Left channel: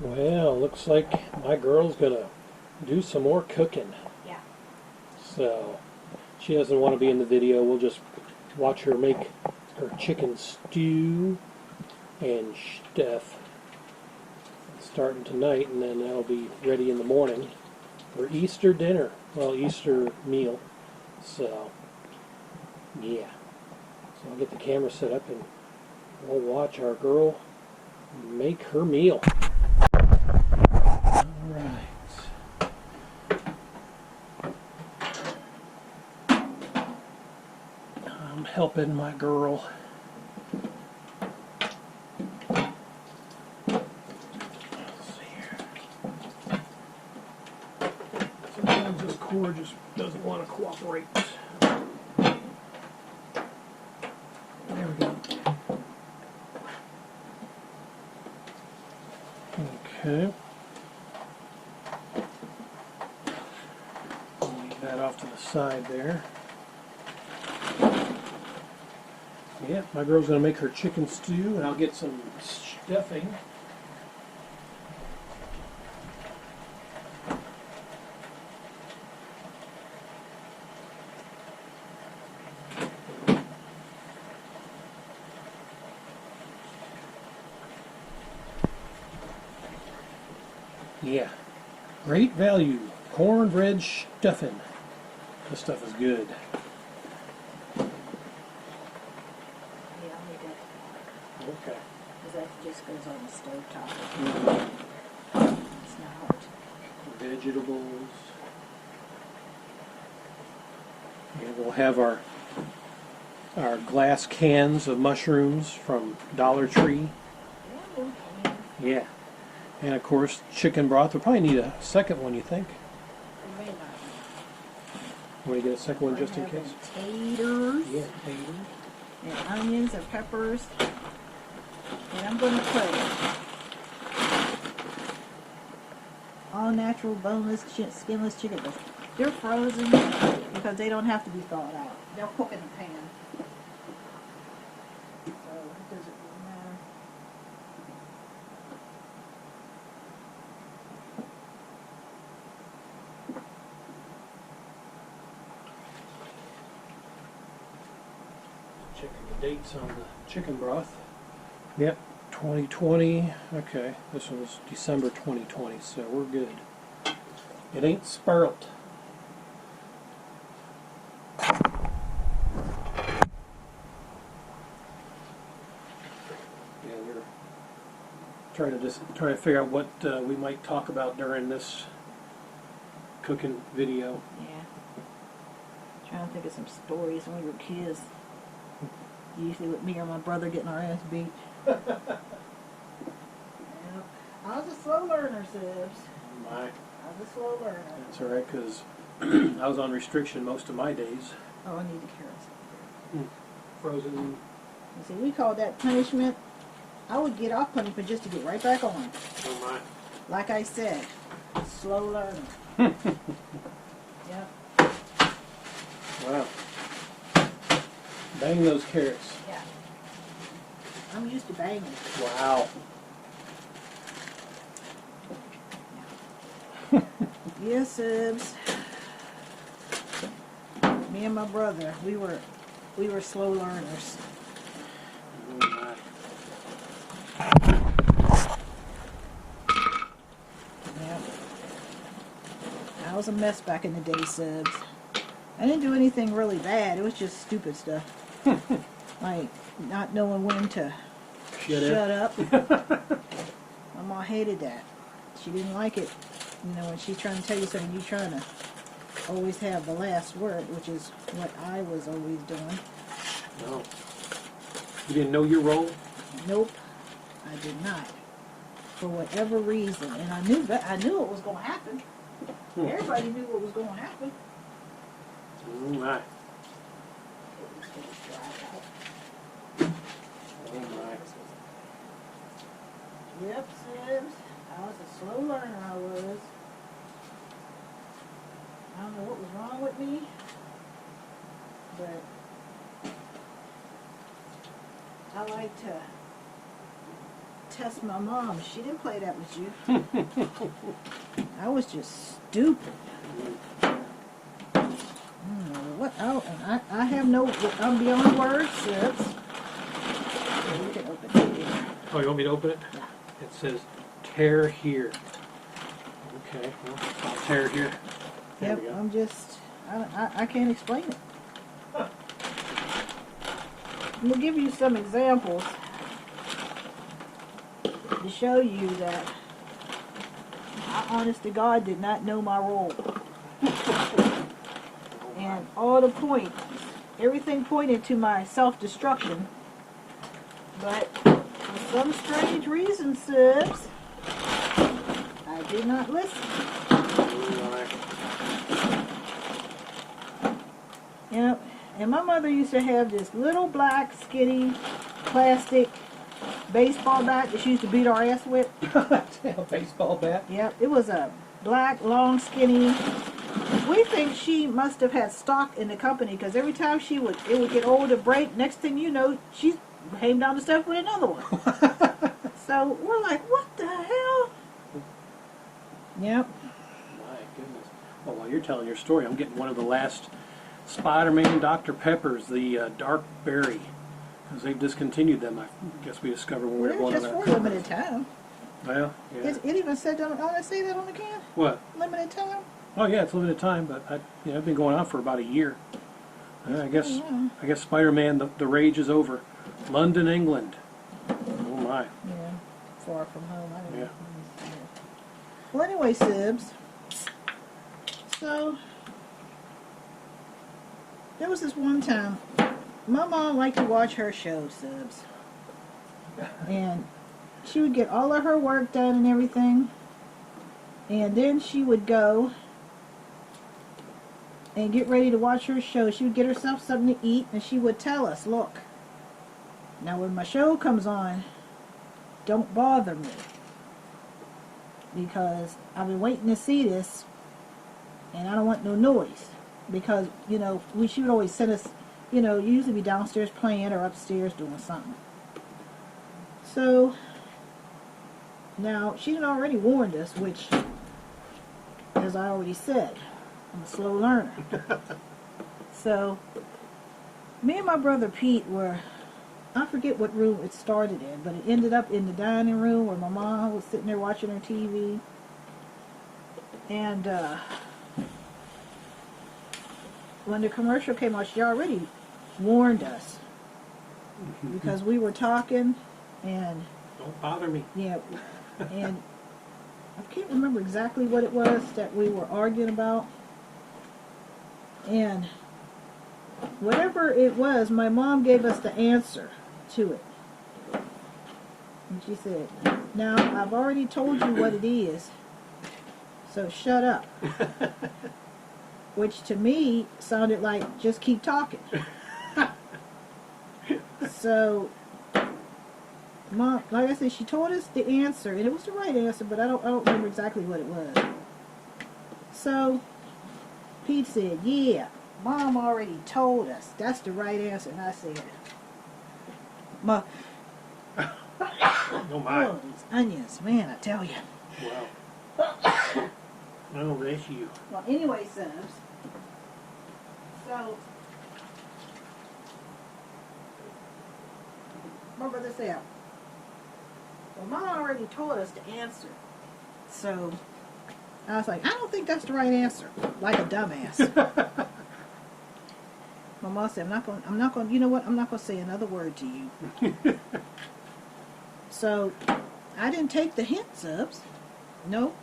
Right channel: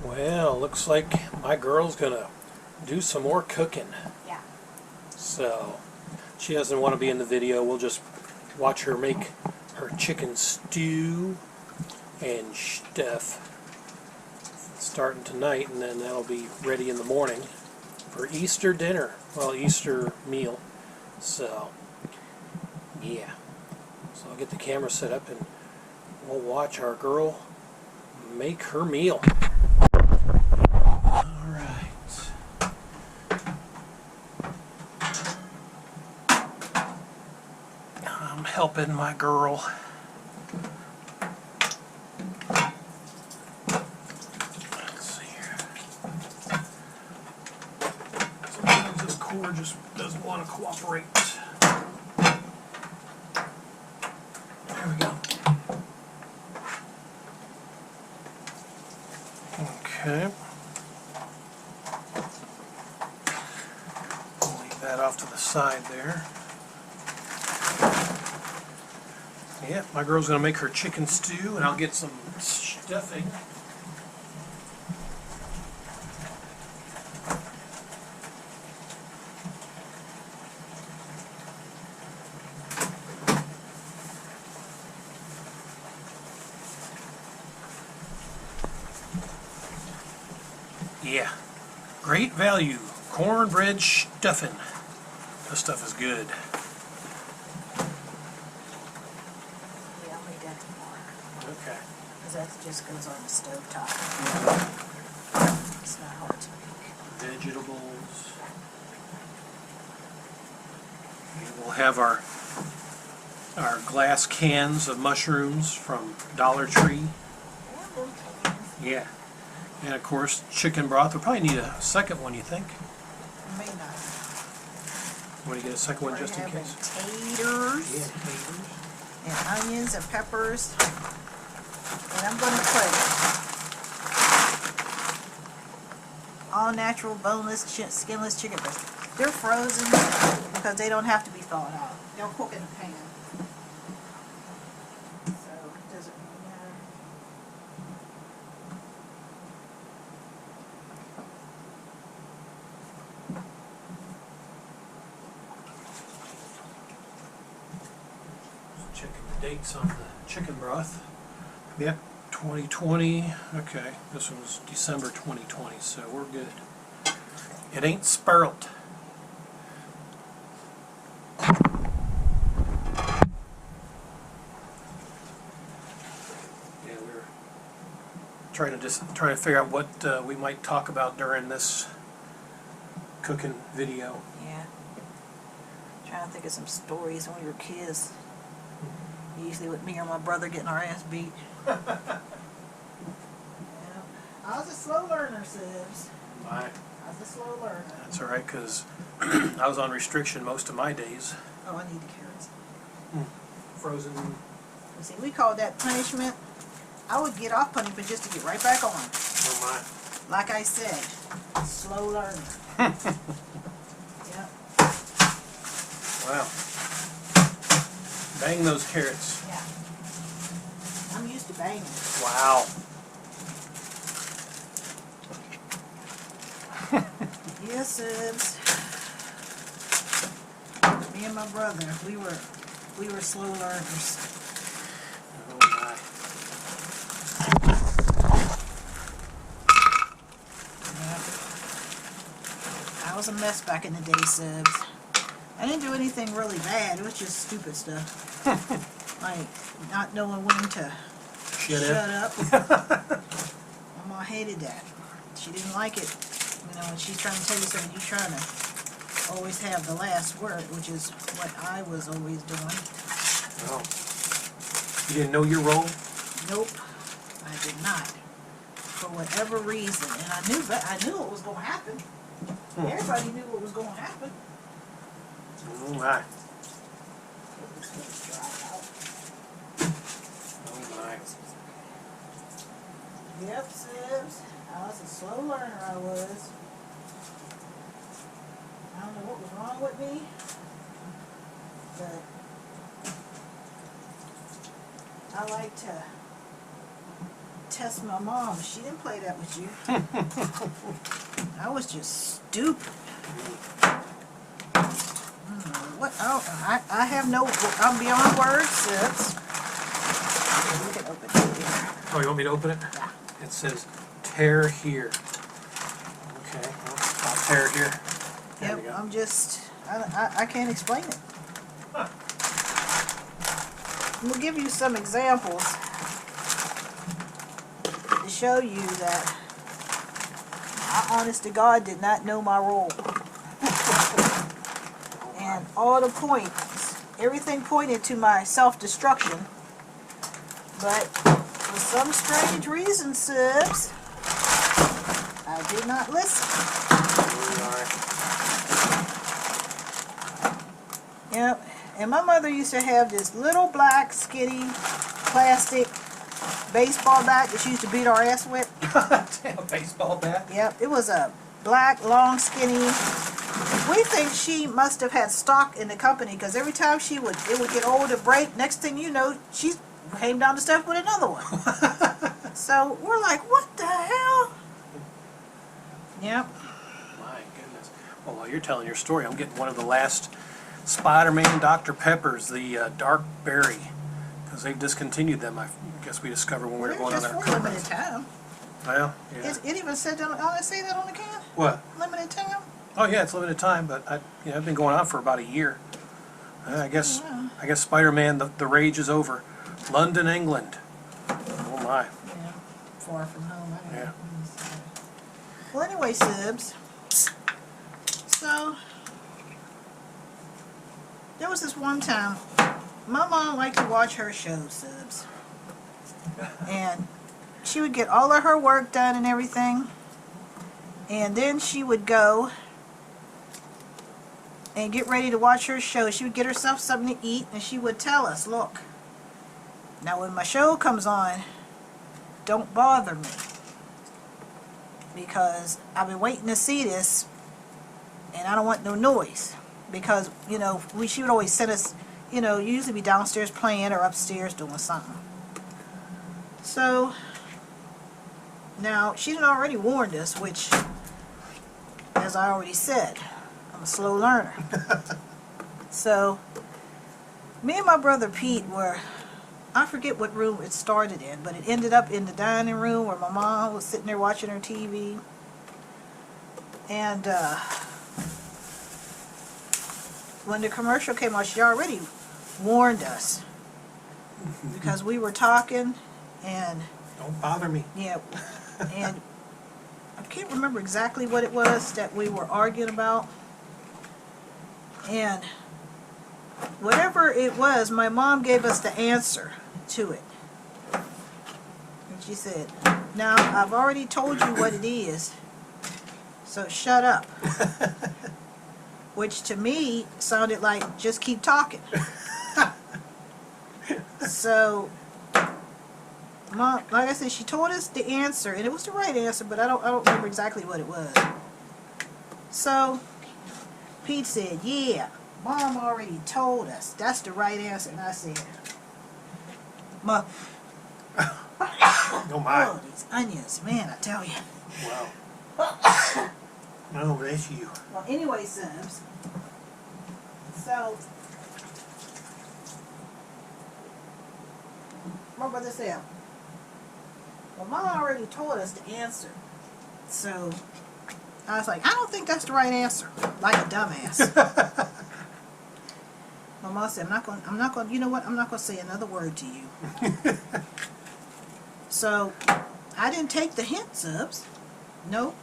Well, looks like my girl's gonna do some more cooking. Yeah. So, she doesn't want to be in the video. We'll just watch her make her chicken stew and stuff. Starting tonight, and then that'll be ready in the morning for Easter dinner. Well, Easter meal. So, yeah. So I'll get the camera set up and we'll watch our girl make her meal. Alright. I'm helping my girl. Let's see here. Sometimes this cord just doesn't want to cooperate. There we go. Okay. Leave that off to the side there. Yeah, my girl's going to make her chicken stew, and I'll get some stuffing. Yeah, great value cornbread stuffing. This stuff is good. Yeah, I'll make that tomorrow. Okay. Because that just goes on the stove top. It's not hard to make. Vegetables. And we'll have our glass cans of mushrooms from Dollar Tree. Yeah. And of course, chicken broth. We'll probably need a second one, you think? We may not. Want to get a second one just in We're having case? taters. Yeah, taters. And onions and peppers. And I'm going to put all natural, boneless, skinless chicken breasts. They're frozen because they don't have to be thawed out. They'll cook in the pan. So it doesn't really matter. Checking the dates on the chicken broth. Yep, 2020. Okay, this one was December 2020, so we're good. It ain't spirled. Yeah, we were trying to figure out what we might talk about during this cooking video. Yeah. Trying to think of some stories when we were kids. Usually with me or my brother getting our ass beat. Yeah. I was a slow learner, Sibs. My, I was a slow learner. that's all right, because I was on restriction most of my days. Oh, I need the carrots up here. Frozen. You see, we called that punishment. I would get off punishment just to get right back on. Oh Like I said, slow learner. Yep. my. Wow. Bang those carrots. Yeah. I'm used to banging. Wow. Yes, Sibs. Me and my brother, we were slow learners. Oh my. Yep. I was a mess back in the day, Sibs. I didn't do anything really bad. It was just stupid stuff. Like not knowing when to shut up. My mom hated that. She didn't like it. You know, when she's trying to tell you something, you're trying to always have the last word, which is what I was always doing. Wow. You didn't know your role? Nope, I did not. For whatever reason, and I knew it was going to happen. Everybody knew what was going to happen. Oh my. It was going to dry out. Oh my. Yep, Sibs. I was a slow learner, I was. I don't know what was wrong with me, but I like to test my mom. She didn't play that with you. I was just stupid. What? I have no. I'm beyond words. Yes. We can open it. Oh, you want me to open it? Yeah. It says tear here. Okay, well, I'll tear here. There Yep. we go. I'm just. I can't explain it. Let me give you some examples to show you that I, honest to God, did not know my role. And all the points, everything pointed to my self-destruction. But for some strange reason, Sibs, I did not listen. Here we are. Yep. And my mother used to have this little black, skinny, plastic baseball bat that she used to beat our ass with. A baseball bat? Yep. It was a black, long, skinny. We think she must have had stock in the company because every time it would get old or break, next thing you know, she came down the steps with another one. So we're like, what the hell? Yep. My goodness. Well, while you're telling your story, I'm getting one of the last Spider-Man Dr. Peppers, the dark berry, because they've discontinued them. I guess we discovered when we Well, were they're going just on for a that. limited time. Well, yeah. It even said that, don't it say that on the can? What? Limited time? Oh yeah, it's limited time, but I've been going on for about a year. I guess wow. I guess Spider-Man, the rage is over. London, England. Oh my. Yeah. Far from home. I don't Yeah. know. Well, anyway, Sibs. So there was this one time my mom liked to watch her shows, Sibs. And she would get all of her work done and everything. And then she would go and get ready to watch her show. She would get herself something to eat and she would tell us, look, now when my show comes on, don't bother me. Because I've been waiting to see this and I don't want no noise. Because, you know, she would always send us, you know, usually be downstairs playing or upstairs doing something. So, now, she had already warned us, which, as I already said, I'm a slow learner. So, me and my brother Pete were, I forget what room it started in, but it ended up in the dining room where my mom was sitting there watching her TV. And when the commercial came on, she already warned us because we were talking and Don't bother me. yeah, and I can't remember exactly what it was that we were arguing about. And whatever it was, my mom gave us the answer to it. And she said, now, I've already told you what it is, so shut up. Which to me sounded like, just keep talking. So, Mom, like I said, she told us the answer, and it was the right answer, but I don't remember exactly what it was. So, Pete said, yeah, Mom already told us. That's the right answer. And I said, Ma, Oh my. oh, these onions, man, I tell you. Wow. No, that's you. Well, anyway, Subs, so, my brother said, well, Mom already told us the answer. So, I was like, I don't think that's the right answer. Like a dumbass. My mom said, I'm not going, you know what? I'm not going to say another word to you. So, I didn't take the hint, Subs. Nope.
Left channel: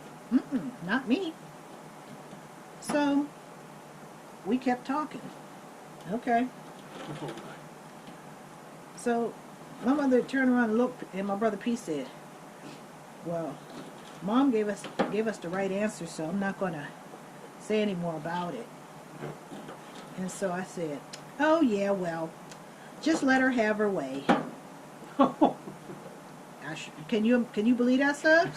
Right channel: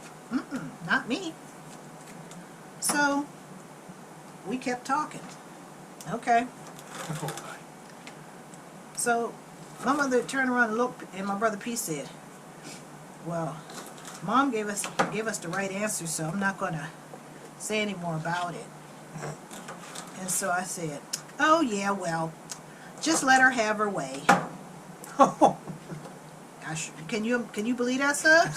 Not me. So, we kept talking. Okay. Oh my. So, my mother turned around and looked, and my brother Pete said, well, Mom gave us the right answer, so I'm not going to say any more about it. And so I said, oh, yeah, well, just let her have her way. Can you believe that, Subs?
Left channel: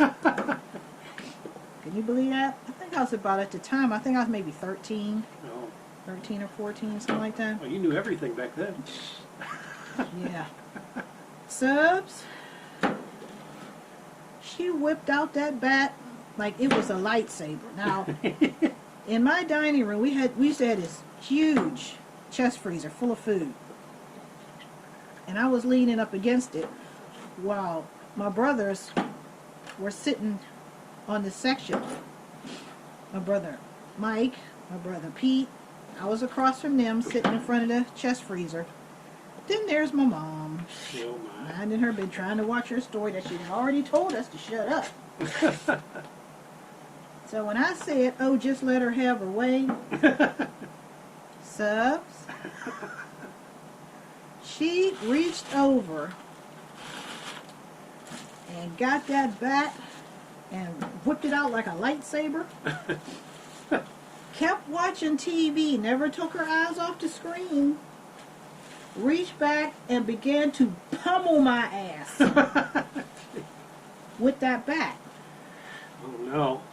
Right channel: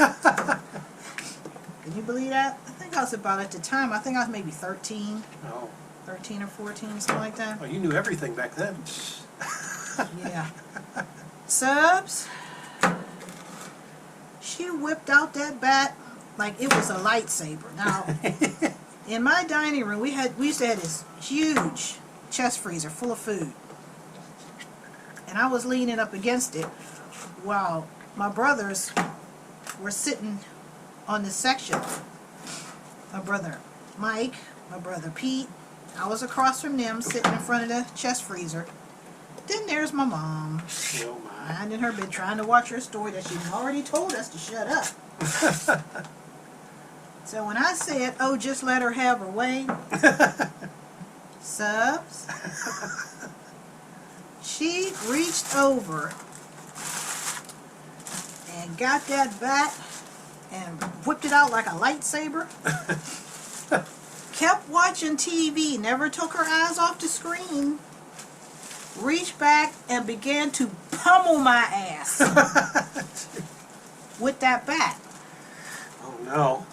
Can you believe that? I think I was about, at the time, I think I was maybe 13. No. 13 or 14, something like that. Oh, you knew everything back then. Yeah. Subs, she whipped out that bat like it was a lightsaber. Now, in my dining room, we used to have this huge chest freezer full of food. And I was leaning up against it while my brothers were sitting on the section. My brother Mike, my brother Pete, I was across from them sitting in front of the chest freezer. Then there's my mom, Oh my. minding her bed, trying to watch her story that she'd already told us to shut up. So when I said, oh, just let her have her way, Subs, she reached over and got that bat and whipped it out like a lightsaber. Kept watching TV, never took her eyes off the screen. Reached back and began to pummel my ass with that bat. Oh no.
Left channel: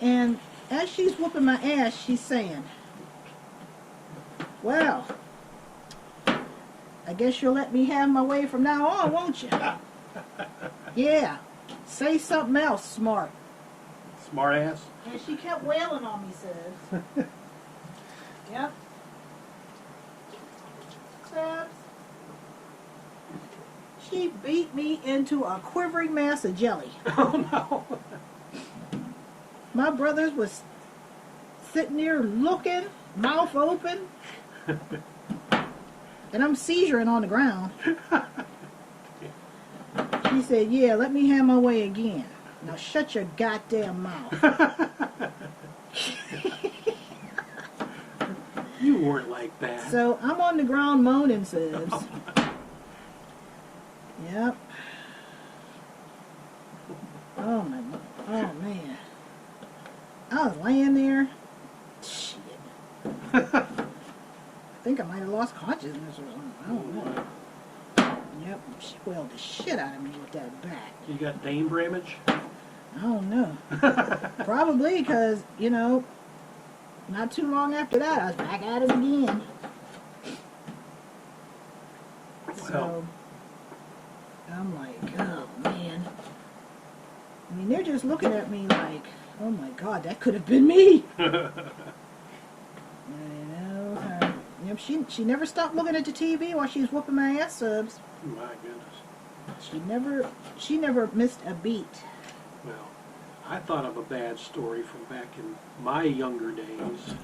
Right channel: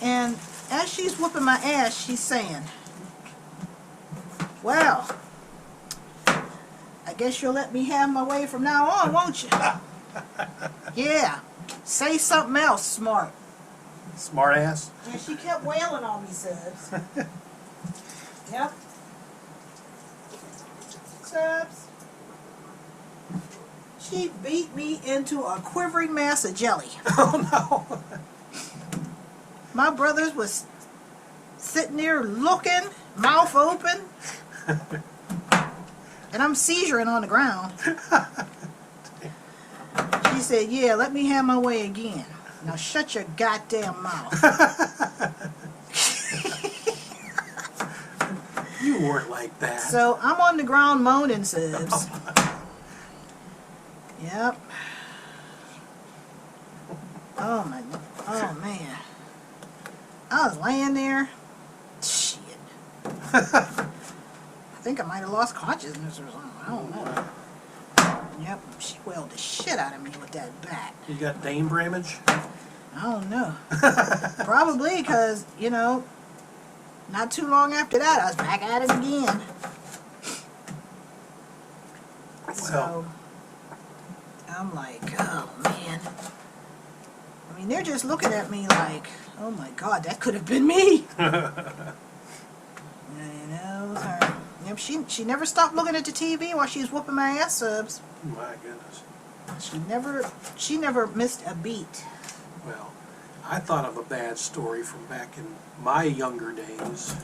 And as she's whooping my ass, she's saying, well, I guess you'll let me have my way from now on, won't you? Yeah. Say something else smart. Smart ass. And she kept wailing on me, Subs. Yep. Subs. She beat me into a quivering mass of jelly. Oh no. My brothers was sitting there looking, mouth open, and I'm seizuring on the ground. She said, yeah, let me have my way again. Now shut your goddamn mouth. You weren't like that. So I'm on the ground moaning, Subs. Yep. Oh man. I was laying there. Shit. I think I might have lost consciousness or something. I don't know. Yep, she wailed the shit out of me with that bat. You got Dane Bramage? I don't know. Probably because, you know, not too long after that, I was back at it again. So, I'm like, oh, man. I mean, they're just looking at me like, oh, my God, that could have been me. You know, it was her. Yep, she never stopped looking at the TV while she was whooping my ass, Subs. My goodness. She never missed a beat. Well, I thought of a bad story from back in my younger days.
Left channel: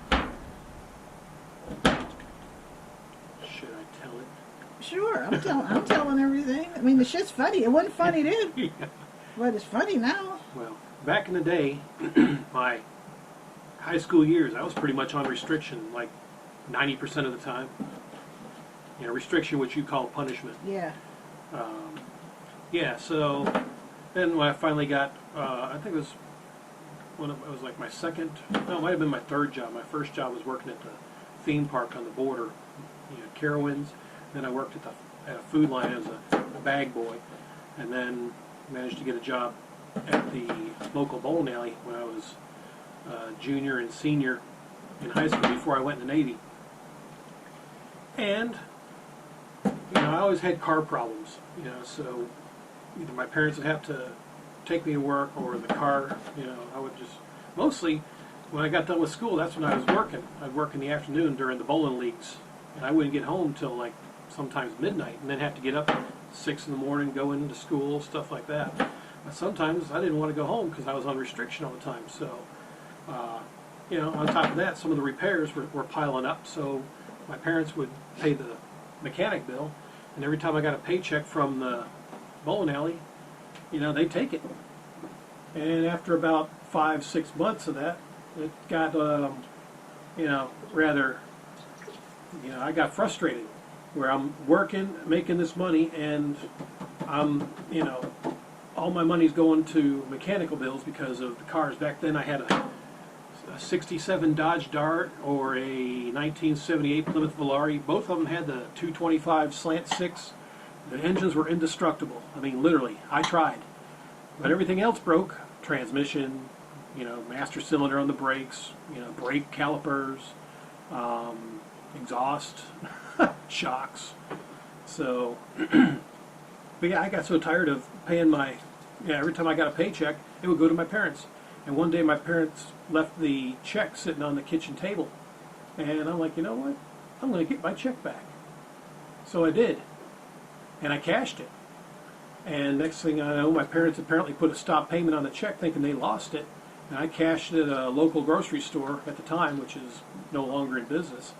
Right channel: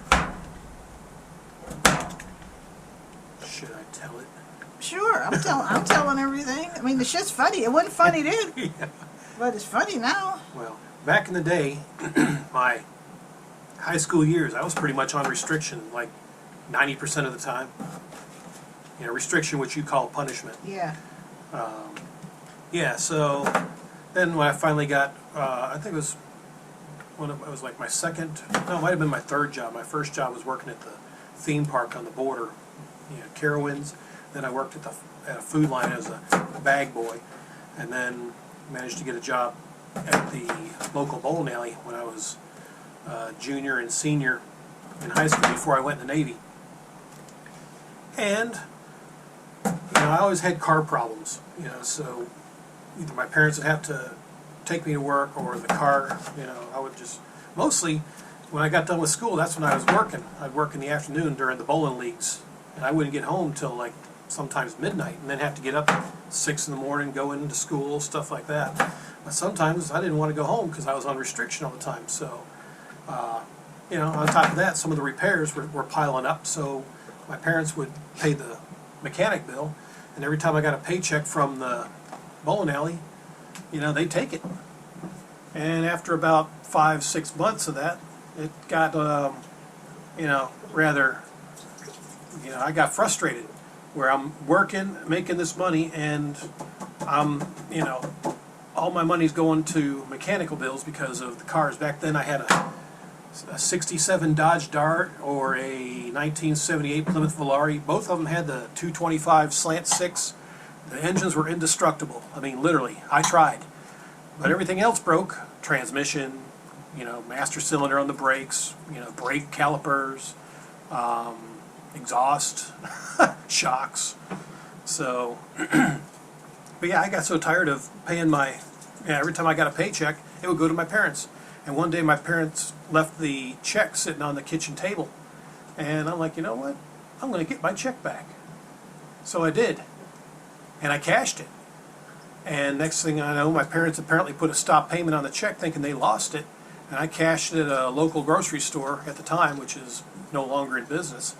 Should I tell it? Sure, I'm telling everything. I mean, the shit's funny. It wasn't funny then, Yeah. but it's funny now. Well, back in the day, my high school years, I was pretty much on restriction, like 90% of the time. You know, restriction, which you call punishment. Yeah. Yeah, so then when I finally got, I think it was it was like my second, no, it might have been my third job. My first job was working at the theme park on the border, you know, Carowinds. Then I worked at a food line as a bag boy, and then managed to get a job at the local bowling alley when I was junior and senior in high school before I went in the Navy. And you know, I always had car problems, you know, so either my parents would have to take me to work or the car, you know, I would just, mostly when I got done with school, that's when I was working. I'd work in the afternoon during the bowling leagues, and I wouldn't get home till like sometimes midnight, and then have to get up at 6 in the morning, go into school, stuff like that. But sometimes I didn't want to go home because I was on restriction all the time, so, you know, on top of that, some of the repairs were piling up, so my parents would pay the mechanic bill, and every time I got a paycheck from the bowling alley, you know, they'd take it. And after about 5-6 months of that, it got, you know, rather, you know, I got frustrated where I'm working, making this money, and I'm, you know, all my money's going to mechanical bills because of the cars. Back then I had a 67 Dodge Dart or a 1978 Plymouth Volare. Both of them had the 225 slant 6. The engines were indestructible. I mean, literally, I tried. But everything else broke. Transmission, you know, master cylinder on the brakes, you know, brake calipers, exhaust, shocks. So, but yeah, I got so tired of paying my Yeah, every time I got a paycheck, it would go to my parents. And one day my parents left the check sitting on the kitchen table. And I'm like, you know what? I'm going to get my check back. So I did. And I cashed it. And next thing I know, my parents apparently put a stop payment on the check thinking they lost it. And I cashed it at a local grocery store at the time, which is no longer in business.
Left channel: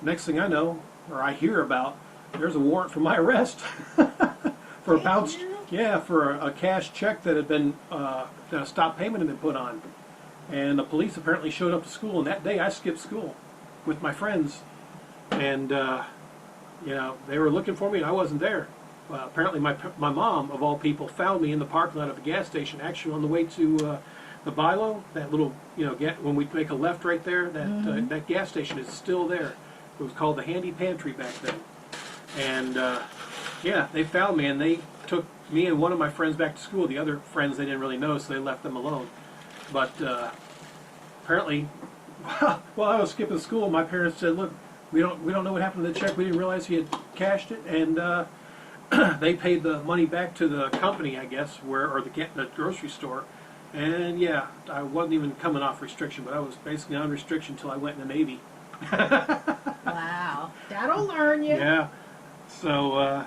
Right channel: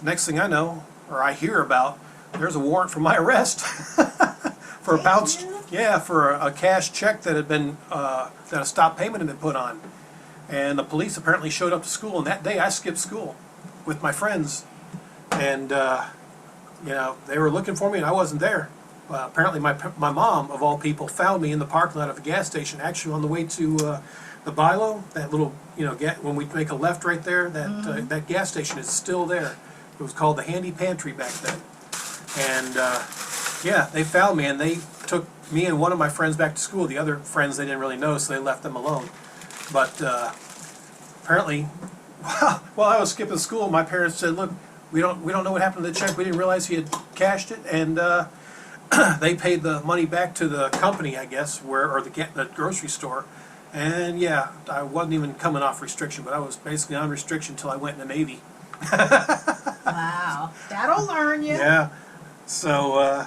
Next thing I know, or I hear about, there's a warrant for my arrest for a bounce. Yeah, for a cash check that had been that a stop payment had been put on. And the police apparently showed up to school, and that day I skipped school with my friends, and you know, they were looking for me, and I wasn't there. Apparently, my mom, of all people, found me in the parking lot of a gas station, actually on the way to the Bilo, that little, you know, when we make a left right there, that that gas station is still there. It was called the Handy Pantry back then, and yeah, they found me, and they took me and one of my friends back to school. The other friends they didn't really know, so they left them alone. But apparently, while I was skipping school, my parents said, "Look, we don't know what happened to the check. We didn't realize he had cashed it," and they paid the money back to the company, I guess, or the grocery store. And yeah, I wasn't even coming off restriction, but I was basically on restriction until I went in the Navy. Wow, that'll learn you. Yeah. So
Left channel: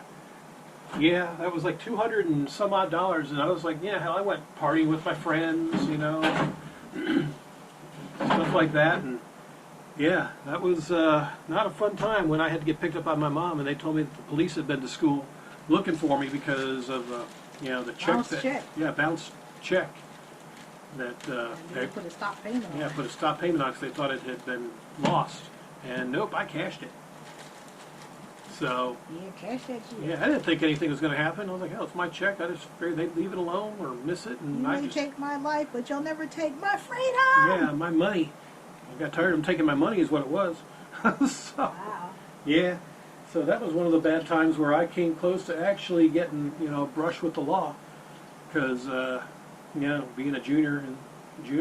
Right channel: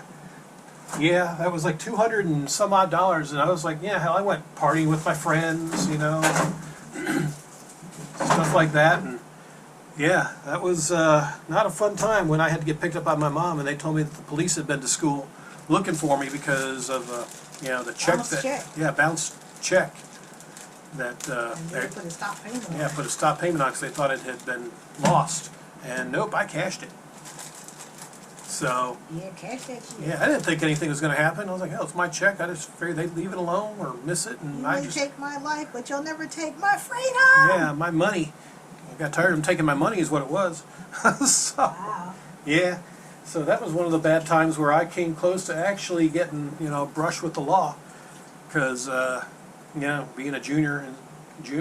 yeah, that was like $200 and some odd, and I was like, yeah, hell, I went partying with my friends, you know, stuff like that, and yeah, that was not a fun time when I had to get picked up by my mom, and they told me that the police had been to school looking for me because of you know, the check Bounced check. Yeah, bounced check that And they put a stop payment on yeah, it. put a stop payment on because they thought it had been lost, and nope, I cashed it. So Yeah, cash that shit. yeah, I didn't think anything was going to happen. I was like, hell, it's my check. I just figured they'd leave it alone or miss it, and You I may just take my life, but you'll never take my freedom. yeah, my money. I got tired of them taking my money, is what it was. So Wow. yeah, so that was one of the bad times where I came close to actually getting, you know, brushed with the law, because you know, being a junior and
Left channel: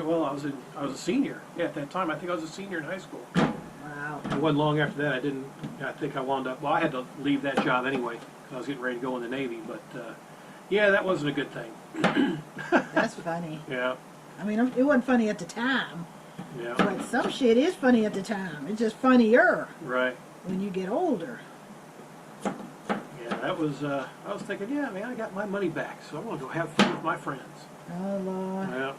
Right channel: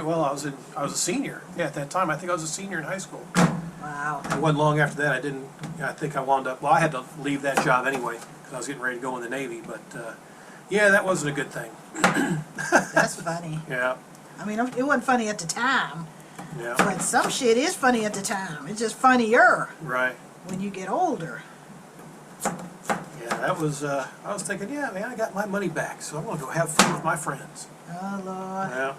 well, I was a senior. Yeah, at that time, I think I was a senior in high school. Wow. It wasn't long after that I think I wound up, well, I had to leave that job anyway because I was getting ready to go in the Navy, but yeah, that wasn't a good thing. That's funny. Yeah, I mean, it wasn't funny at the time, yeah, but some shit is funny at the time. It's just funnier right. when you get older. Yeah, that was, I was thinking, yeah, man, I got my money back, so I'm going to go have fun with my friends. Oh, Lord. Yeah.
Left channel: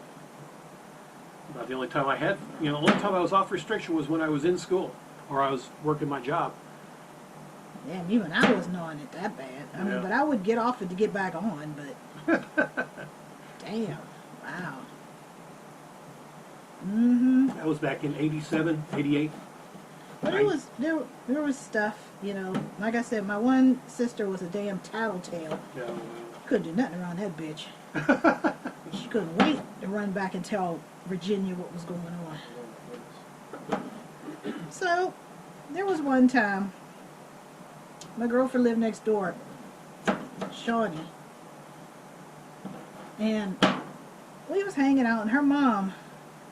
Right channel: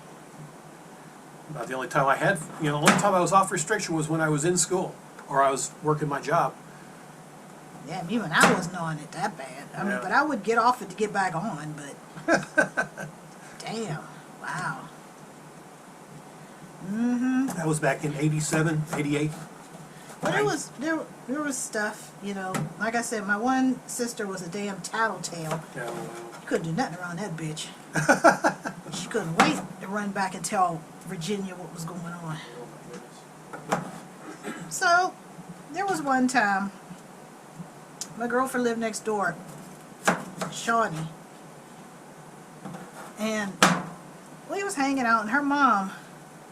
About the only time I had, you know, the only time I was off restriction was when I was in school or I was working my job. Yeah, even I wasn't on it that bad. I mean, Yeah. but I would get off it to get back on, but damn. Wow. Mm-hmm. That was back in 87, 88. But it was, there was stuff, you know, like I said, my one sister was a damn tattletale. Yeah, well, Couldn't do nothing around that bitch. She couldn't wait to run back and tell Virginia what was going on. oh my goodness. So, there was one time, my girlfriend lived next door, Shawnee, and we was hanging out, and her mom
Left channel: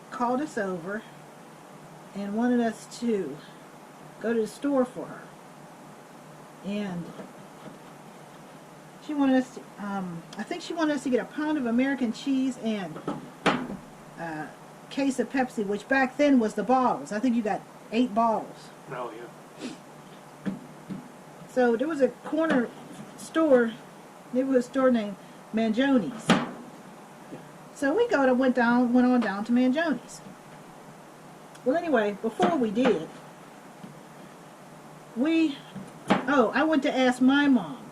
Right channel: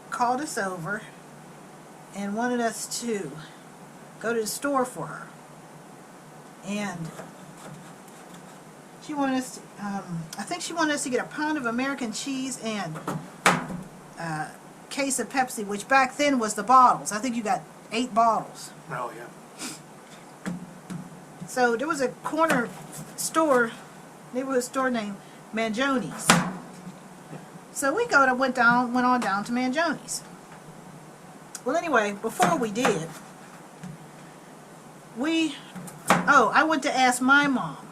called us over and wanted us to go to the store for her. And she wanted us to, I think she wanted us to get a pound of American cheese and a case of Pepsi, which back then was the bottles. I think you got 8 bottles. Oh, yeah. So there was a corner store, neighborhood store named Mangioni's. So we went on down to Mangioni's. Well, anyway, before we did, I went to ask my mom,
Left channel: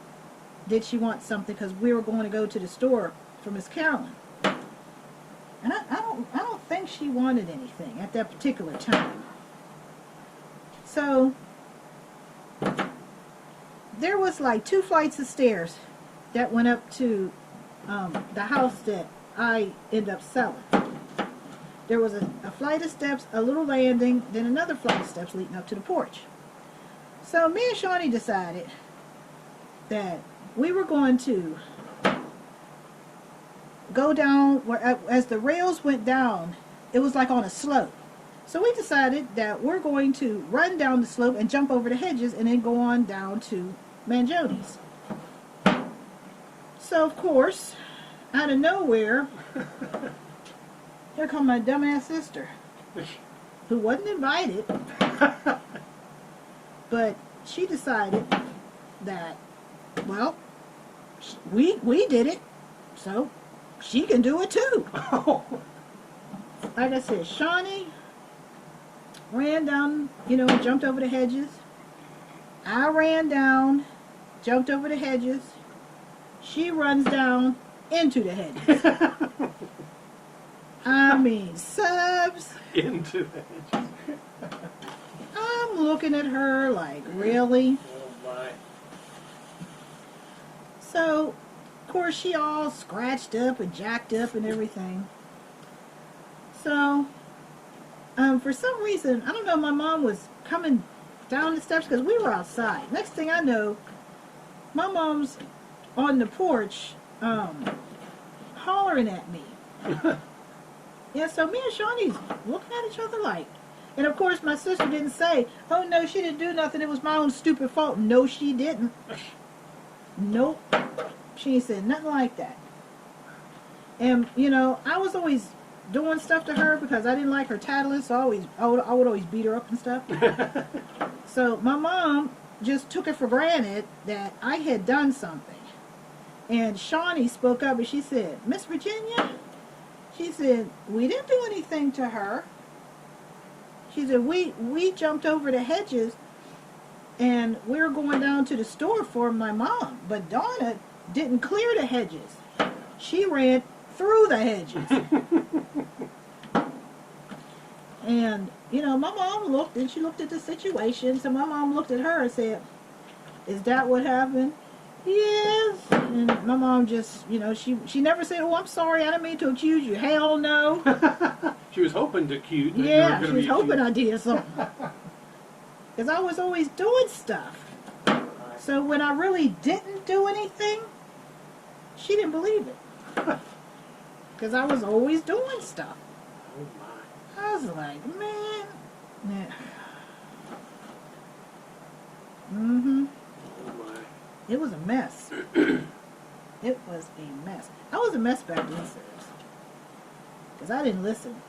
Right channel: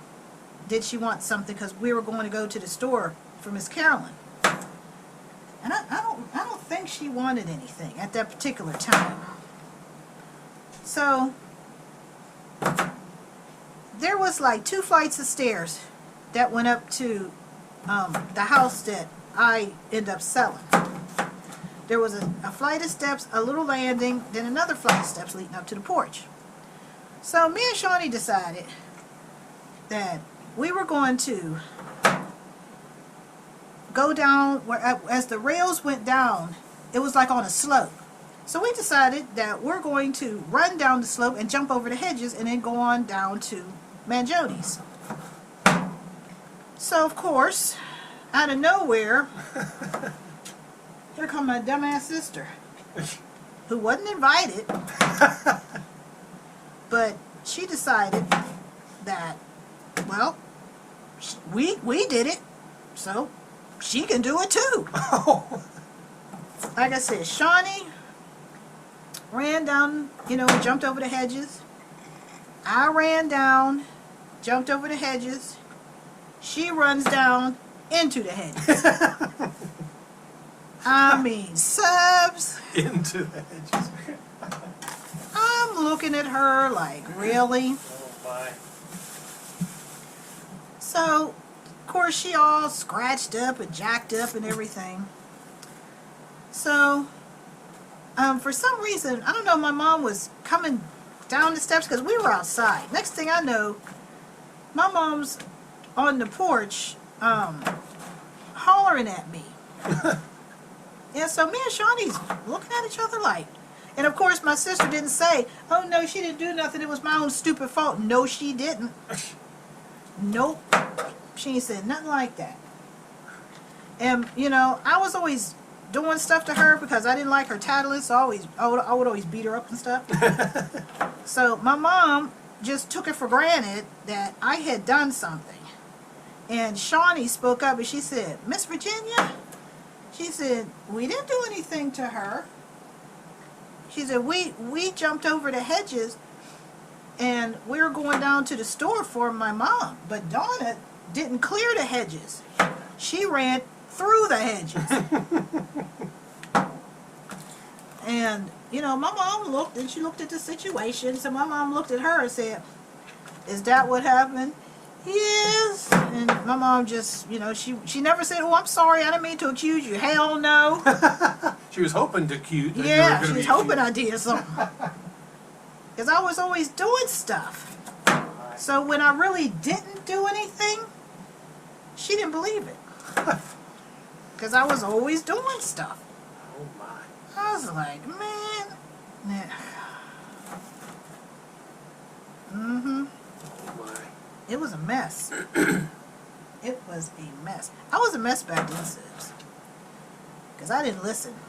did she want something, because we were going to go to the store for Miss Carolyn. And I don't think she wanted anything at that particular time. So there was like 2 flights of stairs that went up to the house that I ended up selling. There was a flight of steps, a little landing, then another flight of steps leading up to the porch. So me and Shawnee decided that we were going to go down, where as the rails went down, it was like on a slope. So we decided that we're going to run down the slope and jump over the hedges and then go on down to Mangioni's. So of course, out of nowhere, here come my dumbass sister, who wasn't invited, but she decided that, well, we did it, so she can do it too. Like I said, Shawnee ran down, you know, and jumped over the hedges. I ran down, jumped over the hedges. She runs down into the hedges. I mean, subs. Into the hedges. I'm looking at her like, really? Oh my. So, of course, she all scratched up and jacked up and everything. So, for some reason, I don't know, my mom was coming down the steps because we were outside. Next thing I know, my mom's on the porch hollering at me. Yeah, so me and Shawnee's looking at each other like, and of course my sister didn't say, oh no, she didn't do nothing, it was my own stupid fault. No, she didn't. Nope. She ain't said nothing like that. And, you know, I was always doing stuff to her because I didn't like her tattling, so I would always beat her up and stuff. So my mom just took it for granted that I had done something. And Shawnee spoke up and she said, Miss Virginia, she said, we didn't do anything to her. She said, we jumped over the hedges and we were going down to the store for my mom. But Donna didn't clear the hedges. She ran through the hedges. And, you know, my mom looked and she looked at the situation. So my mom looked at her and said, is that what happened? Yes. And my mom just, you know, she never said, oh, I'm sorry, I didn't mean to accuse you. Hell no. She was hoping to cute. Yeah, she was hoping I did something. Because I was always doing stuff. So when I really didn't do anything, she didn't believe it. Because I was always doing stuff. Oh my. I was like, man. Nah. Mm-hmm. Oh my. It was a mess. It was a mess. I was a mess back then, sis. Because I didn't listen.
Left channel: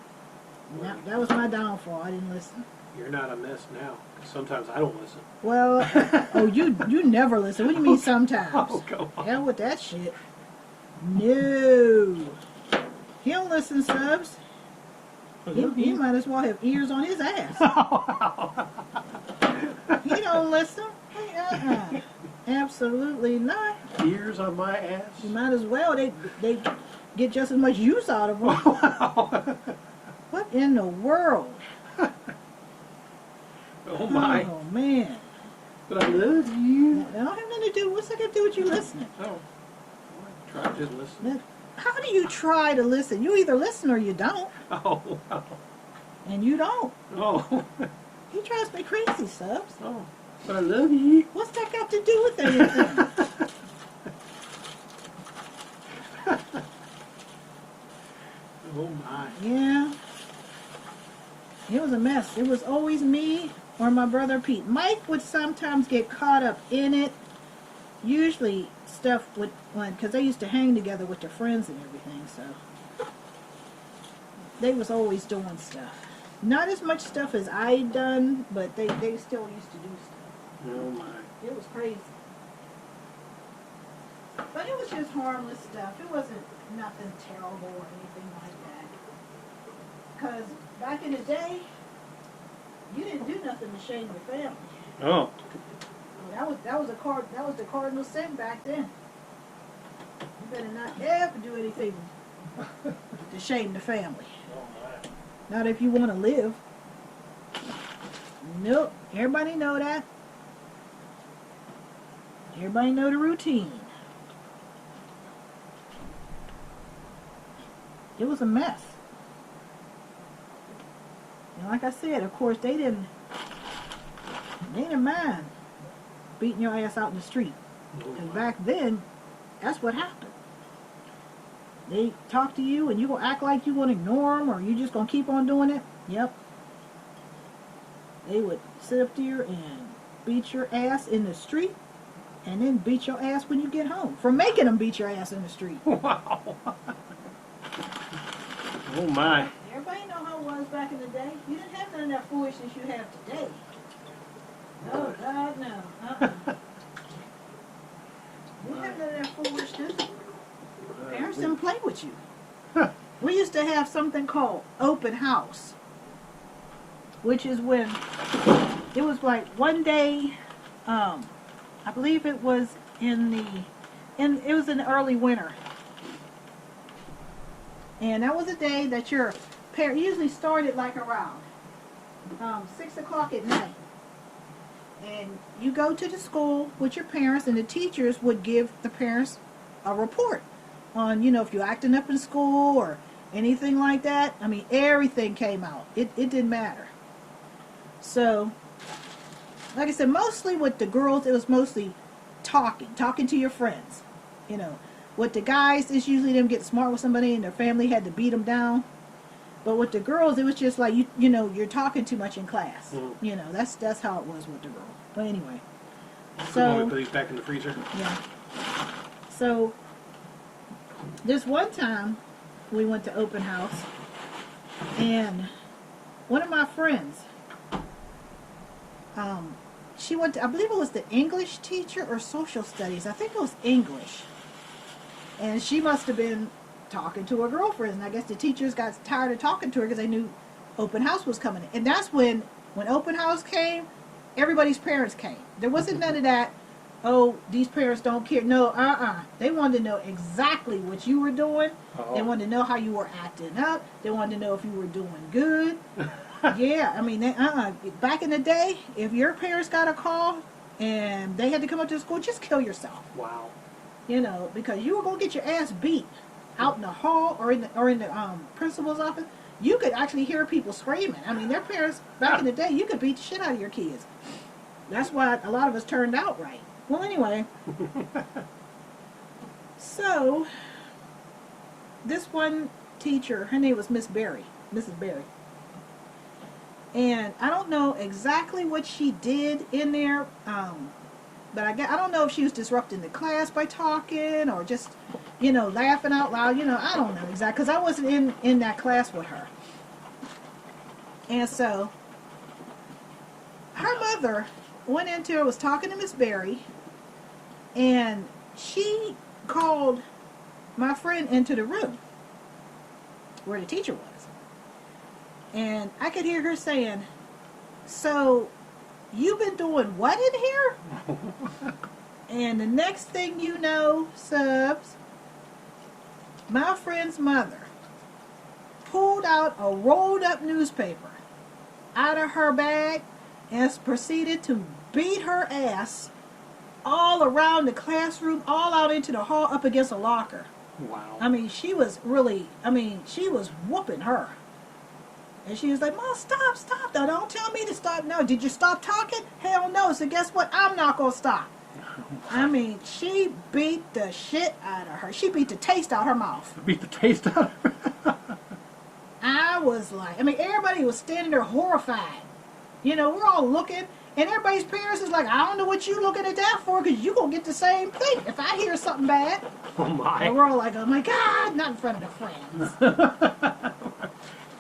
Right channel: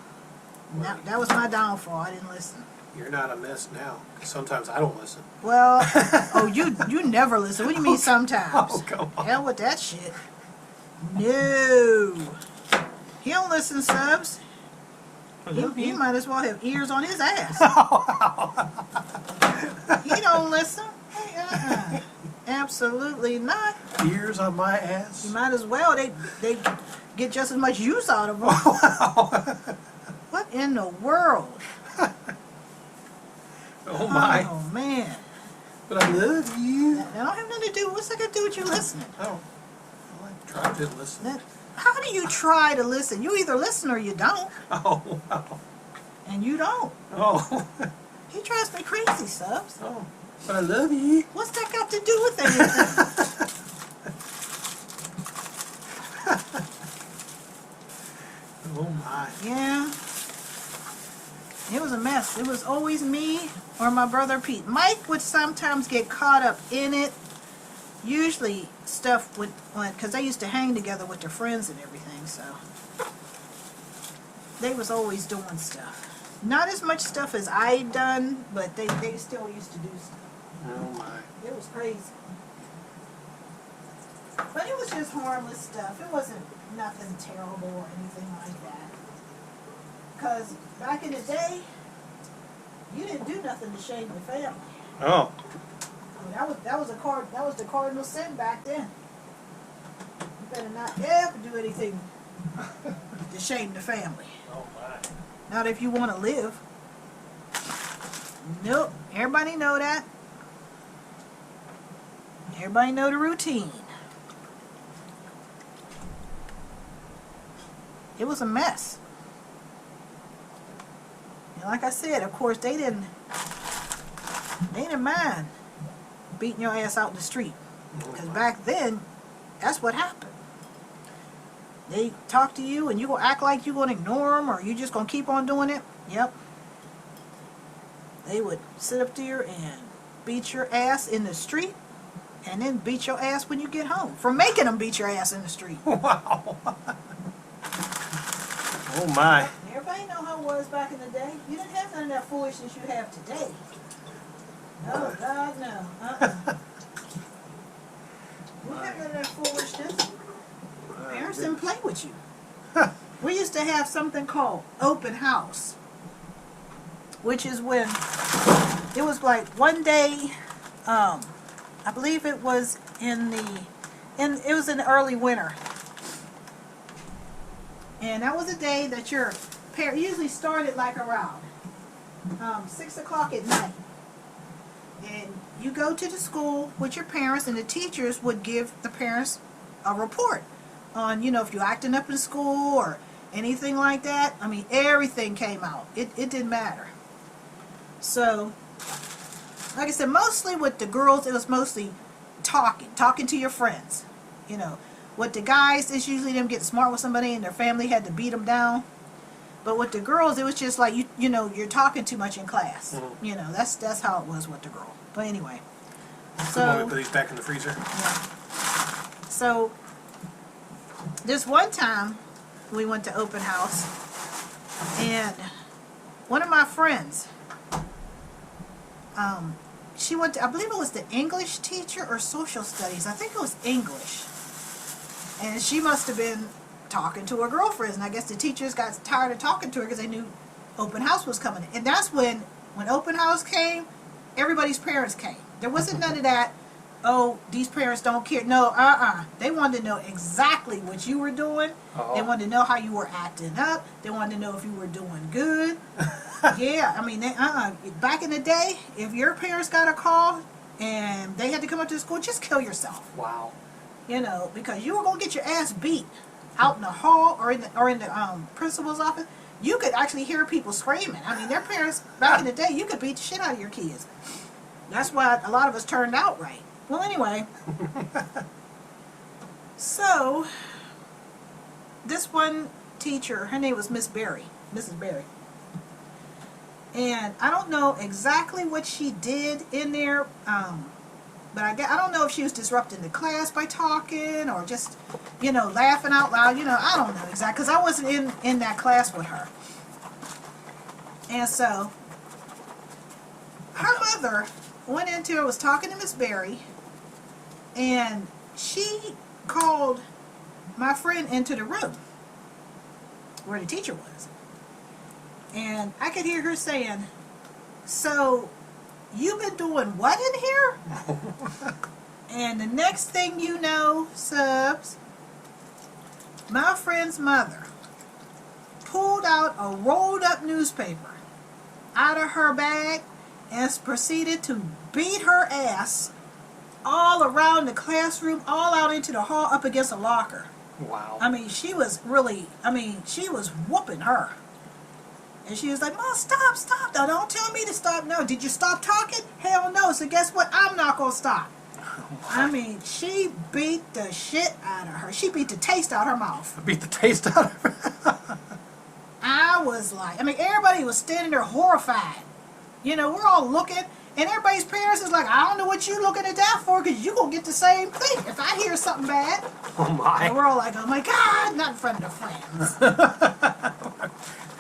That was my downfall. I didn't listen. You're not a mess now. Sometimes I don't listen. Well, oh, you never listen. What do you mean sometimes? Oh, come on. Hell with that shit. No. He don't listen, subs. He might as well have ears on his ass. He don't listen. Absolutely not. Ears on my ass? You might as well. They get just as much use out of them. What in the world? Oh my. Oh man. But I love you. That don't have nothing to do. What's that got to do with you listening? Oh. Well, I tried to listen. How do you try to listen? You either listen or you don't. Oh, wow. And you don't. Oh. He drives me crazy, subs. Oh. But I love you. What's that got to do with anything? Oh my. Yeah. It was a mess. It was always me or my brother Pete. Mike would sometimes get caught up in it. Usually stuff would, because they used to hang together with their friends and everything, so they was always doing stuff. Not as much stuff as I'd done, but they still used to do stuff. Oh my. It was crazy. But it was just harmless stuff. It wasn't nothing terrible or anything like that. Because back in the day, you didn't do nothing to shame your family. Oh. I mean, that was the cardinal sin back then. You better not ever do anything to shame the family. Oh my. Not if you want to live. Nope. Everybody know that. Everybody know the routine. It was a mess. And like I said, of course, they didn't mind beating your ass out in the street. Because back then, that's what happened. They talk to you and you gonna act like you gonna ignore them or you just gonna keep on doing it. Yep. They would sit up there and beat your ass in the street and then beat your ass when you get home for making them beat your ass in the street. Wow. Oh my. Everybody know how it was back in the day. You didn't have none of that foolishness you have today. No, God, no. You didn't have none of that foolishness. Parents didn't play with you. We used to have something called open house, which is when it was like one day, I believe it was it was in the early winter. And that was a day that your parent usually started like around 6 o'clock at night. And you go to the school with your parents, and the teachers would give the parents a report on, if you're acting up in school or anything like that. I mean, everything came out. It didn't matter. So, like I said, mostly with the girls, it was mostly talking to your friends. With the guys, it's usually them getting smart with somebody and their family had to beat them down. But with the girls, it was just like, you're talking too much in class. Mm-hmm. That's how it was with the girl. But anyway. So, put these back in the freezer. Yeah. So, this one time, we went to open house, and one of my friends, she went to, I believe it was the English teacher or social studies. I think it was English. And she must have been talking to her girlfriends, and I guess the teachers got tired of talking to her because they knew open house was coming. And that's when open house came, everybody's parents came. There wasn't none of that, oh, these parents don't care. No, They wanted to know exactly what you were doing. Uh-oh. They wanted to know how you were acting up. They wanted to know if you were doing good. Yeah, I mean, back in the day, if your parents got a call and they had to come up to the school, just kill yourself. Wow. Because you were going to get your ass beat out in the hall or in the principal's office. You could actually hear people screaming. I mean, their parents, back in the day, you could beat the shit out of your kids. That's why a lot of us turned out right. Well, anyway. So, this one teacher, her name was Mrs. Berry. And I don't know exactly what she did in there, but I don't know if she was disrupting the class by talking or just, laughing out loud. I don't know exactly, because I wasn't in that class with her. And so, her mother went into her, was talking to Miss Berry, and she called my friend into the room where the teacher was. And I could hear her saying, so, you've been doing what in here? And the next thing you know, Subs, my friend's mother pulled out a rolled up newspaper out of her bag and proceeded to beat her ass all around the classroom, all out into the hall, up against a locker. Wow. I mean, she was whooping her. And she was like, Mom, stop. Now, don't tell me to stop. No, did you stop talking? Hell no. So guess what? I'm not going to stop. I mean, she beat the shit out of her. She beat the taste out of her mouth. Beat the taste out of her. I was like, everybody was standing there horrified. We're all looking. And everybody's parents is like, I don't know what you looking at that for, because you going to get the same thing if I hear something bad. Oh, my. And we're all like, oh, my God, not in front of the friends.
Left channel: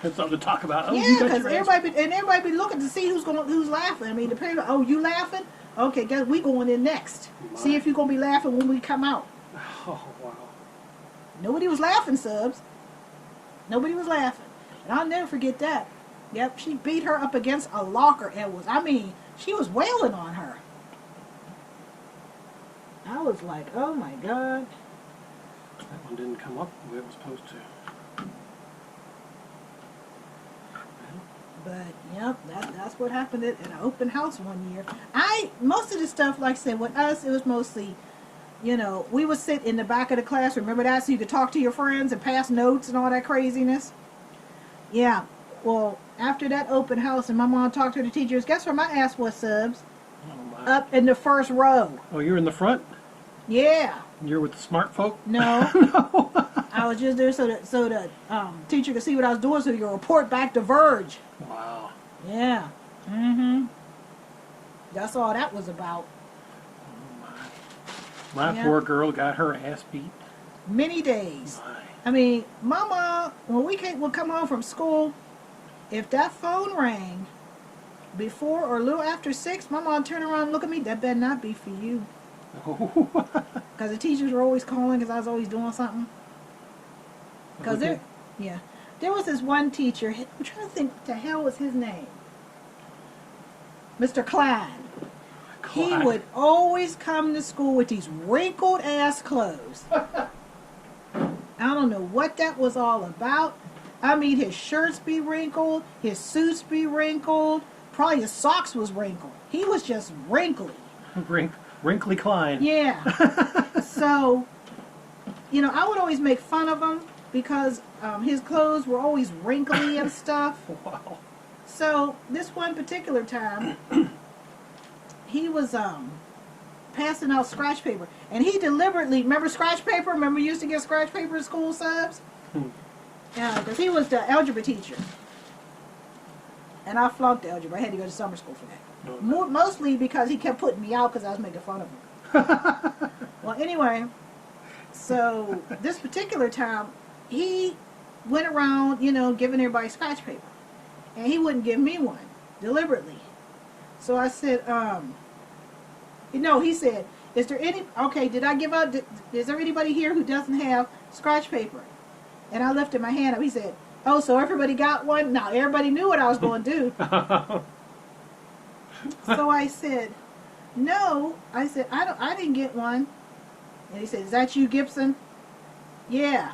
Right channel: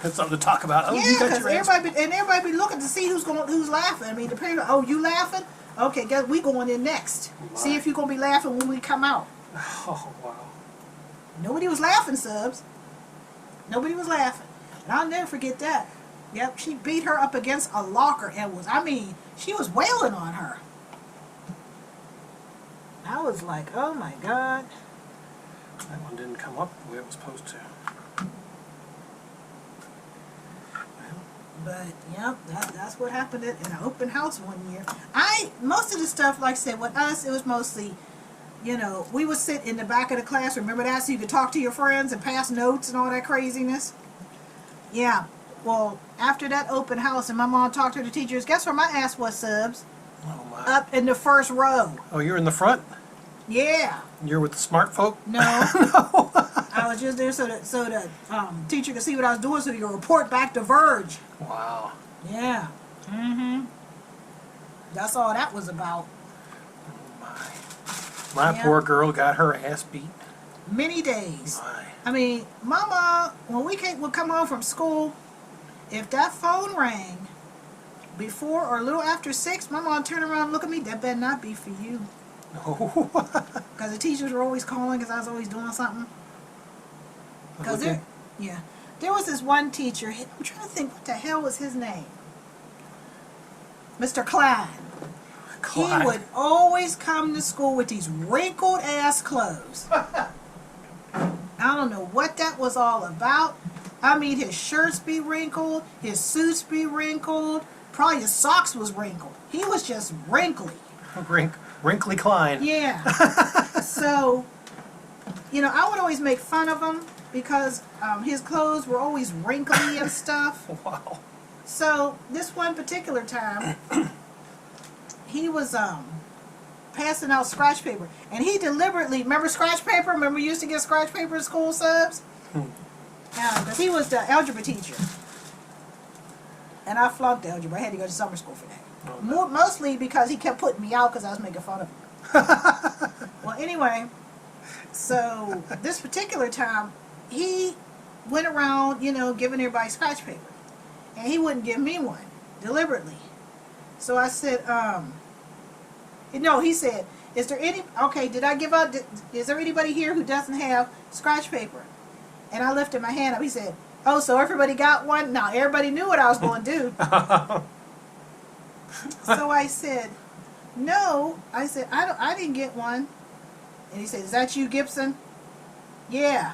That's something to talk about. Oh, yeah, because everybody be looking to see who's laughing. I mean, the parents, oh, you laughing? Okay, guess we going in next. My. See if you're going to be laughing when we come out. Oh, wow. Nobody was laughing, Subs. Nobody was laughing. And I'll never forget that. Yep, she beat her up against a locker and she was wailing on her. I was like, oh my God. That one didn't come up the way it was supposed to. But, yep, that's what happened in an open house one year. Most of the stuff, like I said, with us, it was mostly, we would sit in the back of the class. Remember that? So you could talk to your friends and pass notes and all that craziness. Yeah. Well, after that open house and my mom talked to the teachers, guess where my ass was, Subs? Oh, my. Up in the first row. Oh, you're in the front? Yeah. You're with the smart folk? No. No. I was just there so the teacher could see what I was doing so he could report back to Verge. Wow. Yeah. Mm-hmm. That's all that was about. Oh, my. My Yeah. poor girl got her ass beat. Many days. My. I mean, Mama, when would come home from school, if that phone rang before or a little after 6, my mom would turn around and look at me. That better not be for you. Because the teachers were always calling because I was always doing something. Because Okay. there was this one teacher. I'm trying to think what the hell was his name. Mr. Klein. He Clyde. would always come to school with these wrinkled ass clothes. I don't know what that was all about. I mean, his shirts be wrinkled, his suits be wrinkled, probably his socks was wrinkled. He was just wrinkly. Wrinkly Klein. Yeah. So, I would always make fun of him because his clothes were always wrinkly and stuff. Wow. So, this one particular time, he was passing out scratch paper. And he deliberately, remember scratch paper? Remember you used to get scratch paper in school subs? Because he was the algebra teacher. And I flunked algebra. I had to go to summer school for that. Okay. Mostly because he kept putting me out because I was making fun of him. Well, anyway, so this particular time, he went around, giving everybody scratch paper. And he wouldn't give me one, deliberately. So I said, he said, is there did I give up, is there anybody here who doesn't have scratch paper? And I lifted my hand up. He said, oh, so everybody got one? No, everybody knew what I was going to do. So I said, no. I said, I didn't get one. And he said, is that you, Gibson? Yeah.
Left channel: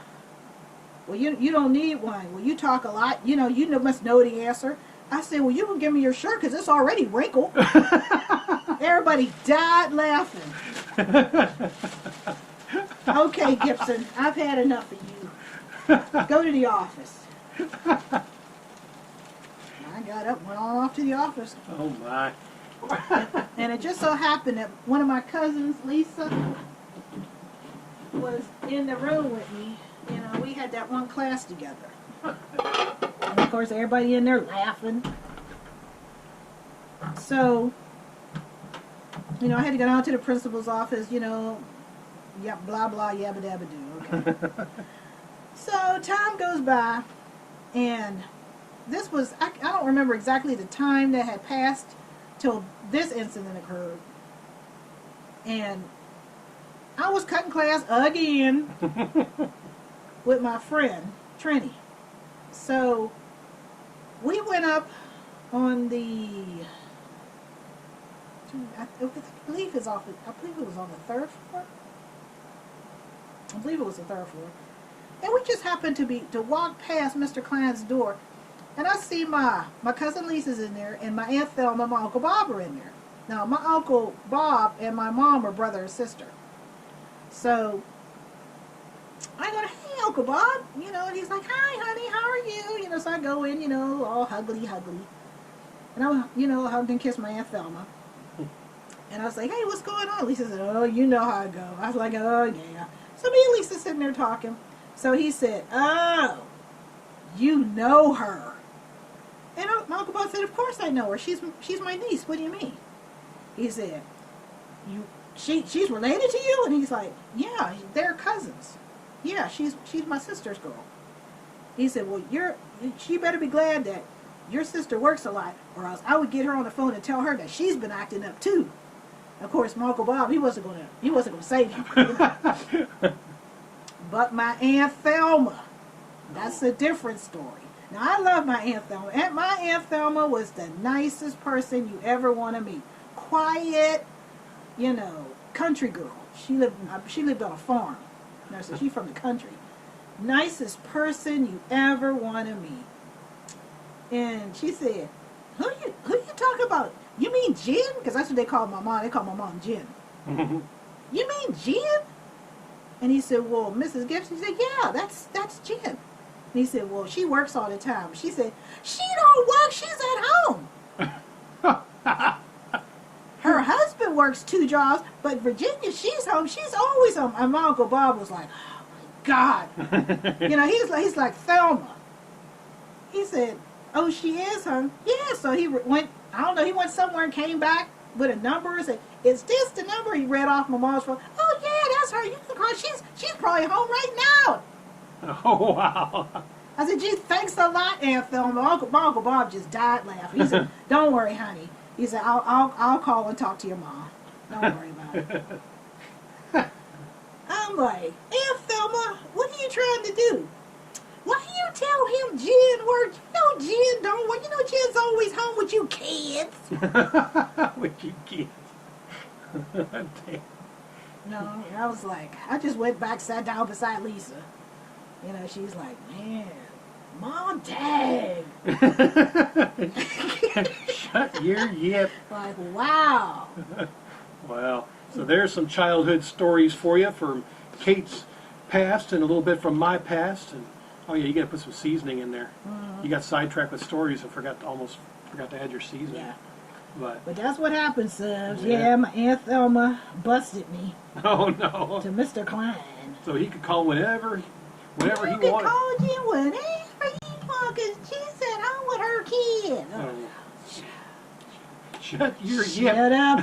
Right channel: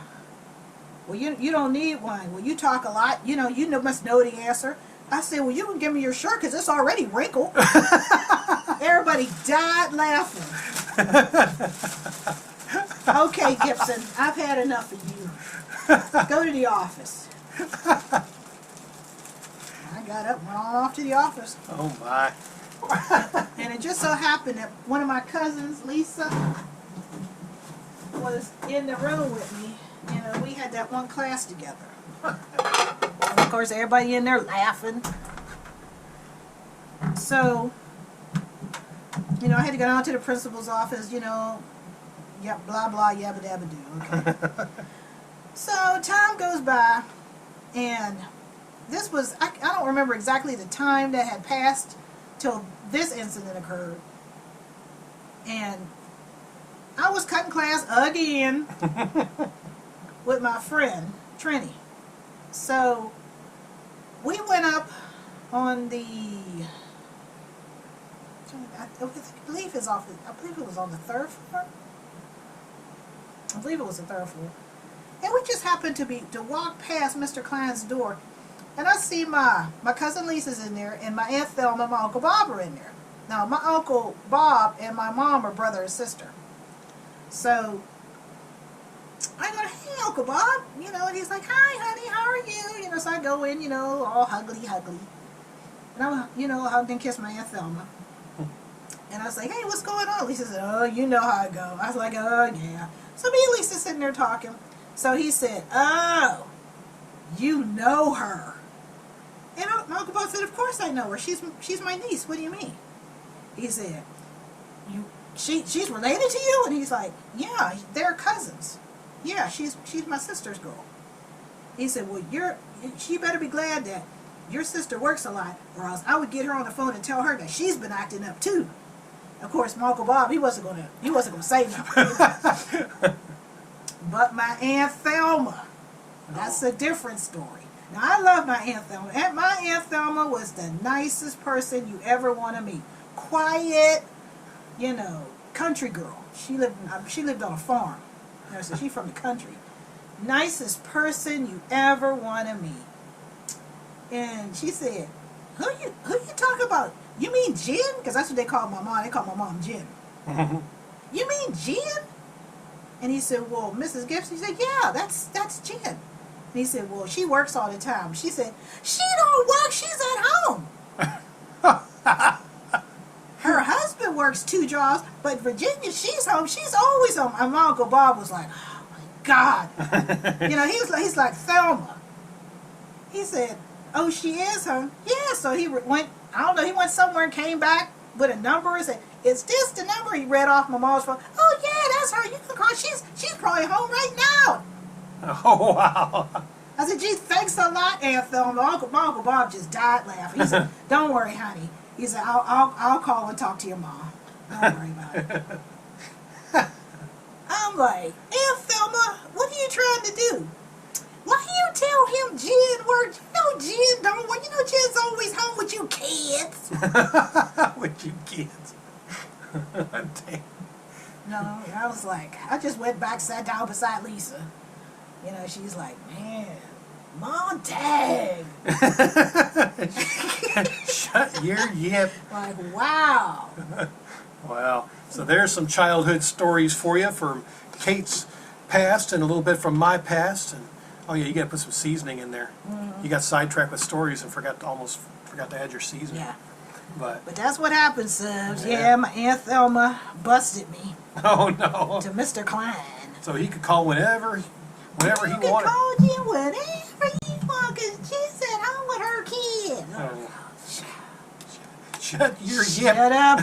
Well, you don't need one. Well, you talk a lot. You must know the answer. I said, well, you can give me your shirt because it's already wrinkled. Everybody died laughing. Okay, Gibson, I've had enough of you. Go to the office. I got up and went on off to the office. Oh my. And it just so happened that one of my cousins, Lisa, was in the room with me. We had that one class together. And of course, everybody in there laughing. So, I had to go down to the principal's office, yeah, blah, blah, yabba dabba do. Okay. So, time goes by, and this was, I don't remember exactly the time that had passed till this incident occurred. And I was cutting class again with my friend, Trini. So, we went up on the, I believe his office, I believe it was on the 3rd floor. I believe it was the 3rd floor. And we just happened to walk past Mr. Klein's door. And I see my cousin Lisa's in there, and my Aunt Thelma and my Uncle Bob are in there. Now, my Uncle Bob and my mom are brother and sister. So, I go, hey, Uncle Bob, and he's like, hi, honey, how are you? So I go in, all huggly. And I'm, hugged and kissed my Aunt Thelma. And I was like, hey, what's going on? Lisa said, oh, you know how I go. I was like, oh, yeah. So me and Lisa sitting there talking. So he said, oh, you know her. And my Uncle Bob said, of course I know her. She's my niece. What do you mean? He said, she's related to you? And he's like, yeah, they're cousins. Yeah, she's my sister's girl. He said, well, she better be glad that your sister works a lot, or else I would get her on the phone and tell her that she's been acting up too. Of course, my Uncle Bob, he wasn't gonna say nothing. But my Aunt Thelma, that's a different story. Now, I love my Aunt Thelma. And my Aunt Thelma was the nicest person you ever want to meet. Quiet, country girl. She lived on a farm. So she's from the country. Nicest person you ever want to meet. And she said, who you talking about? You mean Jen? Because that's what they call my mom. They call my mom Jen. You mean Jen? And he said, well, Mrs. Gibson. He said, yeah, that's Jen. And he said, well, she works all the time. She said, she don't work. She's at home. Her husband works 2 jobs, but Virginia, she's home. She's always home. And my Uncle Bob was like, oh, my God. He's like Thelma. He said, oh, she is, huh? Yeah, so he went, I don't know, he went somewhere and came back with a number and say, "Is this the number?" He read off my mom's phone. "Oh yeah, that's her. You can call. She's probably home right now." Oh, wow. I said, "Gee, thanks a lot, Aunt Thelma." My Uncle Bob just died laughing. He said, "Don't worry, honey." He said, I'll call and talk to your mom. Don't worry about it." I'm like, "Aunt Thelma, what are you trying to do? Why you tell him Jen works? You know Jen don't work. You know Jen's always home with you kids." With you kids. Dang. No, I was like, I just went back, sat down beside Lisa. You know, she's like, "Man, Mom, dang." Shut your yip. Like, wow. Wow. So there's some childhood stories for you from Kate's past and a little bit from my past. And oh yeah, you got to put some seasoning in there. You got sidetracked with stories and almost forgot to add your seasoning. Yeah. But But that's what happened, Subs. Yeah. Yeah, my Aunt Thelma busted me oh no. to Mr. Klein. So he could call whenever he You wanted. can call Jen whenever you want, because she's at home with her kid. Shut your yip. Shut up.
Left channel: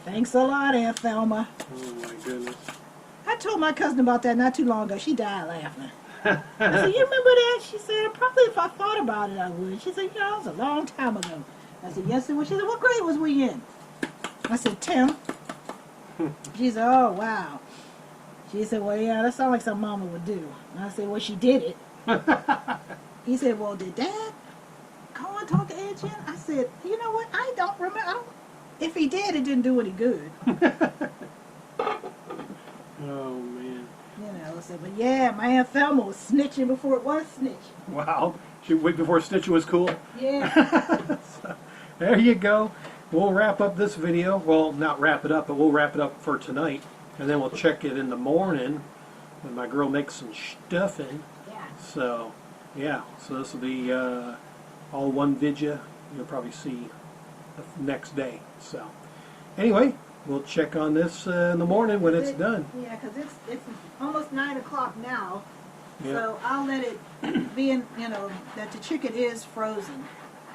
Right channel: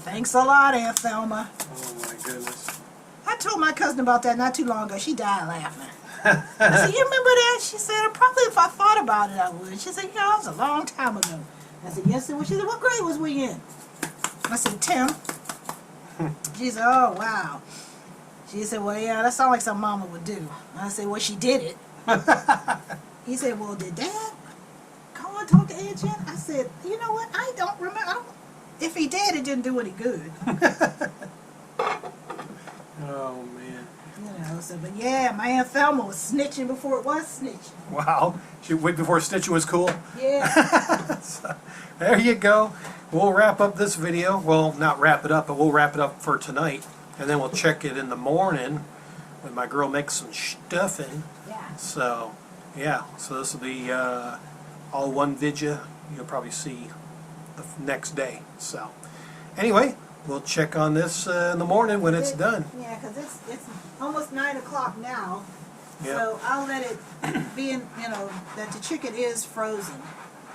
Thanks a lot, Aunt Thelma. Oh my goodness. I told my cousin about that not too long ago. She died laughing. I said, "You remember that?" She said, "Probably if I thought about it, I would." She said, "Yeah, that was a long time ago." I said, "Yes, it was." She said, "What grade was we in?" I said, 10. She said, "Oh, wow." She said, "Well, yeah, that sounds like something Mama would do." I said, "Well, she did it." He said, "Well, did Dad call and talk to Aunt Jen?" I said, "You know what? I don't remember. If he did, it didn't do any good." Oh man. You know, so, but yeah, my Aunt Thelma was snitching before it was snitching. Wow. She wait before stitching was cool. Yeah. So, there you go. We'll wrap up this video. Well, not wrap it up, but we'll wrap it up for tonight. And then we'll check it in the morning when my girl makes some stuffing. Yeah. So, yeah. So this will be all one video. You'll probably see the next day. So, anyway, we'll check on this in the morning when it's done. Yeah, because it's almost 9 o'clock now. Yeah. So I'll let it be in, that the chicken is frozen.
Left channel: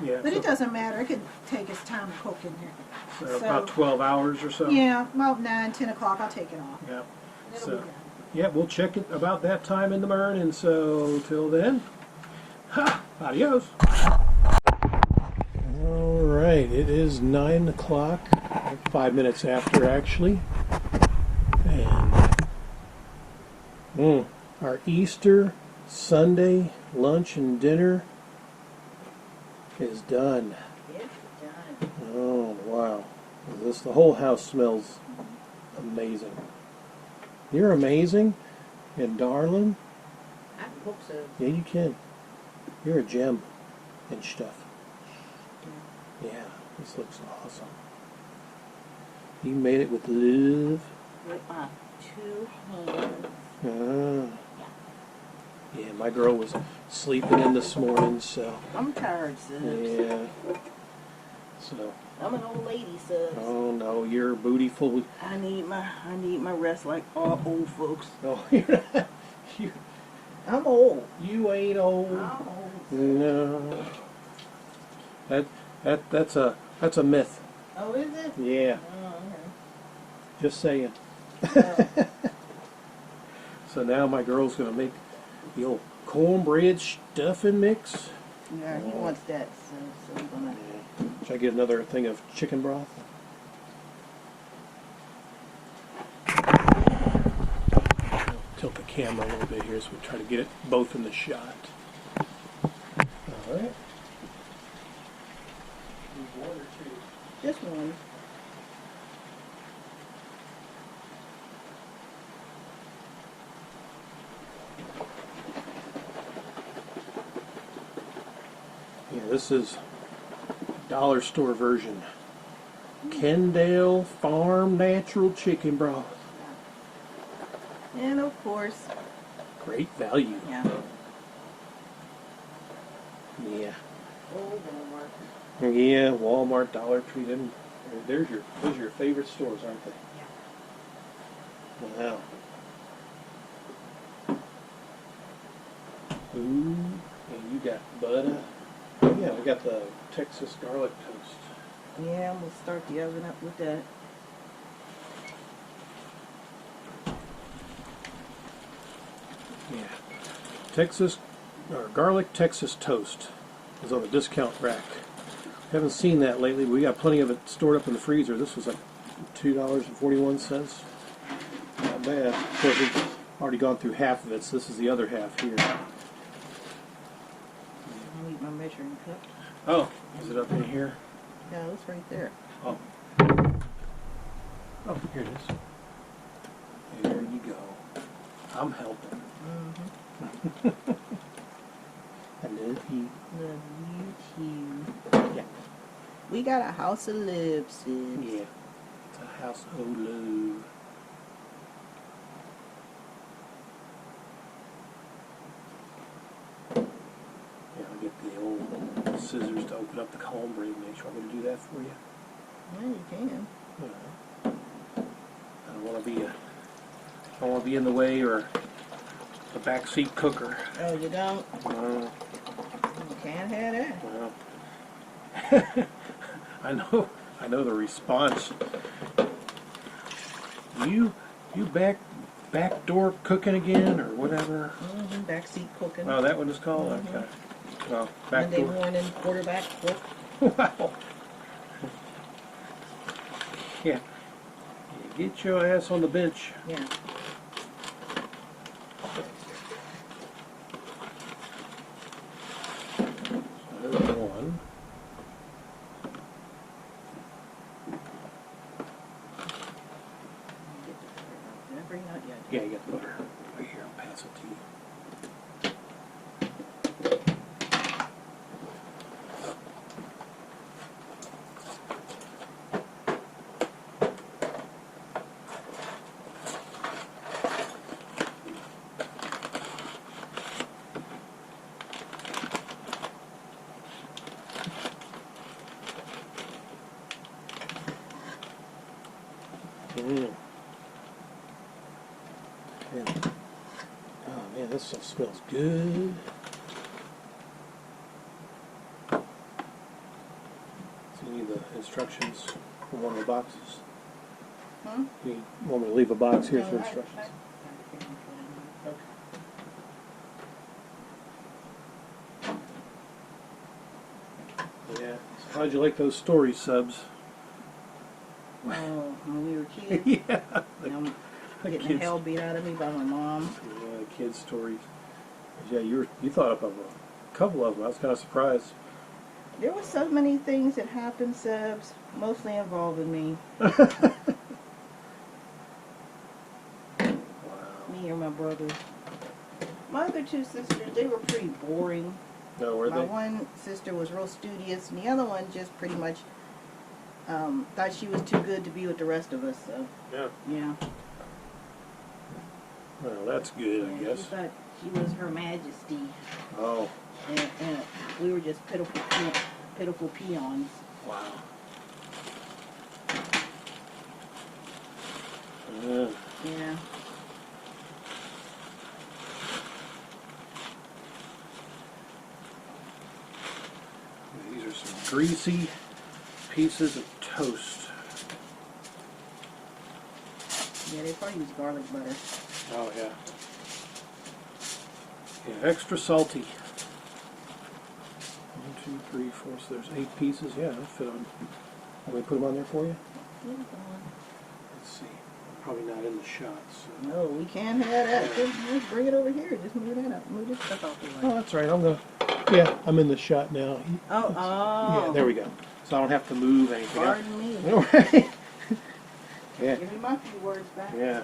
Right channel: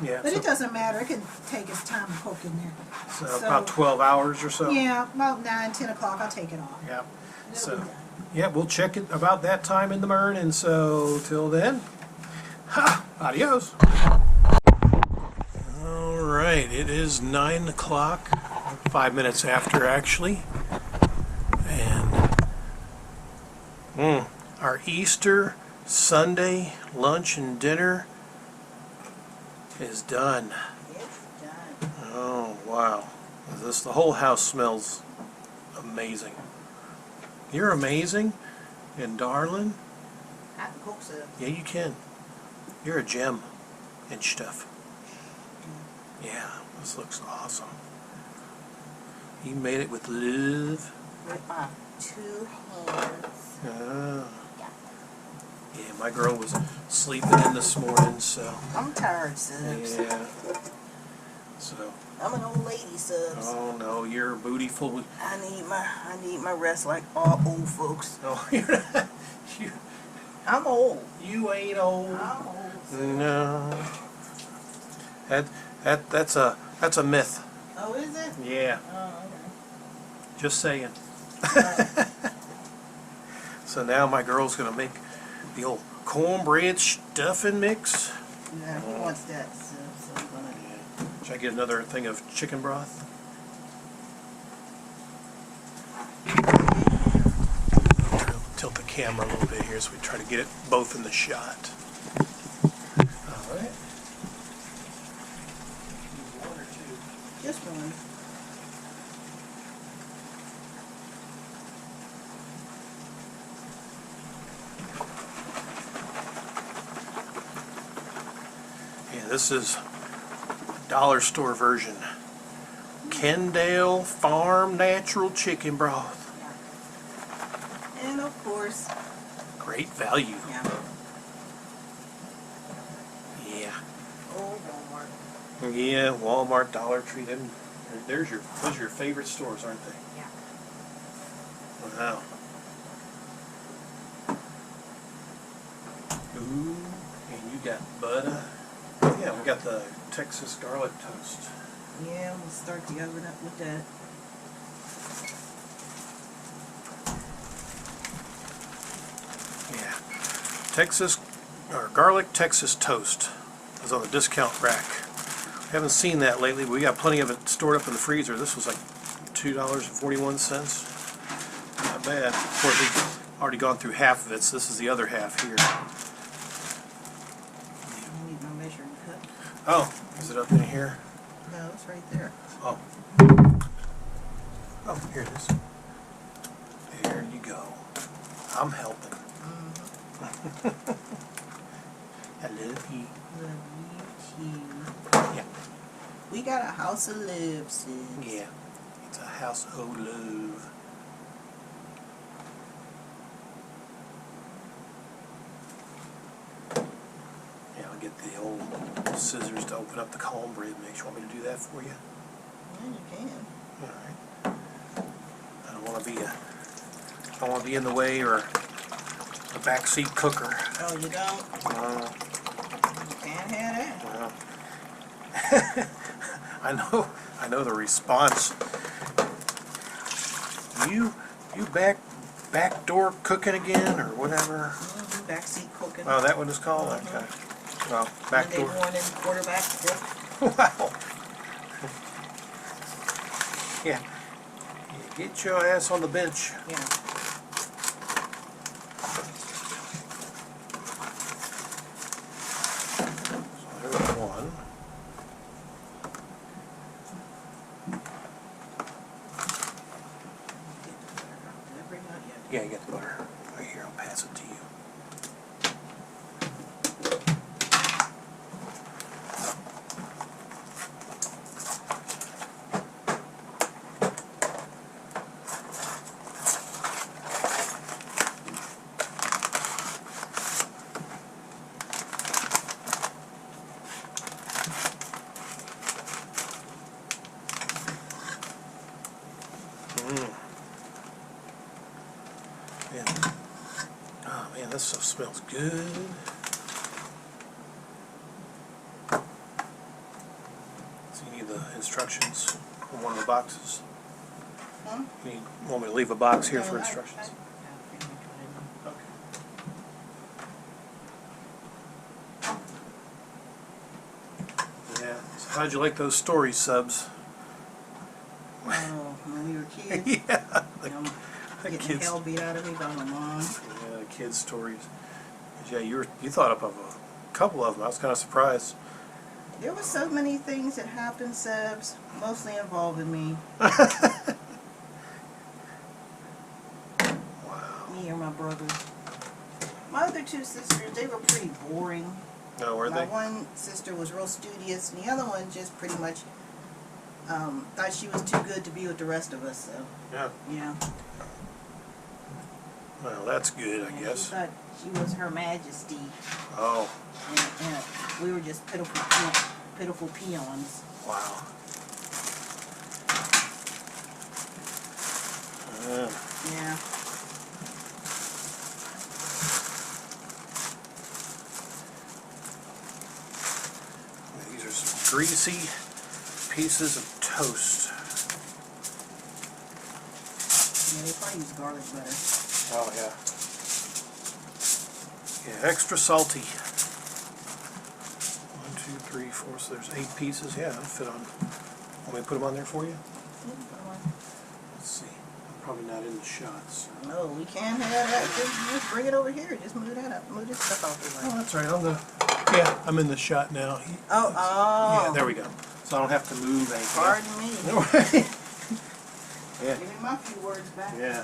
Yeah. But so, it doesn't matter. It can take its time to cook in there. so about 12 hours or so. Yeah, about 9, 10 o'clock, I'll take it off. Yeah. And it'll So, be done. yeah, we'll check it about that time in the morning. So, till then, adios. All right, it is 9 o'clock, 5 minutes after actually. And our Easter Sunday lunch and dinner is done. It's done. Oh, wow. The whole house smells amazing. You're amazing and darling. I can cook some. Yeah, you can. You're a gem and stuff. Yeah, this looks awesome. You made it with love. With my 2 hands. Ah. Yeah, my girl was sleeping in this morning, so. I'm tired, Subs. Yeah. So. I'm an old lady, Subs. Oh no, you're bootyful. I need my rest like all old folks. Oh, you're not. I'm old. You ain't old. I'm old. No. That's a myth. Oh, is it? Yeah. Oh, okay. Just saying. So now my girl's gonna make the old cornbread stuffing mix. Yeah, he wants that, so I'm gonna. Should I get another thing of chicken broth? Tilt the camera a little bit here so we try to get it both in the shot. All right. Need 1 or 2? Just one. Yeah, this is dollar store version. Kendall Farm Natural Chicken Broth. And of course, Great value. yeah. Yeah. Old Walmart. Yeah, Walmart, Dollar Tree, those are your favorite stores, aren't they? Yeah. Wow. Ooh, and you got butter. Oh yeah, we got the Texas garlic toast. Yeah, we'll start the oven up with that. Yeah. Texas, or garlic Texas toast is on the discount rack. Haven't seen that lately, but we got plenty of it stored up in the freezer. This was like $2.41. Not bad. Of course, we've already gone through half of it, so this is the other half here. I need my measuring cup. Oh, is it up in here? No, it's right there. Oh. Oh, here it is. There you go. I'm helping. I love you. Love you too. Yeah. We got a house of love, sis. Yeah. It's a house of love. Yeah, I'll get the old scissors to open up the cornbread mix. You want me to do that for you? Well, you can. All right. I don't want to be in the way or a backseat cooker. Oh, you don't? No. You can't have that. Well, I know the response. You backdoor cooking again or whatever? Backseat cooking. Oh, that one is called? Okay. Well, Monday backdoor. morning quarterback cook. Wow. Yeah. Get your ass on the bench. Yeah. So there's one. Get the butter out. Did I bring it out yet? Yeah, you got the butter. Right here, I'll pass it to you. And, oh man, this stuff smells good. So you need the instructions from one of the boxes. You want me to leave a box here for instructions? Yeah, pretty much what I need. Okay. Yeah. So how'd you like those story subs? Oh, when we were kids, Yeah. you know, The getting the kids. hell beat out of me by my mom. Yeah, the kids' stories. 'Cause, yeah, you thought up of a couple of them. I was kind of surprised. There were so many things that happened, Sebs, mostly involving me. Wow. Me or my brother. My other two sisters, they were pretty boring. No, were My they? one sister was real studious, and the other one just pretty much thought she was too good to be with the rest of us. So, Yeah. yeah. Well, that's good, I Yeah, guess. she thought she was Her Majesty, Oh, and we were just pitiful peons. wow. Yeah. These are some greasy pieces of toast. Yeah, they probably use garlic butter. Oh, yeah. Yeah, extra salty. 1, 2, 3, 4, so there's 8 pieces. Yeah, that'll fit on. Want me to put them on there for you? Let's see. I'm probably not in the shot, so. No, we can't have that. Just bring it over here. Just move that up. Move this stuff off the Oh, way. that's right. I'm in the shot now. Oh. Yeah, there we go. So I don't have to move anything. Pardon me. Yeah, Give me my few words back. yeah.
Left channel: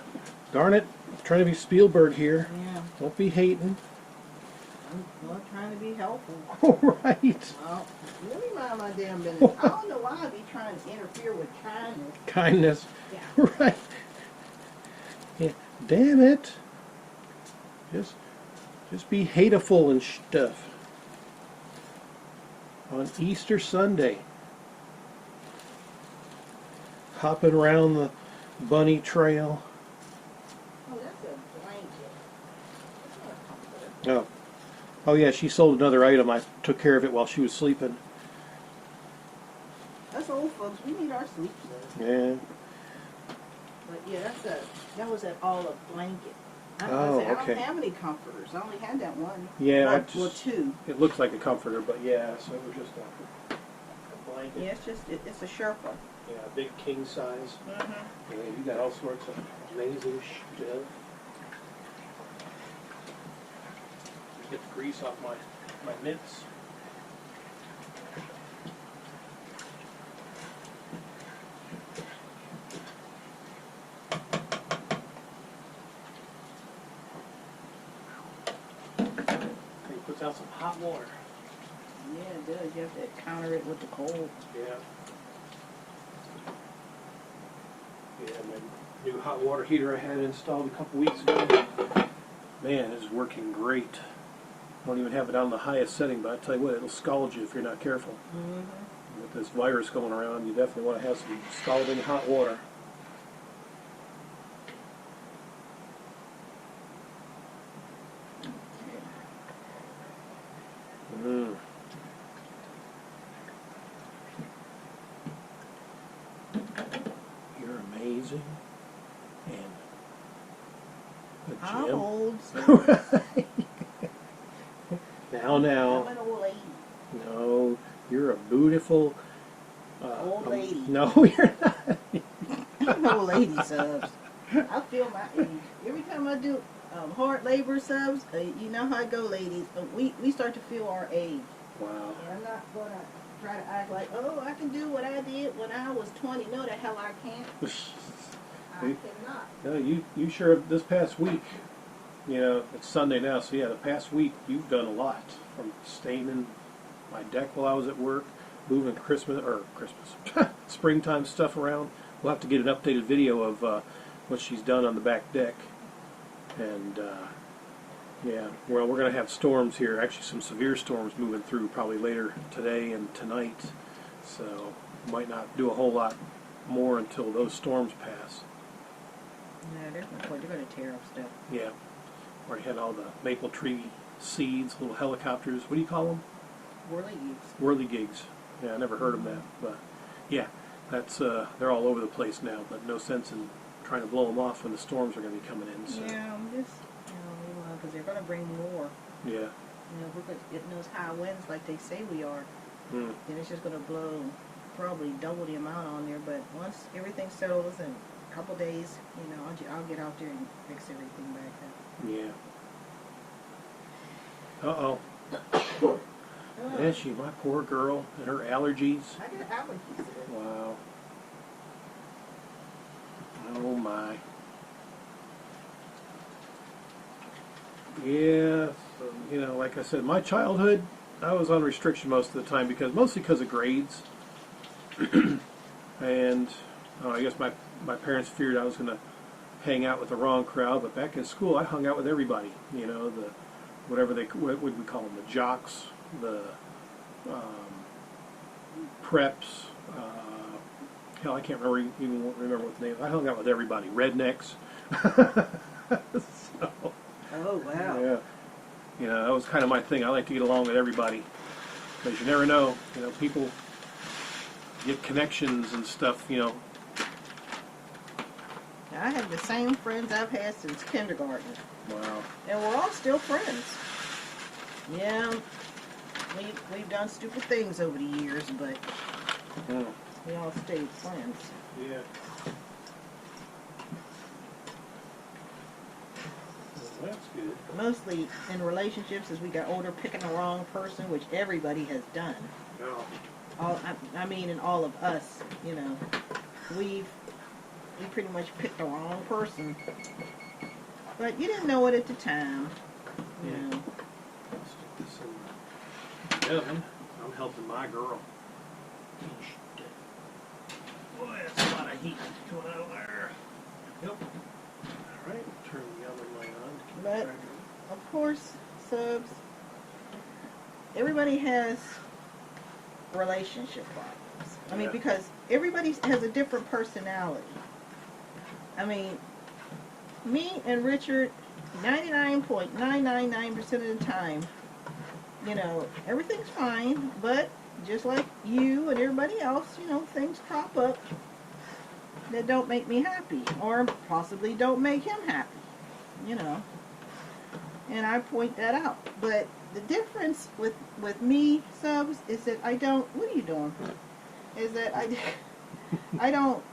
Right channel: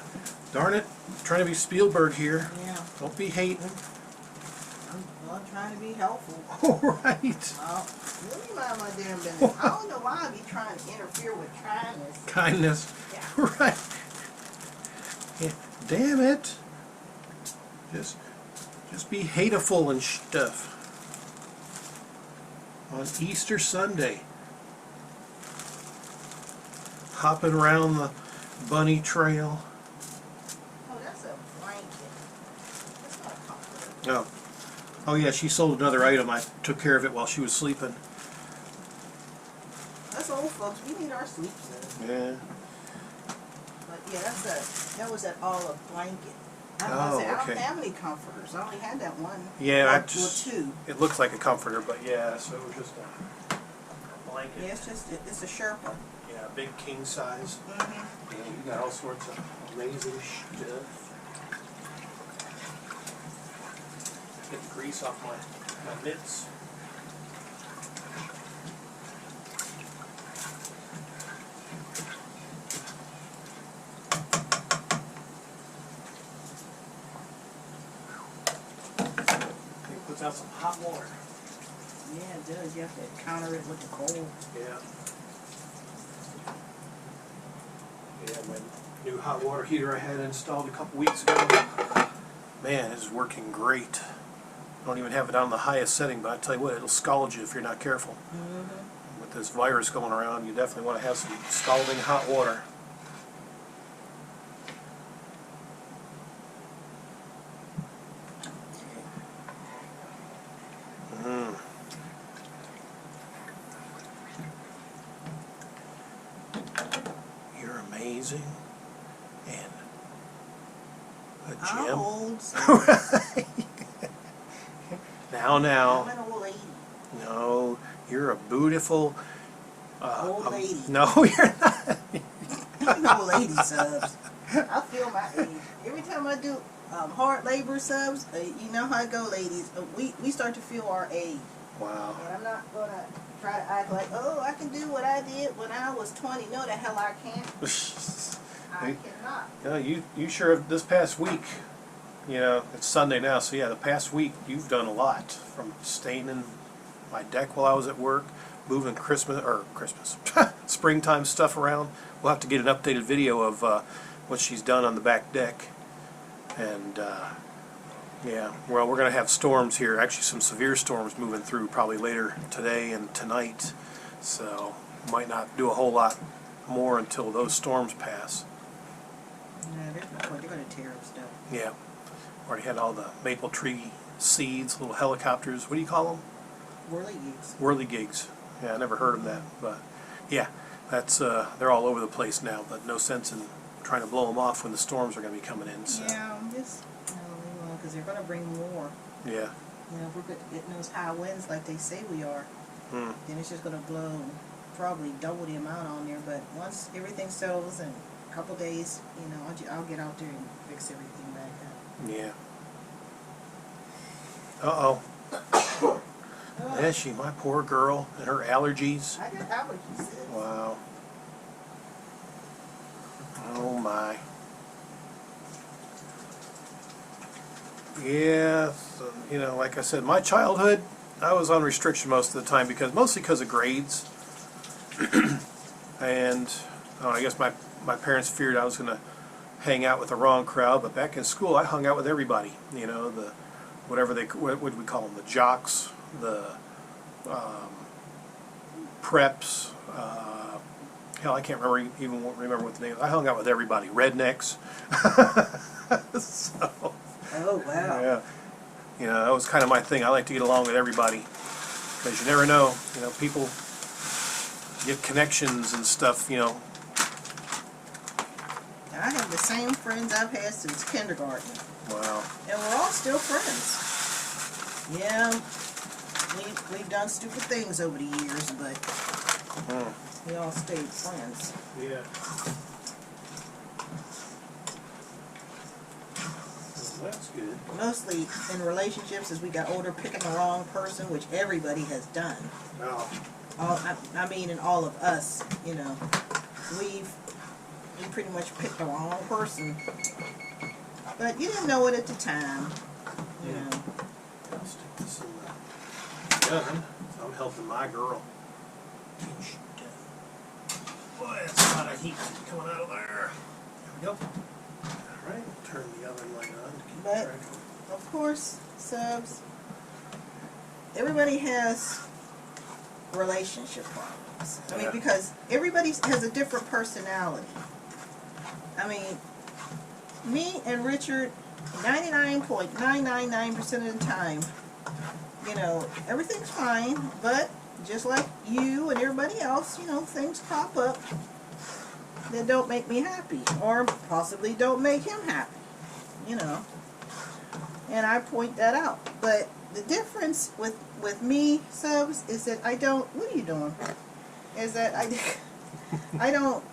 Darn it. I'm trying to be Spielberg here. Yeah. Don't be hating. I'm trying to be helpful. All right. Well, let me mind my damn business. I don't know why I be trying to interfere with kindness. Kindness. Yeah. Right. Yeah. Damn it. Just be hateful and stuff. On Easter Sunday. Hopping around the bunny trail. Oh, that's a blanket. That's not a comforter. Oh. Oh yeah, she sold another item. I took care of it while she was sleeping. That's old folks, we need our sleep, sir. Yeah. But yeah, that was that olive blanket. I Oh, don't okay. have any comforters. I only had that one. Yeah, well, two. It looks like a comforter, but yeah, so it was just a blanket. Yeah, it's a Sherpa. Yeah, a big king size. Mm-hmm. Yeah, you got all sorts of amazing stuff. Get the grease off my mitts. It puts out some hot water. Yeah, it does. You have to counter it with the cold. Yeah. Yeah, my new hot water heater I had installed a couple weeks ago. Man, it's working great. Don't even have it on the highest setting, but I tell you what, it'll scald you if you're not careful. Mm-hmm. With this virus going around, you definitely want to have some scalding hot water. Okay. Mm. You're amazing. And a I'm gem. old. Now. I'm an old lady. No, you're a beautiful... Old lady. No, you're not. I'm an old lady, Subs. I feel my age. Every time I do hard labor, Subs, you know how it go, ladies. We start to feel our age. Wow. And I'm not going to try to act like, oh, I can do what I did when I was 20. No, the hell I can't. I cannot. No, you sure have this past week. You know, it's Sunday now, so yeah, the past week you've done a lot. From staining my deck while I was at work, moving springtime stuff around. We'll have to get an updated video of what she's done on the back deck. And yeah, well, we're going to have storms here. Actually, some severe storms moving through probably later today and tonight. So might not do a whole lot more until those storms pass. Yeah, there's no point. They're going to tear up stuff. Yeah. Already had all the maple tree seeds, little helicopters. What do you call them? Whirligigs. Whirligigs. Yeah, I never heard of that. But yeah, that's they're all over the place now. But no sense in trying to blow them off when the storms are going to be coming in. So. Yeah, just leave them alone because they're going to bring more. Yeah. If we're getting those high winds like they say we are, then it's just going to blow probably double the amount on there. But once everything settles in a couple days, I'll get out there and fix everything back up. Yeah. Uh-oh. Is she, my poor girl, and her allergies. I got allergies. Wow. Oh my. Yeah, so, like I said, my childhood, I was on restriction most of the time mostly because of grades. And I guess my parents feared I was going to hang out with the wrong crowd, but back in school I hung out with everybody. What would we call them? The jocks, the preps. Hell, I can't remember what the name. I hung out with everybody. Rednecks. So, Oh, wow. Yeah, that was kind of my thing. I like to get along with everybody because you never know. People get connections and stuff. I have the same friends I've had since kindergarten. Wow. And we're all still friends. Yeah, we've done stupid things over the years, but we all stayed friends. Yeah. Well, that's good. Mostly in relationships, as we got older, picking the wrong person, which everybody has done. No. I mean, in all of us, we pretty much picked the wrong person. But you didn't know it at the time. I'll stick this in the oven. I'm helping my girl. Boy, that's a lot of heat coming out of there. There we go. All right, turn the oven light on to keep But, track of. of course, Subs, everybody has relationship problems. I mean, because everybody has a different personality. I mean, me and Richard, 99.999% of the time, everything's fine, but just like you and everybody else, you know, things pop up that don't make me happy, or possibly don't make him happy, you know. And I point that out. But the difference with me, Subs, is that I don't, what are you doing? Is that I don't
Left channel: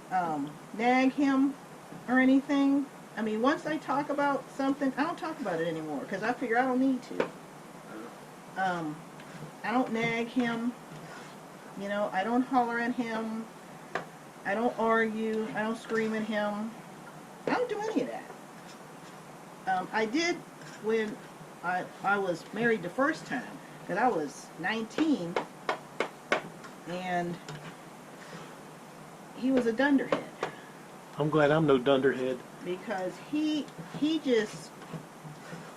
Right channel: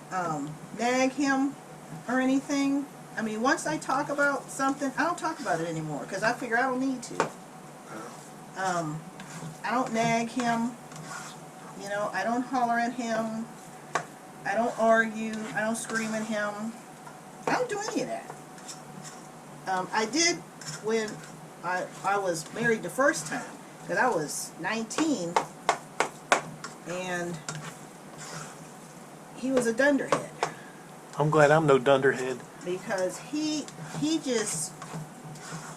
nag him or anything. I mean, once I talk about something, I don't talk about it anymore because I figure I don't need to. I don't nag him. You know, I don't holler at him. I don't argue. I don't scream at him. I don't do any of that. I did when I was married the first time, because I was 19 and he was a dunderhead. I'm glad I'm no dunderhead. Because he just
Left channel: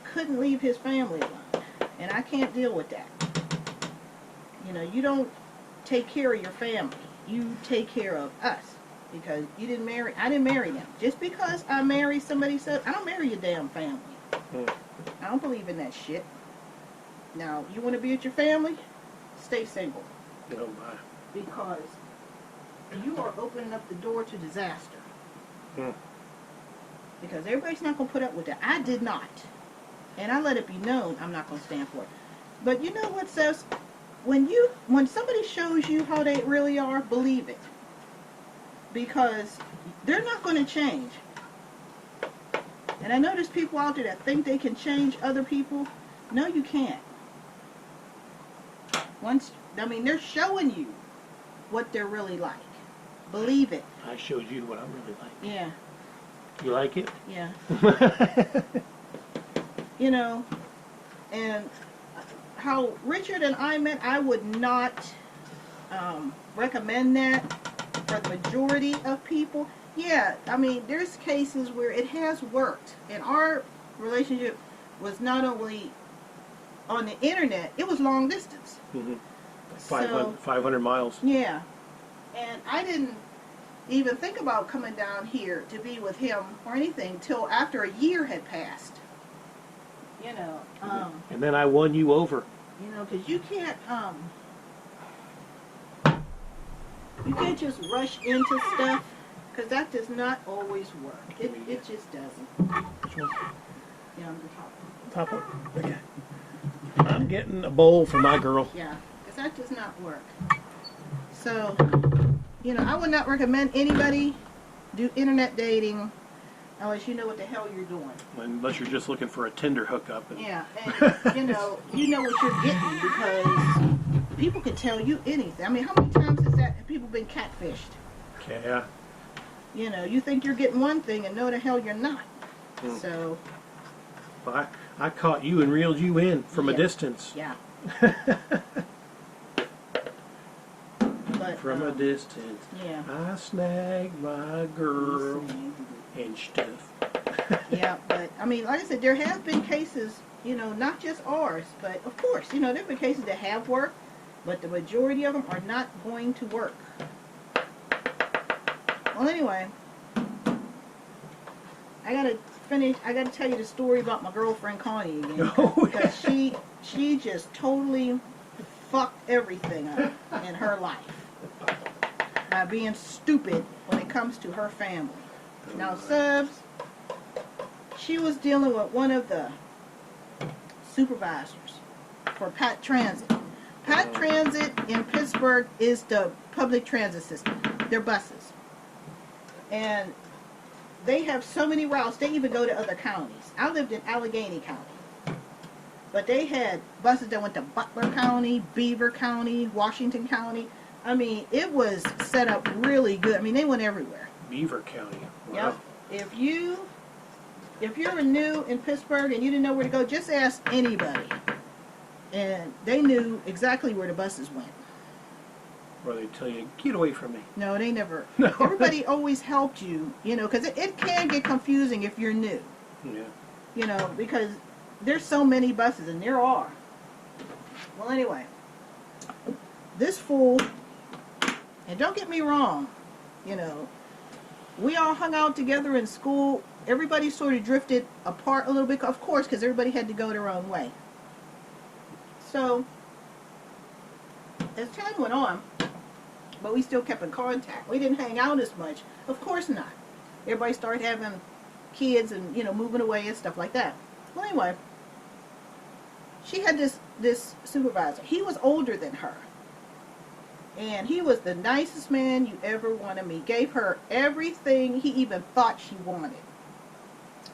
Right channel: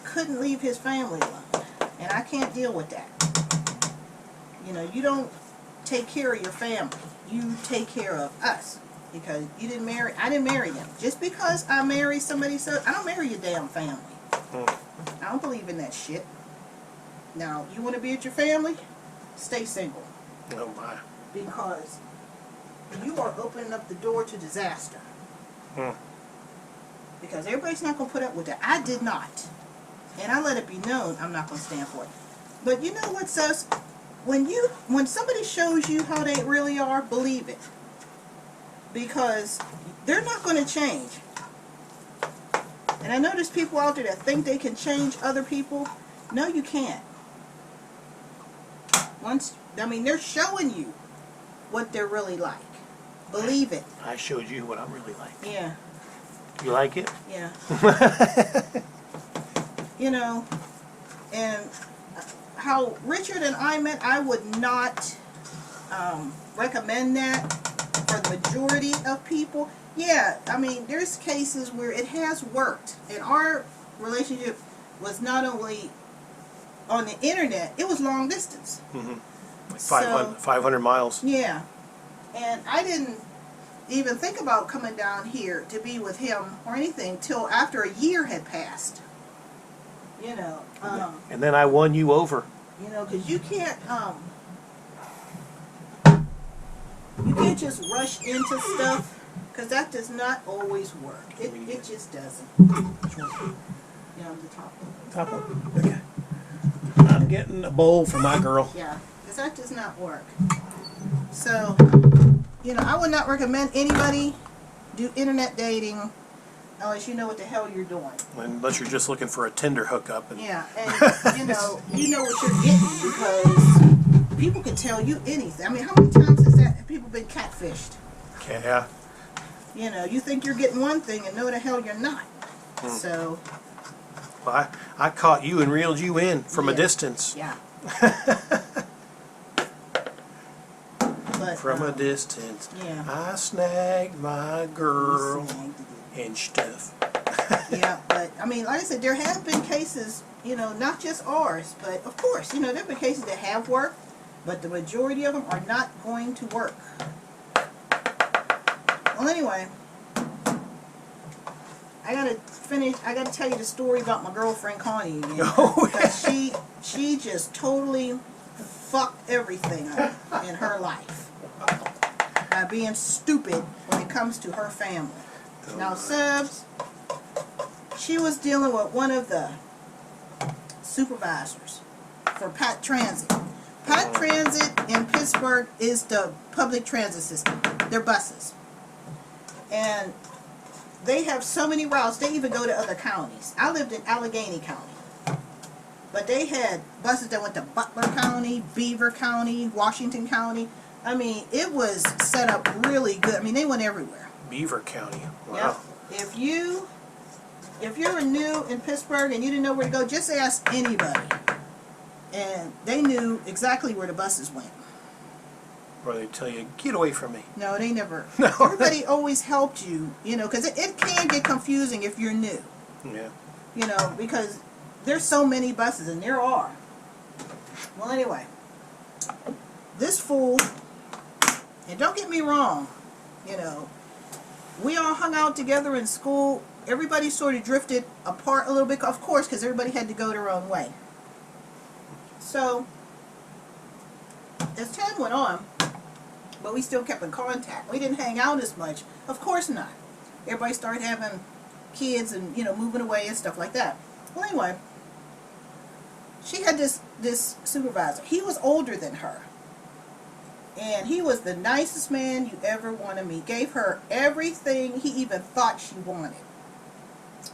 couldn't leave his family alone. And I can't deal with that. You know, you don't take care of your family. You take care of us. Because I didn't marry them. Just because I marry somebody, so I don't marry your damn family. I don't believe in that shit. Now, you want to be with your family? Stay single. Oh my. Because you are opening up the door to disaster. Because everybody's not going to put up with that. I did not. And I let it be known I'm not going to stand for it. But you know what, Sus? When somebody shows you how they really are, believe it. Because they're not going to change. And I know there's people out there that think they can change other people. No, you can't. They're showing you what they're really like. Believe it. I showed you what I'm really like. Yeah. You like it? Yeah. You know, and how Richard and I met, I would not recommend that for the majority of people. Yeah, I mean, there's cases where it has worked. And our relationship was not only on the internet, it was long distance. Mm-hmm. Like 500 miles. Yeah. And I didn't even think about coming down here to be with him or anything till after a year had passed. You know. And then I won you over. You know, because you can't just rush into stuff, because that does not always work. It just doesn't. Which one? You know, the top one. Top one? Okay. I'm getting a bowl for my girl. Yeah, because that does not work. So, you know, I would not recommend anybody do internet dating unless you know what the hell you're doing. Unless you're just looking for a Tinder hookup. And Yeah, and you know what you're getting, because people can tell you anything. I mean, how many times have people been catfished? Yeah. You know, you think you're getting one thing and know the hell you're not. So. Well, I caught you and reeled you in from a distance. Yeah. But, From a distance. Yeah. I snagged my girl and stuff. Yeah, but I mean, like I said, there have been cases, you know, not just ours, but of course, you know, there have been cases that have worked, but the majority of them are not going to work. Well, anyway, I gotta tell you the story about my girlfriend Connie again. Because she just totally fucked everything up in her life by being stupid when it comes to her family. Now, Subs, she was dealing with one of the supervisors for Pat Transit. Pat Transit in Pittsburgh is the public transit system. They're buses. And they have so many routes, they even go to other counties. I lived in Allegheny County. But they had buses that went to Butler County, Beaver County, Washington County. I mean, it was set up really good. I mean, they went everywhere. Beaver County. Wow. Yep. If you're new in Pittsburgh and you didn't know where to go, just ask anybody. And they knew exactly where the buses went. Or they tell you, get away from me. No, they never. No. Everybody always helped you, you know, because it can get confusing if you're new. Yeah. You know, because there's so many buses, and there are. Well, anyway, this fool, and don't get me wrong, you know, we all hung out together in school. Everybody sort of drifted apart a little bit, of course, because everybody had to go their own way. So, as time went on, but we still kept in contact. We didn't hang out as much. Of course not. Everybody started having kids and, you know, moving away and stuff like that. Well, anyway, she had this supervisor. He was older than her. And he was the nicest man you ever want to meet. Gave her everything he even thought she wanted.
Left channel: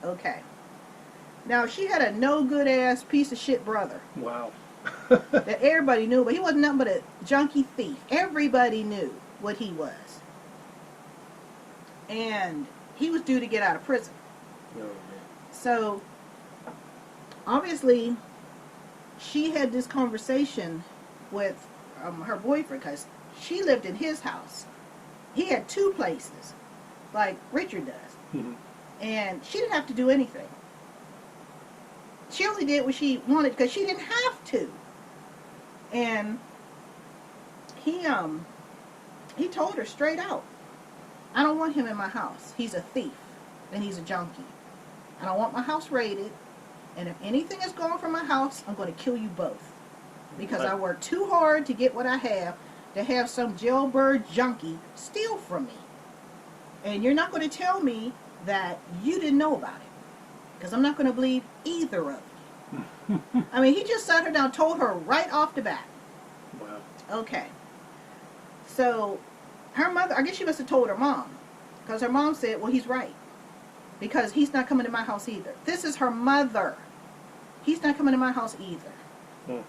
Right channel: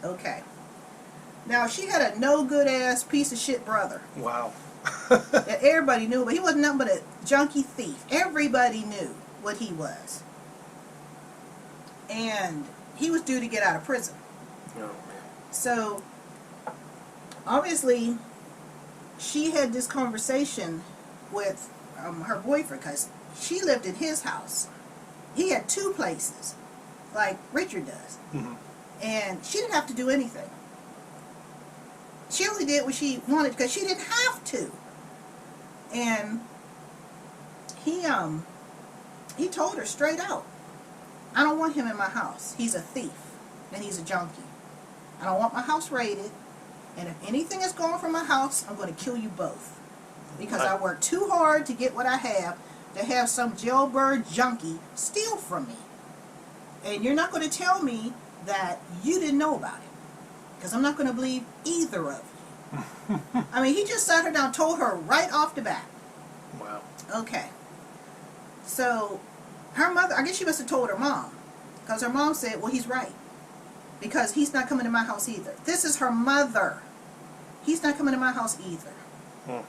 Okay. Now, she had a no-good-ass piece of shit brother. Wow. That everybody knew, but he wasn't nothing but a junkie thief. Everybody knew what he was. And he was due to get out of prison. Oh, man. So, obviously, she had this conversation with her boyfriend, because she lived in his house. He had 2 places, like Richard does. Mm-hmm. And she didn't have to do anything. She only did what she wanted because she didn't have to. And he told her straight out, I don't want him in my house. He's a thief and he's a junkie. I don't want my house raided. And if anything is gone from my house, I'm going to kill you both. Because I worked too hard to get what I have, to have some jailbird junkie steal from me. And you're not going to tell me that you didn't know about it. Because I'm not going to believe either of you. I mean, he just sat her down, told her right off the bat. Wow. Okay. So, her mother, I guess she must have told her mom. Because her mom said, well, he's right. Because he's not coming to my house either. This is her mother. He's not coming to my house either. Hmm.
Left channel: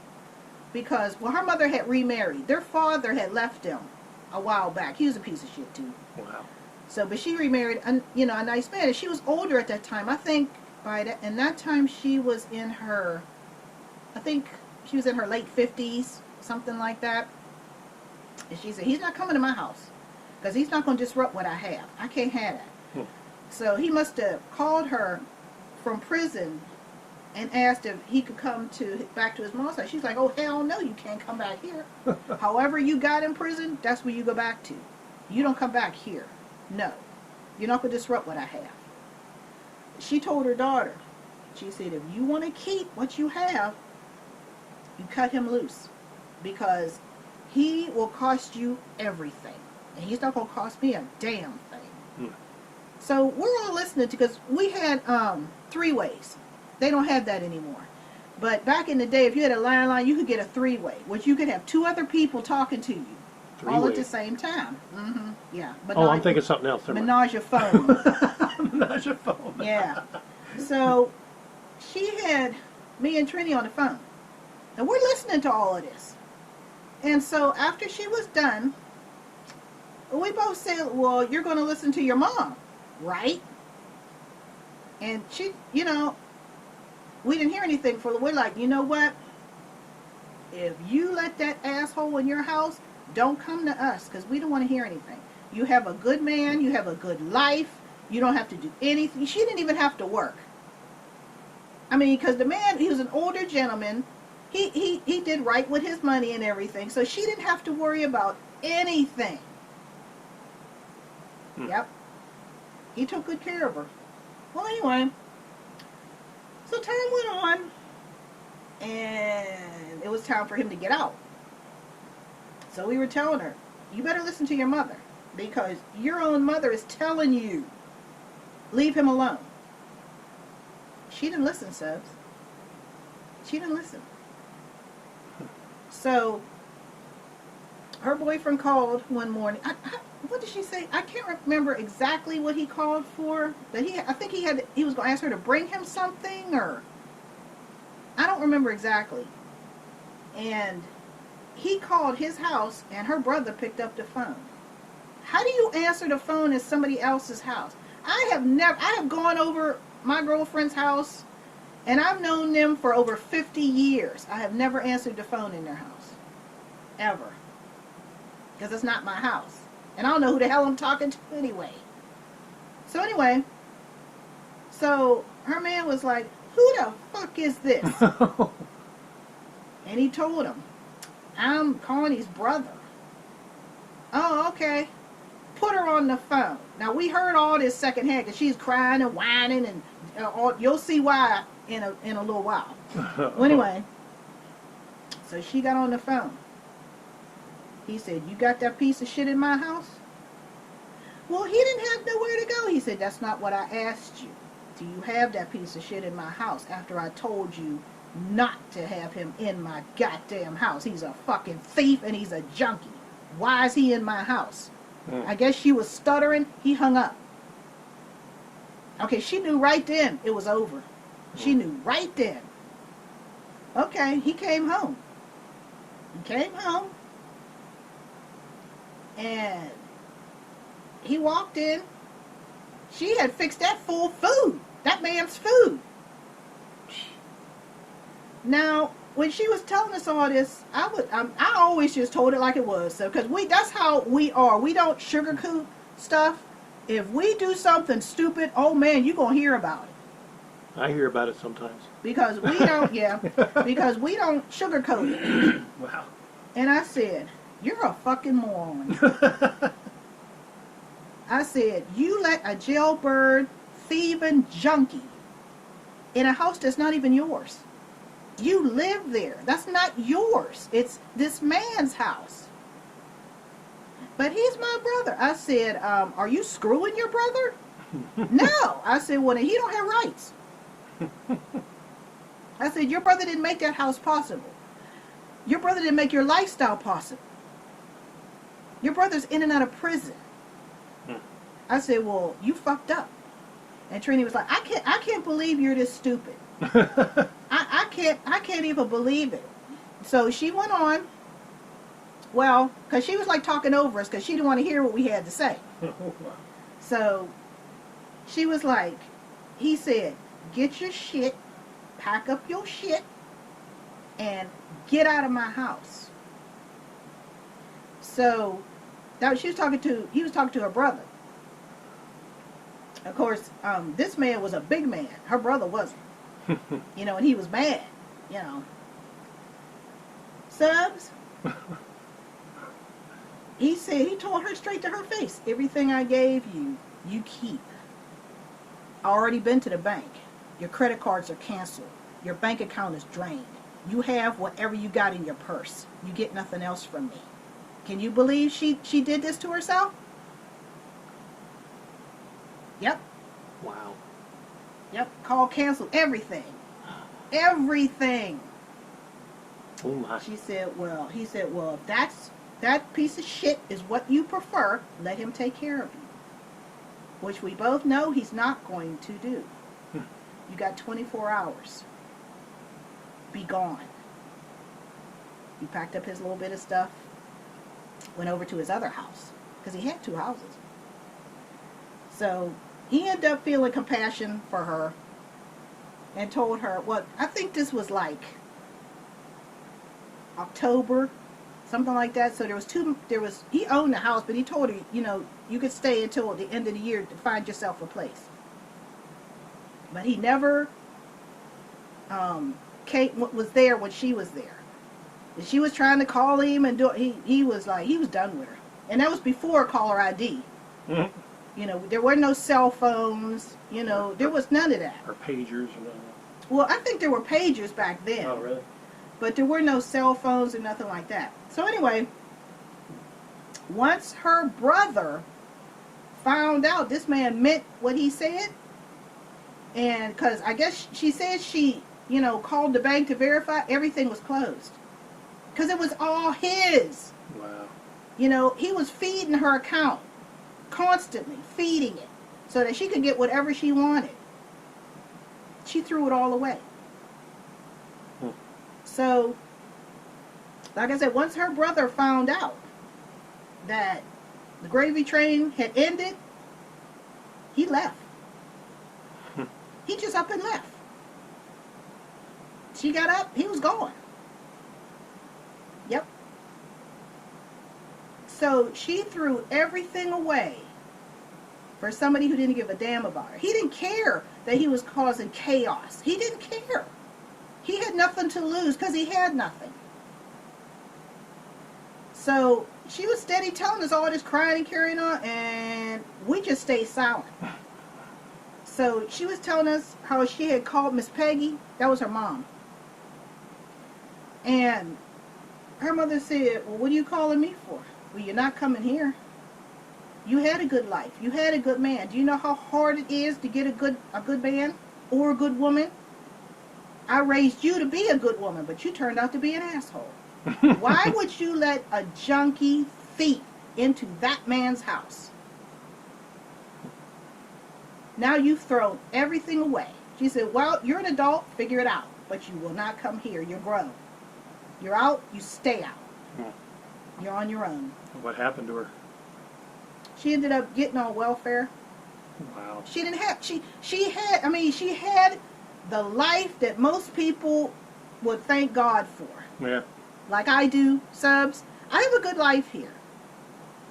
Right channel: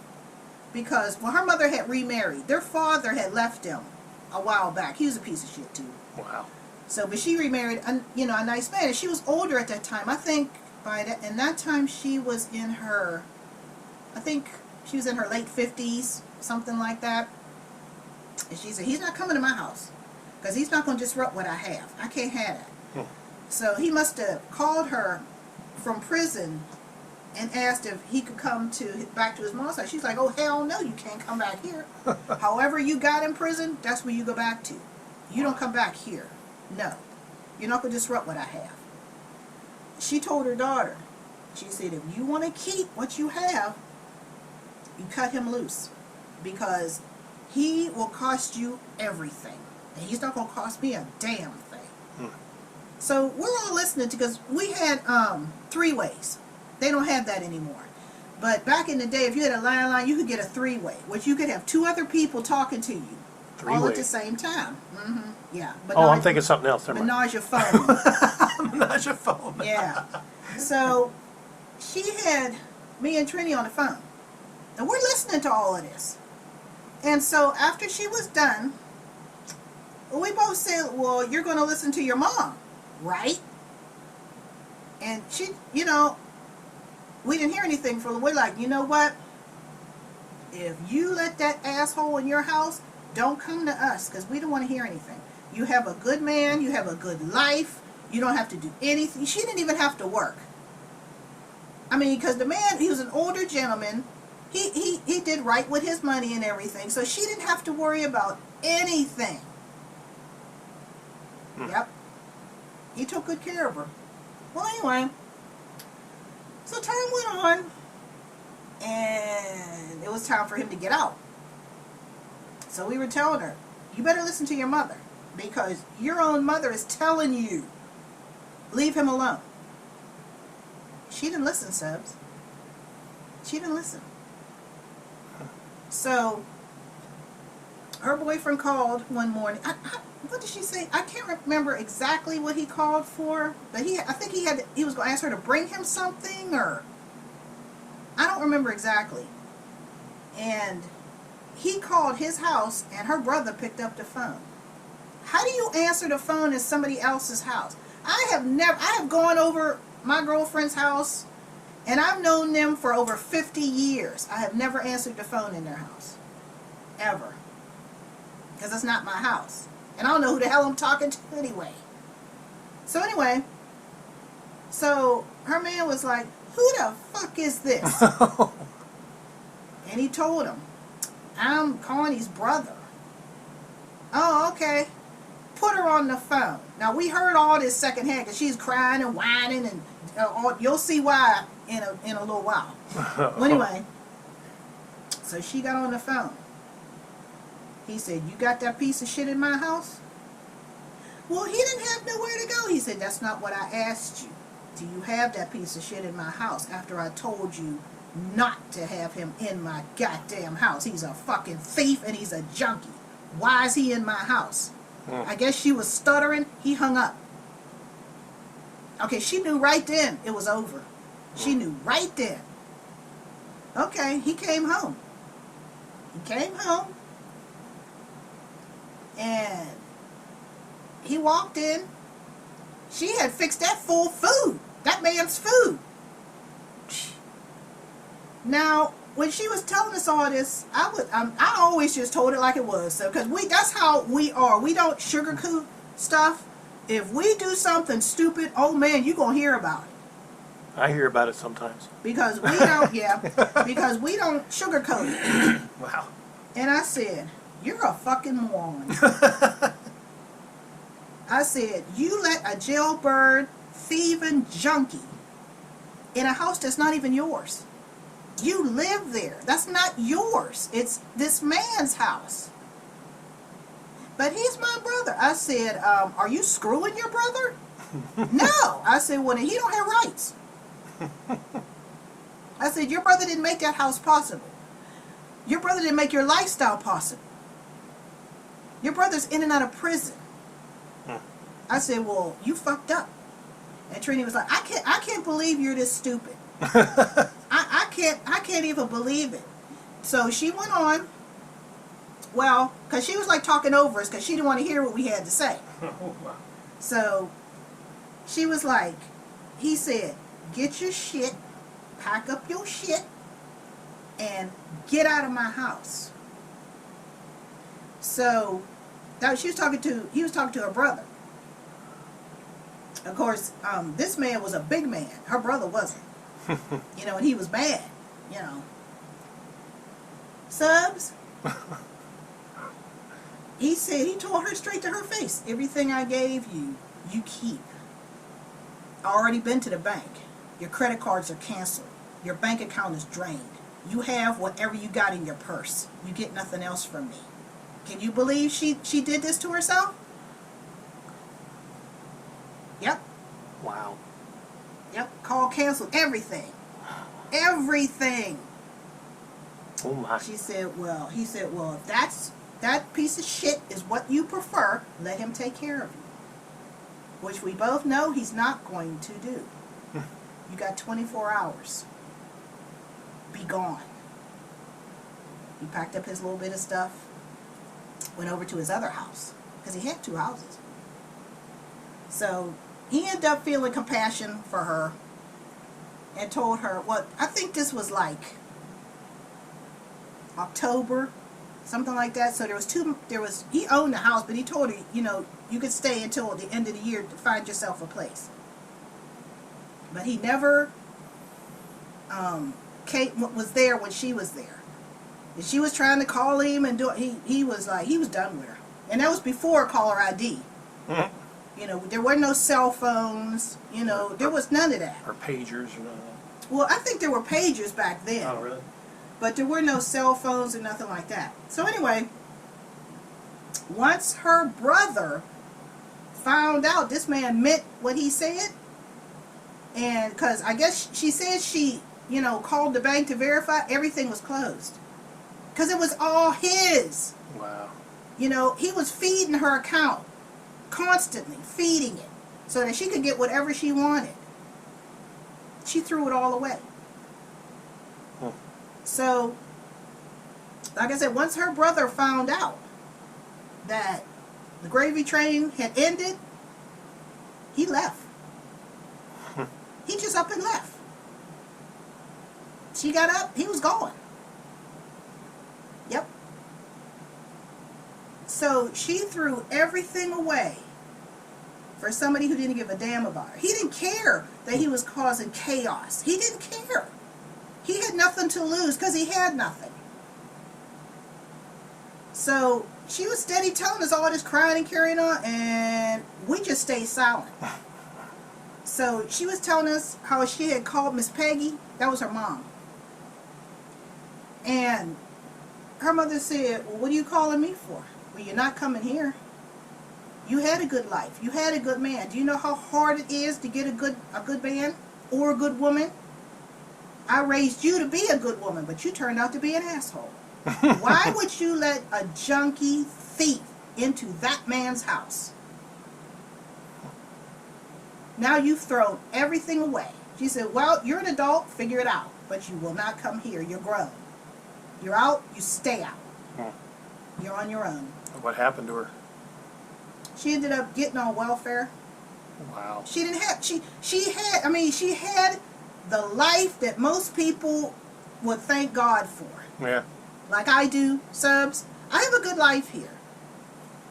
Because, well, her mother had remarried. Their father had left him a while back. He was a piece of shit, too. Wow. So, but she remarried, a nice man. And she was older at that time. I think and that time she was in her, I think she was in her late 50s, something like that. And she said, he's not coming to my house because he's not going to disrupt what I have. I can't have that. Hmm. So he must have called her from prison and asked if he could come back to his mom's house. She's like, oh, hell no, you can't come back here. However you got in prison, that's where you go back to. You don't come back here. No. You're not going to disrupt what I have. She told her daughter, she said, if you want to keep what you have, you cut him loose. Because he will cost you everything. And he's not going to cost me a damn thing. Hmm. So we're all listening to, because we had 3-ways. They don't have that anymore. But back in the day, if you had a landline, you could get a 3-way, which you could have 2 other people talking to you. All at the same time. Mm-hmm. Yeah. Oh, I'm thinking something else. Menage a phone. Menage a phone. Yeah. So she had me and Trini on the phone. And we're listening to all of this. And so after she was done, we both said, well, you're going to listen to your mom, right? And she, we didn't hear anything for, we're like, you know what? If you let that asshole in your house, don't come to us, because we don't want to hear anything. You have a good man. You have a good life. You don't have to do anything. She didn't even have to work. I mean, because the man, he was an older gentleman. He did right with his money and everything. So she didn't have to worry about anything. Yep. He took good care of her. Well, anyway. So time went on. And it was time for him to get out. So we were telling her, you better listen to your mother, because your own mother is telling you, leave him alone. She didn't listen, Subs. She didn't listen. So her boyfriend called one morning. What did she say? I can't remember exactly what he called for, but I think he was going to ask her to bring him something, or I don't remember exactly. And he called his house, and her brother picked up the phone. How do you answer the phone at somebody else's house? I have gone over my girlfriend's house, and I've known them for over 50 years. I have never answered the phone in their house. Ever. Because it's not my house. And I don't know who the hell I'm talking to anyway. So anyway, her man was like, who the fuck is this? And he told him, I'm Connie's brother. Oh, okay. Put her on the phone. Now, we heard all this secondhand because she's crying and whining, and you'll see why in a little while. Well, anyway, so she got on the phone. He said, you got that piece of shit in my house? Well, he didn't have nowhere to go. He said, that's not what I asked you. Do you have that piece of shit in my house after I told you not to have him in my goddamn house? He's a fucking thief and he's a junkie. Why is he in my house? I guess she was stuttering. He hung up. Okay, she knew right then it was over. She knew right then. Okay, he came home. He came home. And he walked in. She had fixed that full food. That man's food. Now, when she was telling us all this, I always just told it like it was. So, because that's how we are. We don't sugarcoat stuff. If we do something stupid, oh man, you're going to hear about it. I hear about it sometimes. Because we don't, because we don't sugarcoat it. Wow. And I said, you're a fucking moron. I said, you let a jailbird, thieving junkie in a house that's not even yours. You live there. That's not yours. It's this man's house. But he's my brother. I said, are you screwing your brother? No. I said, well, then he don't have rights. I said, your brother didn't make that house possible. Your brother didn't make your lifestyle possible. Your brother's in and out of prison. I said, well, you fucked up. And Trini was like, I can't believe you're this stupid. I can't even believe it. So she went on. Well, because she was like talking over us because she didn't want to hear what we had to say. So she was like, he said, get your shit, pack up your shit, and get out of my house. So he was talking to her brother. Of course, this man was a big man. Her brother wasn't. And he was mad, Subs. He said, he told her straight to her face, everything I gave you, you keep. I already been to the bank. Your credit cards are canceled. Your bank account is drained. You have whatever you got in your purse. You get nothing else from me. Can you believe she did this to herself? Yep. Wow. Yep. Call canceled. Everything. Everything. Oh my. He said, well, if that piece of shit is what you prefer, let him take care of you. Which we both know he's not going to do. You got 24 hours. Be gone. He packed up his little bit of stuff, went over to his other house, because he had 2 houses. So he ended up feeling compassion for her and told her, well, I think this was like October, something like that. So he owned the house, but he told her, you could stay until the end of the year to find yourself a place. But he never was there when she was there. And she was trying to call him and he was done with her. And that was before caller ID. Mm-hmm. There were no cell phones, there was none of that. Or pagers or none of that. Well, I think there were pagers back then. Oh, really? But there were no cell phones or nothing like that. So anyway, once her brother found out this man meant what he said, and because I guess she said she, called the bank to verify, everything was closed. Because it was all his. Wow. He was feeding her account, constantly feeding it, so that she could get whatever she wanted. She threw it all away. So, like I said, once her brother found out that the gravy train had ended, he left. He just up and left. She got up, he was gone. Yep. So she threw everything away for somebody who didn't give a damn about her. He didn't care that he was causing chaos. He didn't care. He had nothing to lose because he had nothing. So she was steady telling us all this crying and carrying on, and we just stayed silent. So she was telling us how she had called Miss Peggy. That was her mom. And her mother said, well, what are you calling me for? Well, you're not coming here. You had a good life. You had a good man. Do you know how hard it is to get a good man or a good woman? I raised you to be a good woman, but you turned out to be an asshole. Why would you let a junkie thief into that man's house? Now you've thrown everything away. She said, well, you're an adult, figure it out. But you will not come here. You're grown. You're out, you stay out. You're on your own. What happened to her? She ended up getting on welfare. Wow. She didn't have, she had the life that most people would thank God for. Yeah. Like I do, Subs. I have a good life here.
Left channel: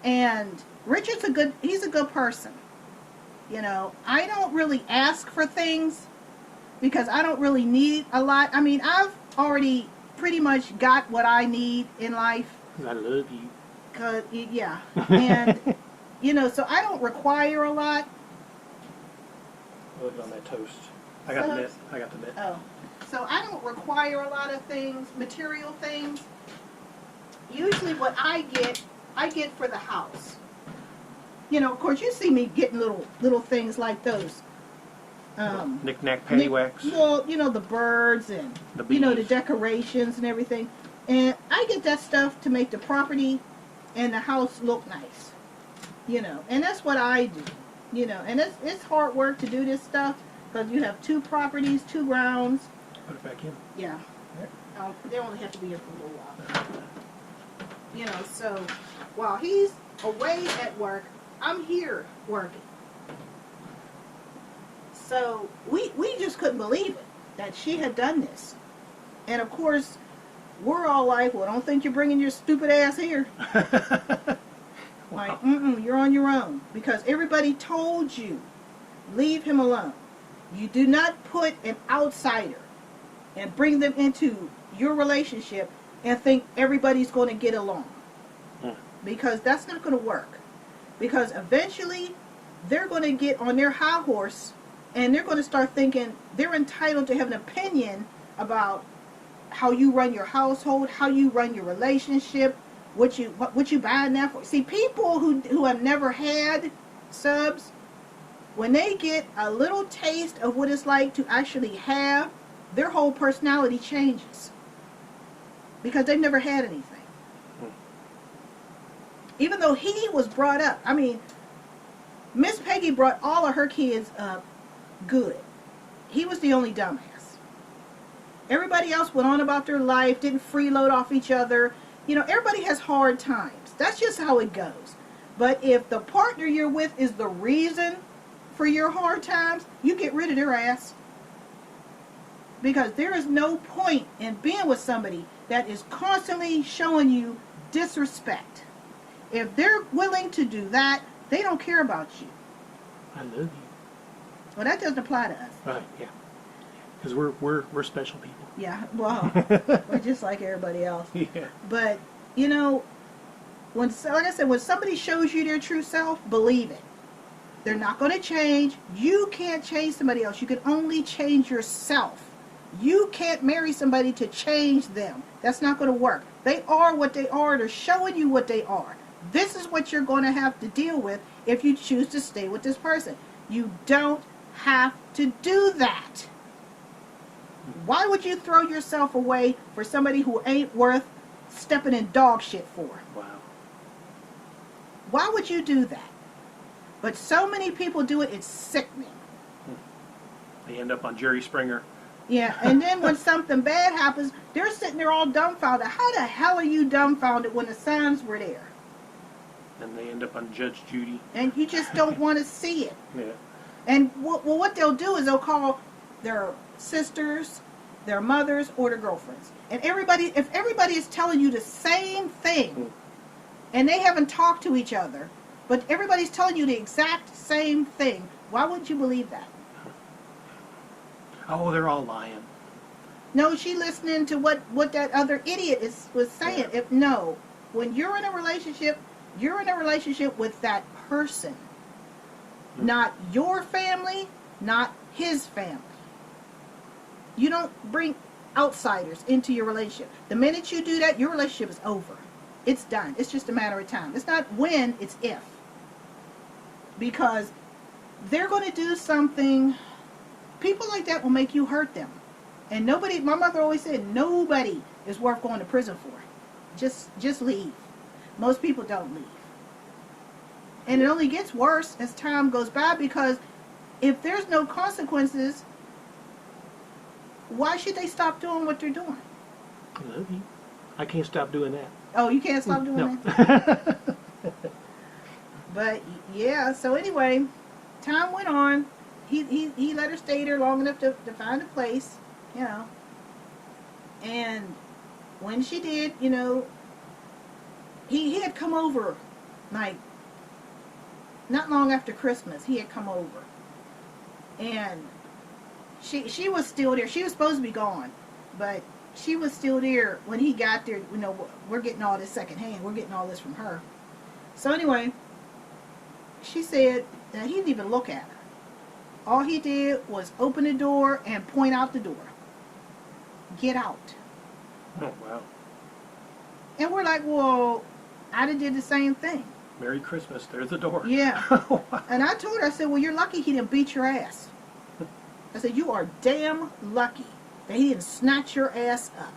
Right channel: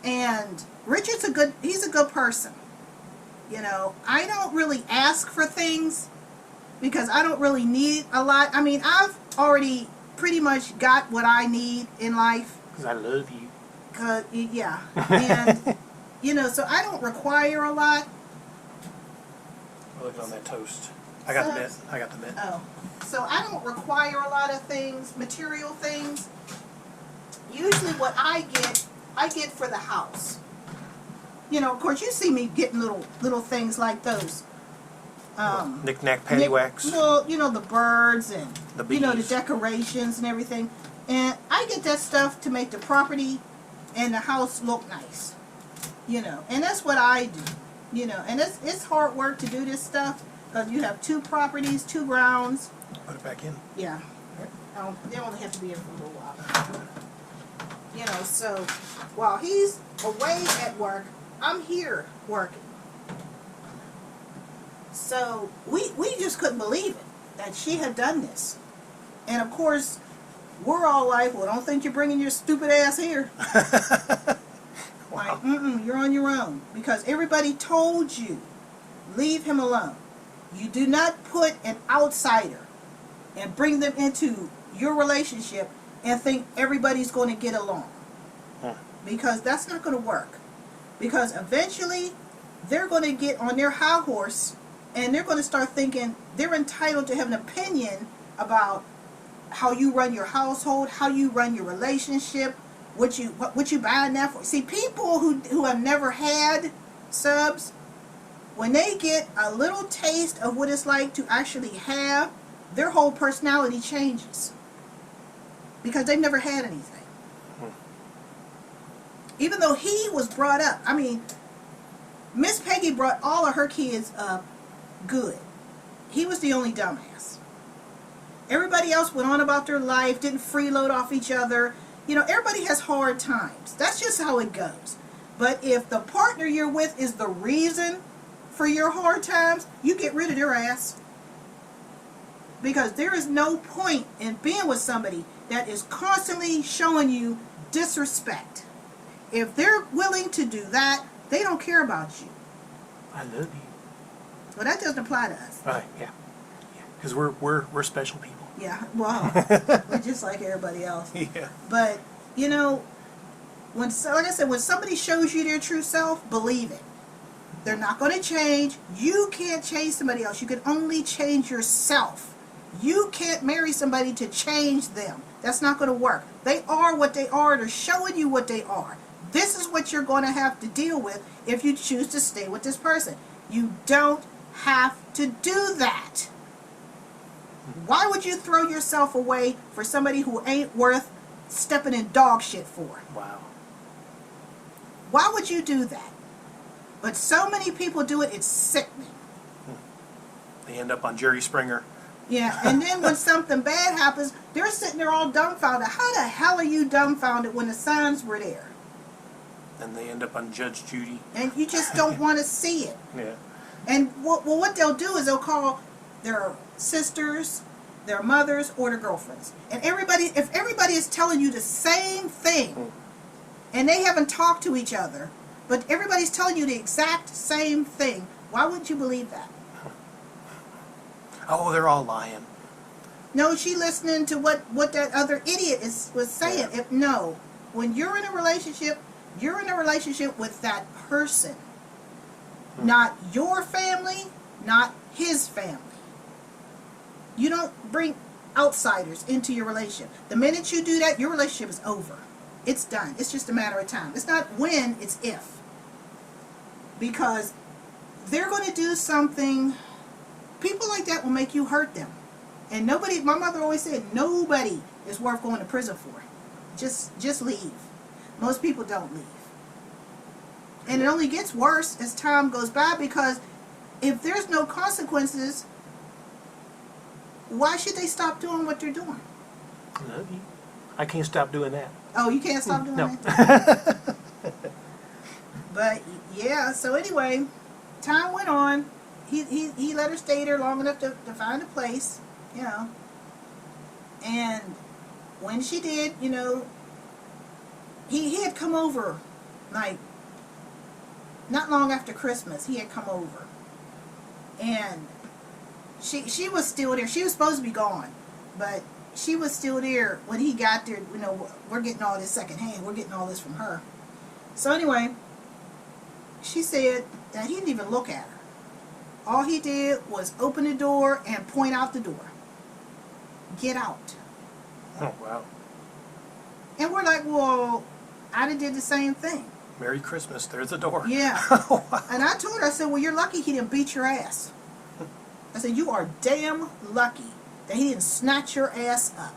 And Richard's he's a good person. You know, I don't really ask for things because I don't really need a lot. I mean, I've already pretty much got what I need in life. Because I love you. Yeah. And, you know, so I don't require a lot. We're looking on that toast. I got the net. I got the net. Oh. So I don't require a lot of things, material things. Usually what I get for the house. You know, of course, you see me getting little things like those. Knick-knack, paddywhacks. Well, you know, the birds and, The you know, the bees. decorations and everything. And I get that stuff to make the property and the house look nice. You know, and that's what I do. You know, and it's hard work to do this stuff because you have 2 properties, 2 grounds. Put it back in. Yeah. All right. They only have to be in for a little while. You know, so while he's away at work, I'm here working. So we just couldn't believe it that she had done this. And of course, we're all like, well, don't think you're bringing your stupid ass here. Like, you're on your own. Because everybody told you, leave him alone. You do not put an outsider and bring them into your relationship and think everybody's going to get along. Because that's not going to work. Because eventually, they're going to get on their high horse and they're going to start thinking they're entitled to have an opinion about how you run your household, how you run your relationship, what you buying that for. See, people who have never had Subs, when they get a little taste of what it's like to actually have, their whole personality changes. Because they've never had anything. Even though he was brought up, I mean, Miss Peggy brought all of her kids up good. He was the only dumbass. Everybody else went on about their life, didn't freeload off each other. You know, everybody has hard times. That's just how it goes. But if the partner you're with is the reason for your hard times, you get rid of their ass. Because there is no point in being with somebody that is constantly showing you disrespect. If they're willing to do that, they don't care about you. I love you. Well, that doesn't apply to us. Right, yeah. Because we're special people. Yeah, well, we're just like everybody else. Yeah. But, you know, like I said, when somebody shows you their true self, believe it. They're not going to change. You can't change somebody else. You can only change yourself. You can't marry somebody to change them. That's not going to work. They are what they are. They're showing you what they are. This is what you're going to have to deal with if you choose to stay with this person. You don't have to do that. Why would you throw yourself away for somebody who ain't worth stepping in dog shit for? Wow. Why would you do that? But so many people do it, it's sickening. They end up on Jerry Springer. Yeah, and then when something bad happens, they're sitting there all dumbfounded. How the hell are you dumbfounded when the signs were there? Then they end up on Judge Judy. And you just don't want to see it. Yeah. And what they'll do is they'll call their sisters, their mothers, or their girlfriends. And if everybody is telling you the same thing, and they haven't talked to each other, but everybody's telling you the exact same thing, why wouldn't you believe that? Oh, they're all lying. No, she listening to what that other idiot was saying. No, when you're in a relationship with that person. Not your family, not his family. You don't bring... outsiders into your relationship. The minute you do that, your relationship is over. It's done. It's just a matter of time. It's not when, it's if. Because they're going to do something, people like that will make you hurt them. And nobody, my mother always said, nobody is worth going to prison for. Just leave. Most people don't leave. And it only gets worse as time goes by, because if there's no consequences, why should they stop doing what they're doing? I can't stop doing that. Oh, you can't stop doing No. that? But, yeah, so anyway, time went on. He let her stay there long enough to find a place, you know. And when she did, you know, he had come over, like, not long after Christmas, he had come over. And she was still there. She was supposed to be gone, but she was still there when he got there. You know, we're getting all this secondhand. We're getting all this from her. So anyway, she said that he didn't even look at her. All he did was open the door and point out the door. Get out. Oh, wow. And we're like, well, I done did the same thing. Merry Christmas. There's the door. Yeah. And I told her, I said, well, you're lucky he didn't beat your ass. I said, you are damn lucky that he didn't snatch your ass up.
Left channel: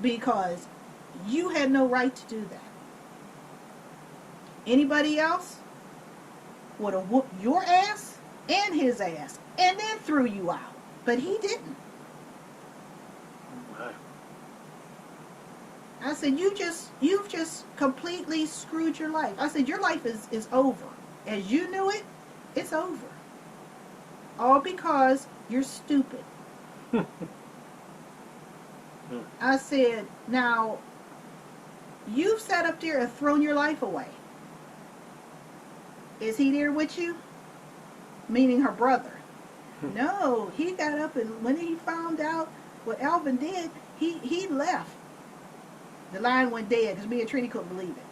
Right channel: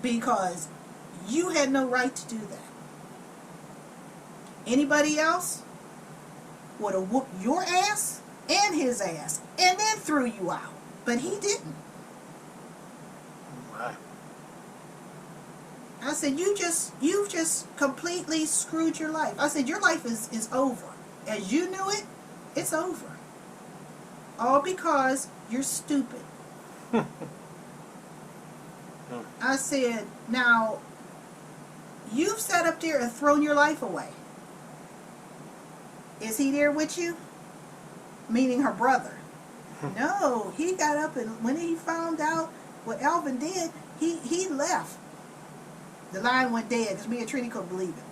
Because you had no right to do that. Anybody else would have whooped your ass and his ass and then threw you out. But he didn't. Right. I said, you've just completely screwed your life. I said, your life is over. As you knew it, it's over. All because you're stupid. I said, now, you've sat up there and thrown your life away. Is he there with you? Meaning her brother. No, he got up, and when he found out what Alvin did, he left. The line went dead because me and Trini couldn't believe it.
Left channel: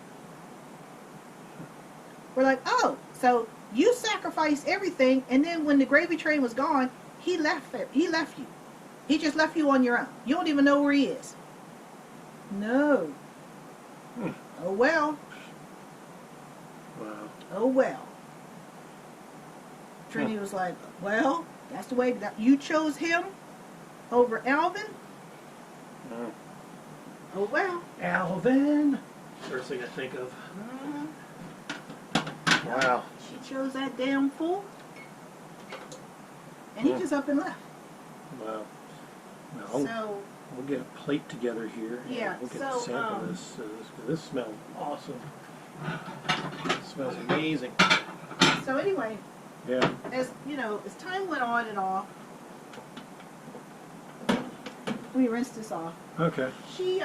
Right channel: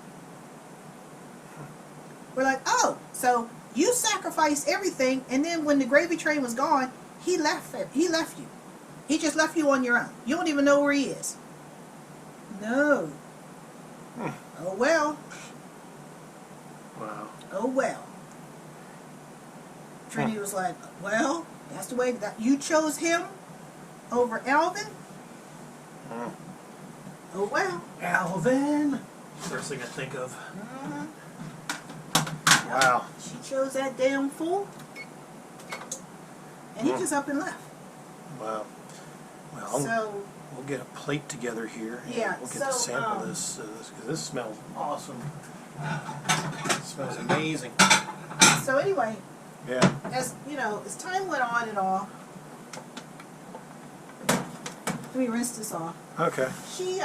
We're like, oh, so you sacrificed everything, and then when the gravy train was gone, he left you. He just left you on your own. You don't even know where he is. No. Oh, well. Wow. Oh, well. Trini was like, well, that's the way that you chose him over Alvin. Oh, well. Alvin. First thing I think of. Mm-hmm. Wow. She chose that damn fool. And he just up and left. Wow. Well, So, we'll get a plate together here. And Yeah, we'll get so, to sample this. Because this smells awesome. It smells amazing. so anyway, Yeah. as you know, as time went on and all, let me rinse this off. Okay. She,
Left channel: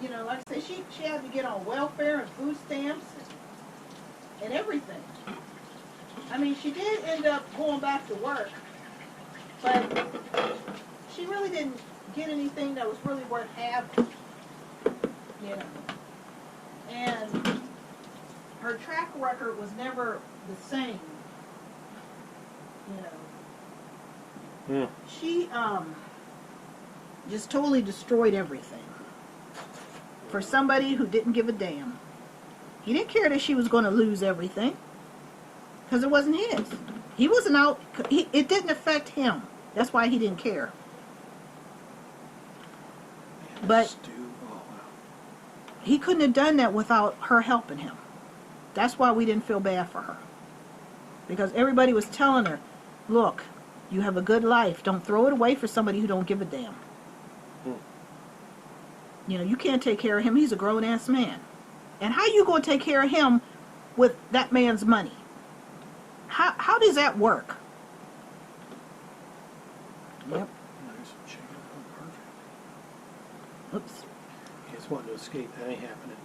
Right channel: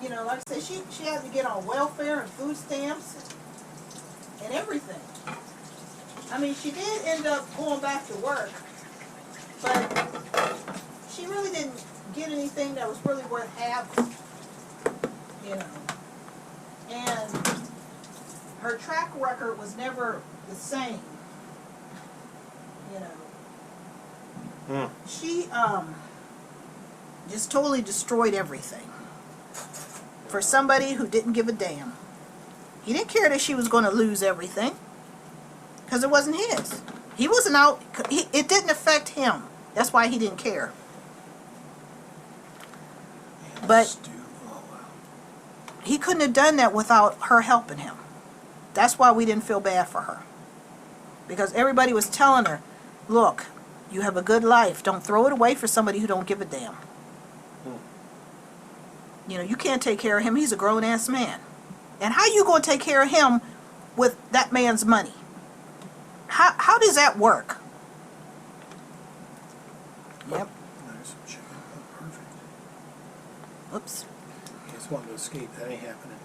you know, like I said, she had to get on welfare and food stamps and everything. I mean, she did end up going back to work, but she really didn't get anything that was really worth having, you know. And her track record was never the same, you know. She, just totally destroyed everything for somebody who didn't give a damn. He didn't care that she was going to lose everything because it wasn't his. He wasn't out. It didn't affect him. That's why he didn't care. Man, But- stew. Oh, wow. He couldn't have done that without her helping him. That's why we didn't feel bad for her. Because everybody was telling her, look, you have a good life. Don't throw it away for somebody who don't give a damn. You know, you can't take care of him. He's a grown-ass man. And how you going to take care of him with that man's money? How does that work? Yep. Nice chicken. Oh, perfect. Whoops. It's wanting to escape. That ain't happening.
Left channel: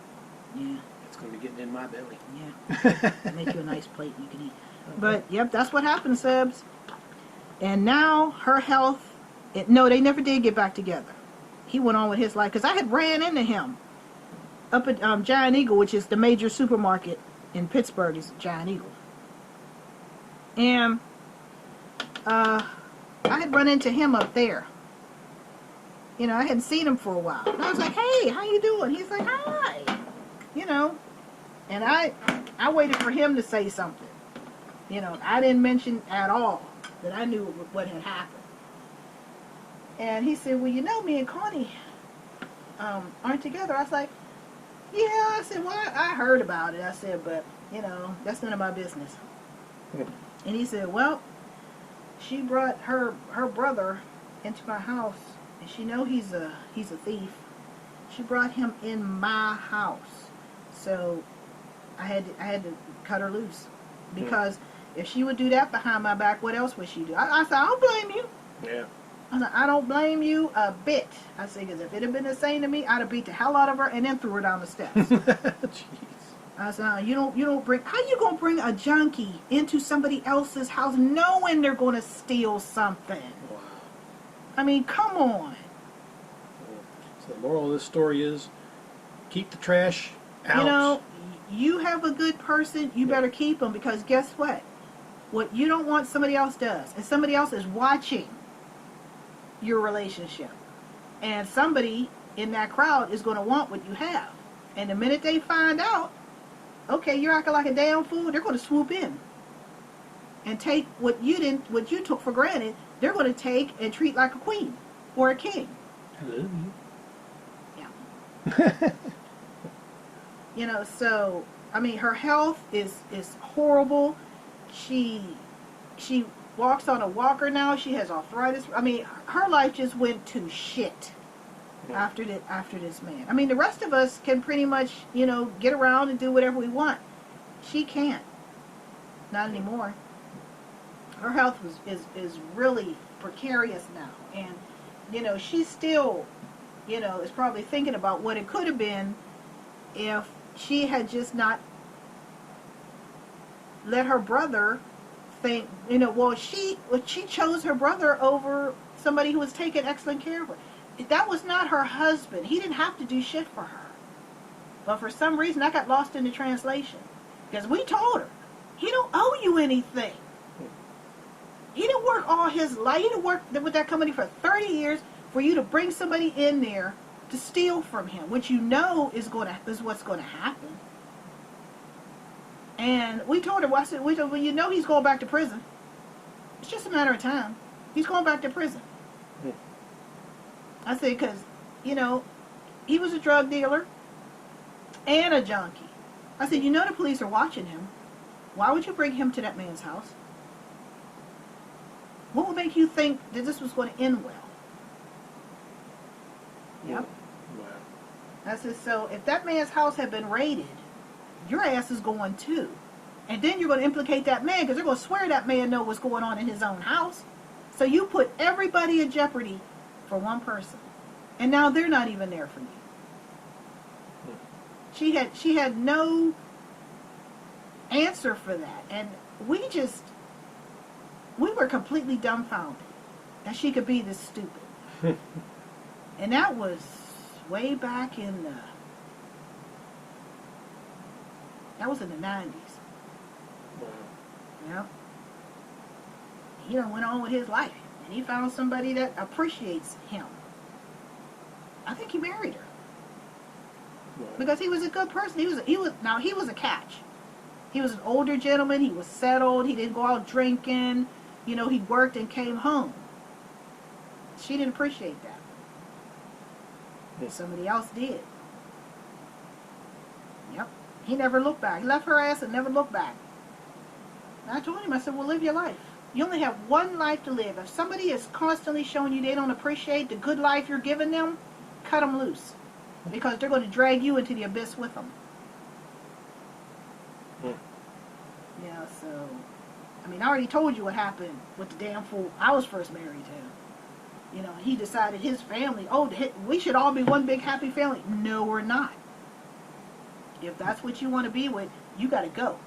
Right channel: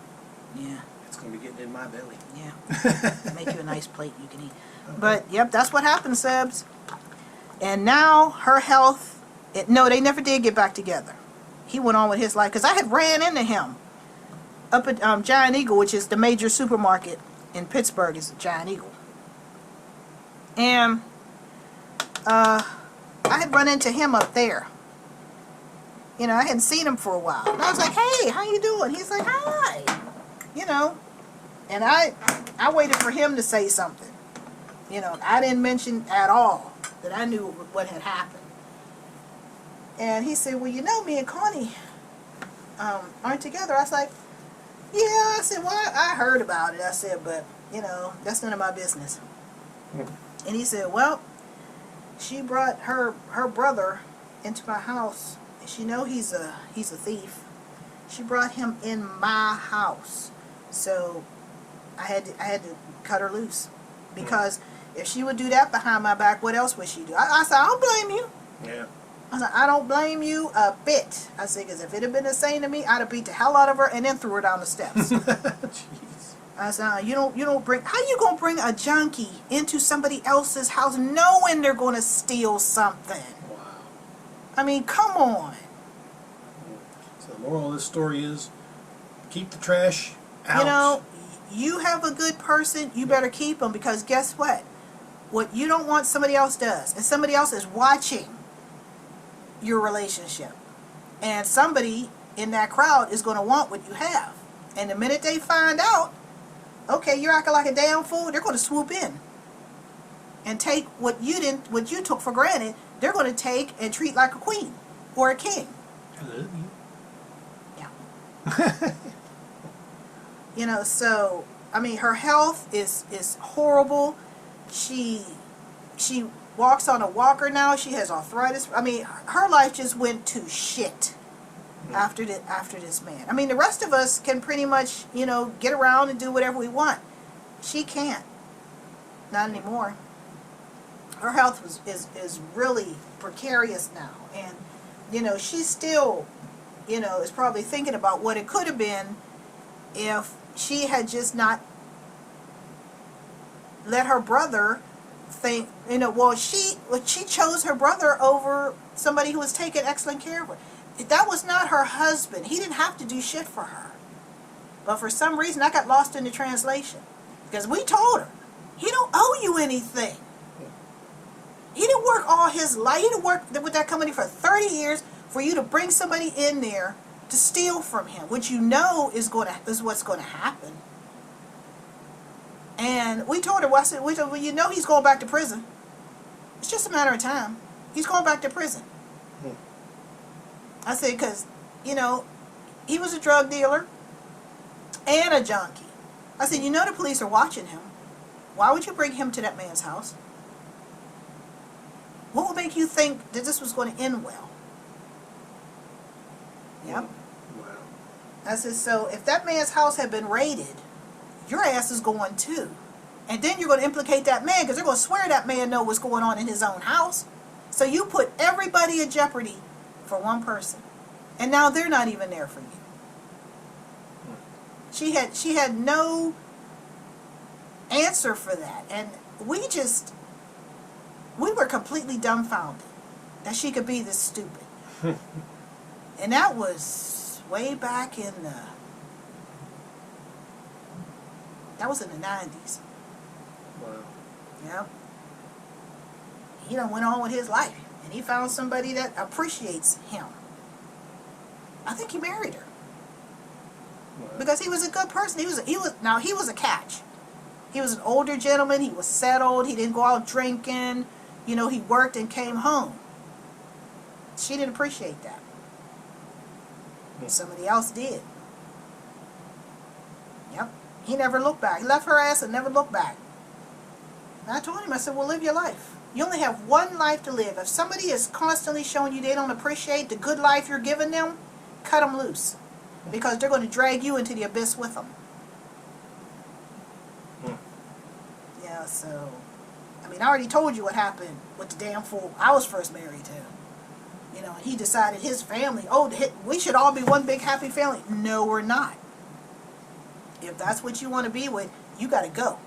Yeah. It's going to be getting in my belly. Yeah. Make you a nice plate you can eat. But, yep, that's what happened, Sebs. And now her health, no, they never did get back together. He went on with his life. Because I had ran into him up at Giant Eagle, which is the major supermarket in Pittsburgh, is Giant Eagle. And I I had run into him up there. You know, I hadn't seen him for a while. And I was like, hey, how you doing? He's like, hi. You know, and I waited for him to say something. You know, I didn't mention at all that I knew what had happened. And he said, well, you know, me and Connie aren't together. I was like, yeah. I said, well, I heard about it. I said, but, you know, that's none of my business. And he said, well, she brought her brother into my house. And she know he's a thief. She brought him in my house. So I had to cut her loose. Because if she would do that behind my back, what else would she do? I said, I don't blame you. Yeah. I said, I don't blame you a bit. I said, because if it had been the same to me, I'd have beat the hell out of her and then threw her down the steps. Jeez. I said, you don't bring, how you going to bring a junkie into somebody else's house knowing they're going to steal something? Wow. I mean, come on. So the moral of this story is, keep the trash out. You know, you have a good person, you better keep them, because guess what? What you don't want, somebody else does. And somebody else is watching your relationship. And somebody in that crowd is going to want what you have. And the minute they find out, okay, you're acting like a damn fool, they're going to swoop in and take what you took for granted. They're going to take and treat like a queen or a king. I love you. Yeah. You know, so I mean, her health is horrible. She walks on a walker now. She has arthritis. I mean, her life just went to shit after this man. I mean, the rest of us can pretty much, you know, get around and do whatever we want. She can't. Not anymore. Her health is really precarious now. And, you know, she still, you know, is probably thinking about what it could have been if she had just not let her brother think, you know, well, she chose her brother over somebody who was taking excellent care of her. That was not her husband. He didn't have to do shit for her. But for some reason, I got lost in the translation. Because we told her, he don't owe you anything. He didn't work all his life. He didn't work with that company for 30 years for you to bring somebody in there to steal from him, which you know is what's going to happen. And we told her, well, you know he's going back to prison. It's just a matter of time. He's going back to prison. I said, because, you know, he was a drug dealer and a junkie. I said, you know the police are watching him. Why would you bring him to that man's house? What would make you think that this was going to end well? Yep. Wow. I said, so if that man's house had been raided, your ass is going too. And then you're going to implicate that man, because they're going to swear that man know what's going on in his own house. So you put everybody in jeopardy for one person. And now they're not even there for you. She had no answer for that. And we were completely dumbfounded that she could be this stupid. And that was way back in the 90s. Wow. Yep. He done went on with his life. And he found somebody that appreciates him. I think he married her. Wow. Because he was a good person. He was a catch. He was an older gentleman. He was settled. He didn't go out drinking. You know, he worked and came home. She didn't appreciate that. Somebody else did. Yep. He never looked back. He left her ass and never looked back. And I told him, I said, well, live your life. You only have one life to live. If somebody is constantly showing you they don't appreciate the good life you're giving them, cut them loose. Because they're going to drag you into the abyss with them. Yeah, so, I mean, I already told you what happened with the damn fool I was first married to. You know, and he decided his family, we should all be one big happy family. No, we're not. If that's what you want to be with, you got to go.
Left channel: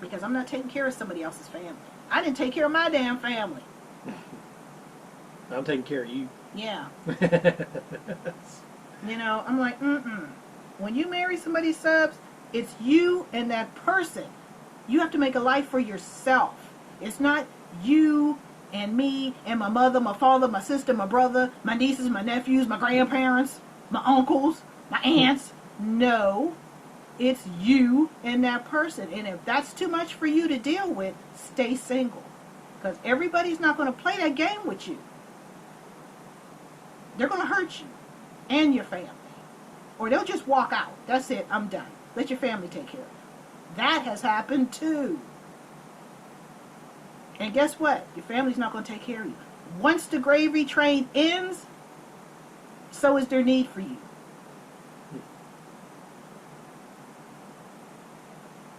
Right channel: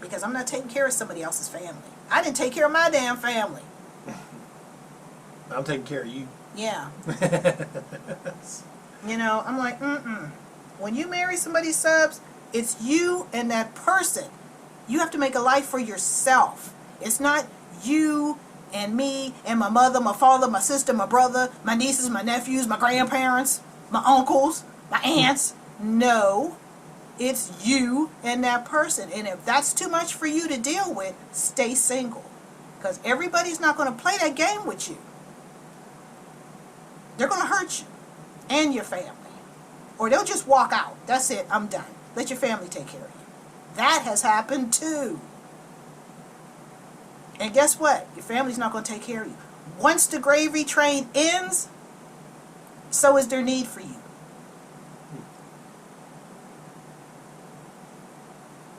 Because I'm not taking care of somebody else's family. I didn't take care of my damn family. I'm taking care of you. Yeah. You know, I'm like, When you marry somebody, subs, it's you and that person. You have to make a life for yourself. It's not you and me and my mother, my father, my sister, my brother, my nieces, my nephews, my grandparents, my uncles, my aunts. No, it's you and that person. And if that's too much for you to deal with, stay single. Because everybody's not going to play that game with you. They're going to hurt you and your family. Or they'll just walk out. That's it, I'm done. Let your family take care of you. That has happened too. And guess what? Your family's not going to take care of you. Once the gravy train ends, so is their need for you.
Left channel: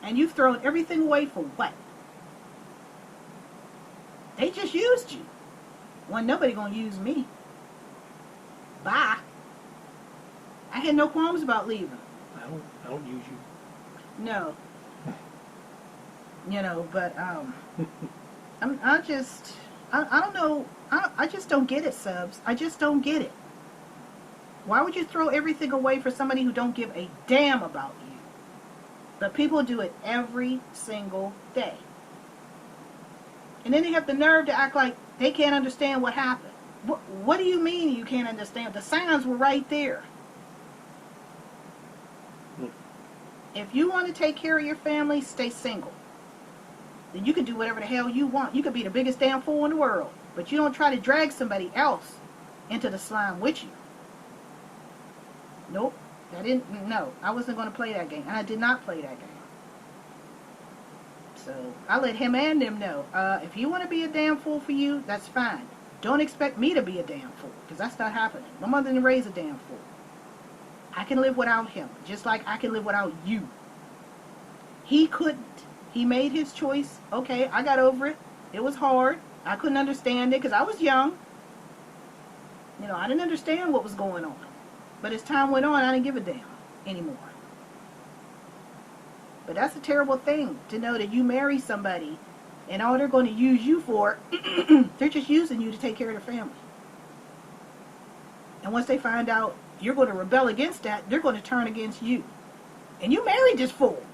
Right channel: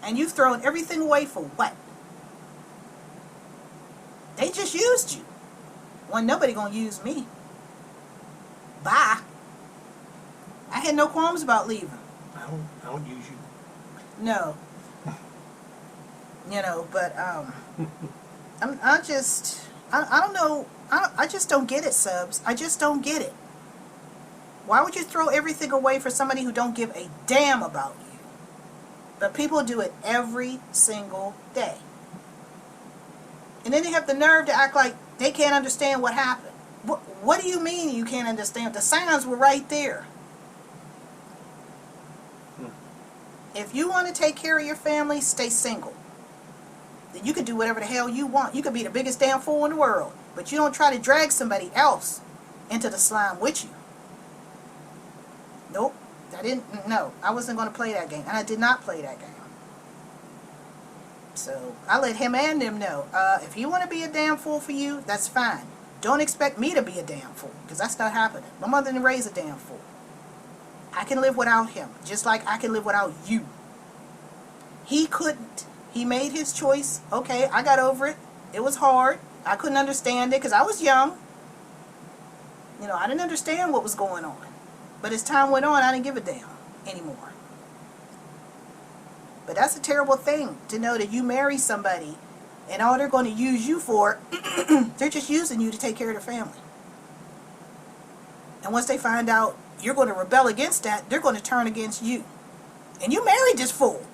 And you've thrown everything away for what? They just used you. Well, nobody going to use me. Bye. I had no qualms about leaving. I don't use you. No. You know, but I don't know. I just don't get it, Subs. I just don't get it. Why would you throw everything away for somebody who don't give a damn about you? But people do it every single day. And then they have the nerve to act like they can't understand what happened. What do you mean you can't understand? The signs were right there. If you want to take care of your family, stay single. Then you can do whatever the hell you want. You could be the biggest damn fool in the world. But you don't try to drag somebody else into the slime with you. Nope. No, I wasn't going to play that game. And I did not play that game. So I let him and them know. If you want to be a damn fool for you, that's fine. Don't expect me to be a damn fool. Because that's not happening. My mother didn't raise a damn fool. I can live without him. Just like I can live without you. He couldn't. He made his choice. Okay, I got over it. It was hard. I couldn't understand it because I was young. You know, I didn't understand what was going on. But as time went on, I didn't give a damn anymore. But that's a terrible thing to know that you marry somebody and all they're going to use you for, they're just using you to take care of the family. And once they find out you're going to rebel against that, they're going to turn against you. And you married this fool.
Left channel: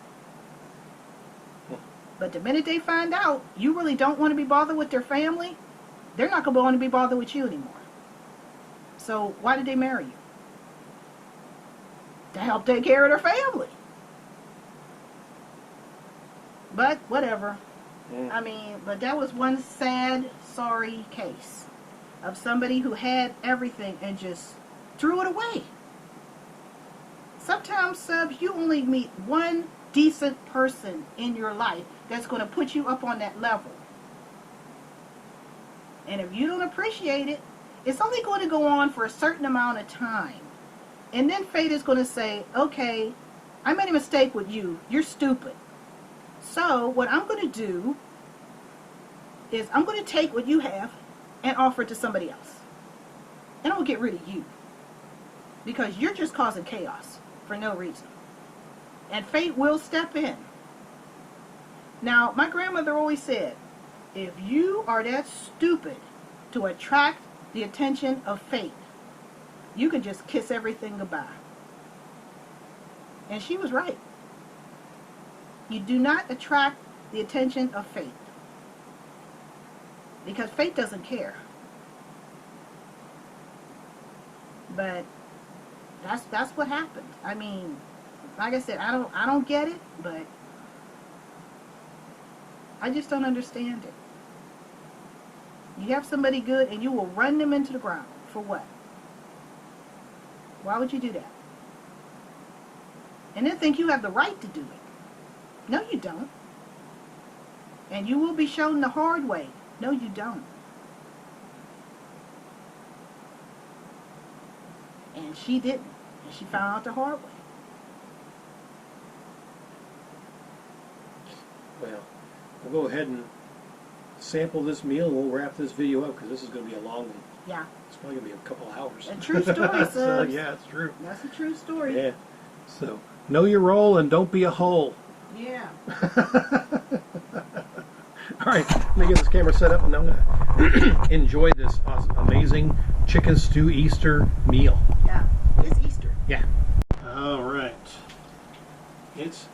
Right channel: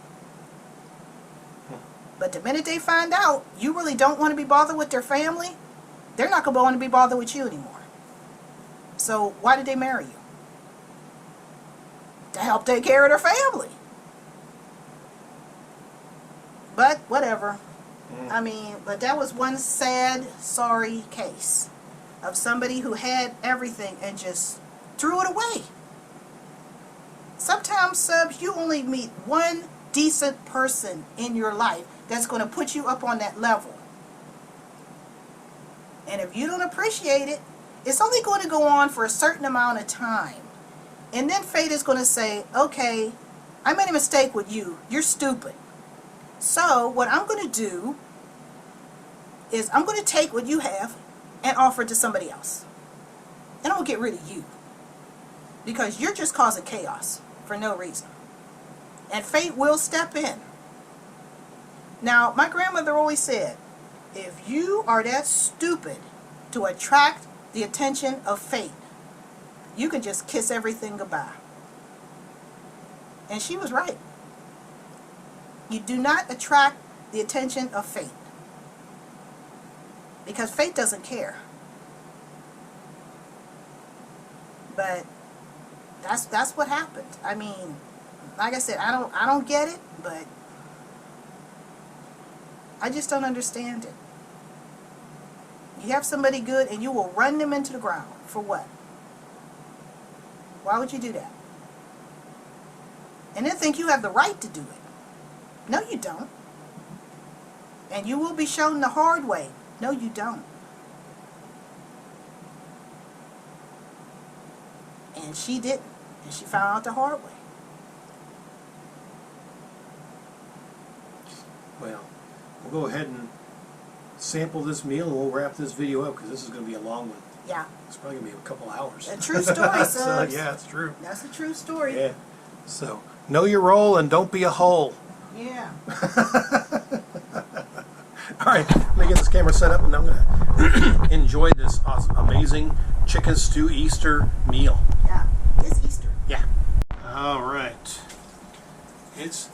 But the minute they find out you really don't want to be bothered with their family, they're not going to want to be bothered with you anymore. So why did they marry you? To help take care of their family. But whatever. I mean, but that was one sad, sorry case of somebody who had everything and just threw it away. Sometimes, Subs, you only meet one decent person in your life that's going to put you up on that level. And if you don't appreciate it, it's only going to go on for a certain amount of time. And then fate is going to say, okay, I made a mistake with you. You're stupid. So what I'm going to do is I'm going to take what you have and offer it to somebody else. And I'm going to get rid of you. Because you're just causing chaos for no reason. And fate will step in. Now, my grandmother always said, if you are that stupid to attract the attention of fate, you can just kiss everything goodbye. And she was right. You do not attract the attention of fate. Because fate doesn't care. But that's what happened. I mean, like I said, I don't get it, but I just don't understand it. You have somebody good and you will run them into the ground. For what? Why would you do that? And then think you have the right to do it. No, you don't. And you will be shown the hard way. No, you don't. And she didn't. And she found out the hard way. Well, we'll go ahead and sample this meal and we'll wrap this video up because this is going to be a long one. Yeah. It's probably going to be a couple hours. A true story, So, yeah, it's true. That's a true story. Yeah. So, know your role and don't be a hole. Yeah. All right, let me get this camera set up and I'm going to enjoy this amazing chicken stew Easter meal. Yeah. It's Easter. Yeah. All right. It's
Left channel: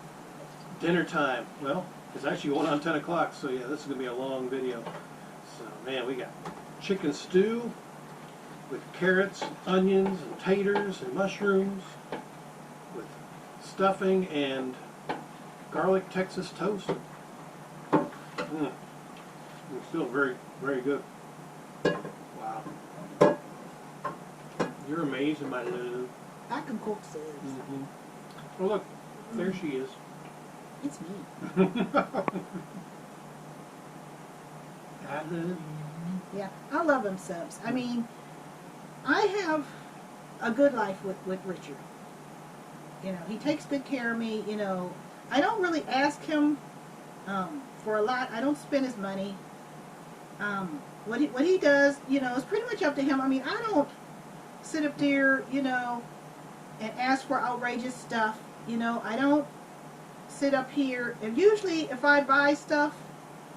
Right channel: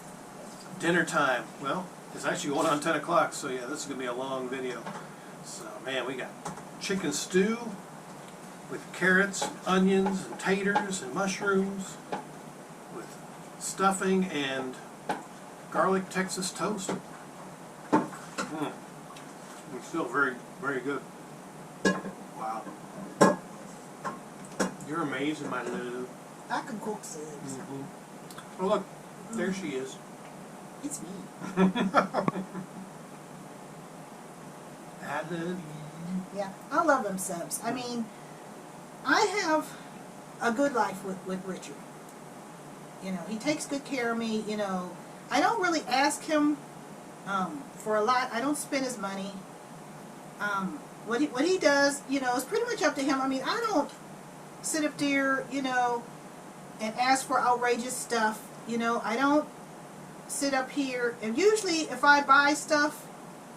dinner time. Well, it's actually going on 10 o'clock, so yeah, this is going to be a long video. So, man, we got chicken stew with carrots, and onions, and taters, and mushrooms, with stuffing and garlic Texas toast. It's still very, very good. Wow. You're amazing, my Lulu. I can cook subs. Oh, look, there she is. It's me. Yeah, I love them subs. I mean, I have a good life with Richard. You know, he takes good care of me. You know, I don't really ask him for a lot. I don't spend his money. What he does, you know, is pretty much up to him. I mean, I don't sit up there, you know, and ask for outrageous stuff. You know, I don't sit up here, and usually if I buy stuff,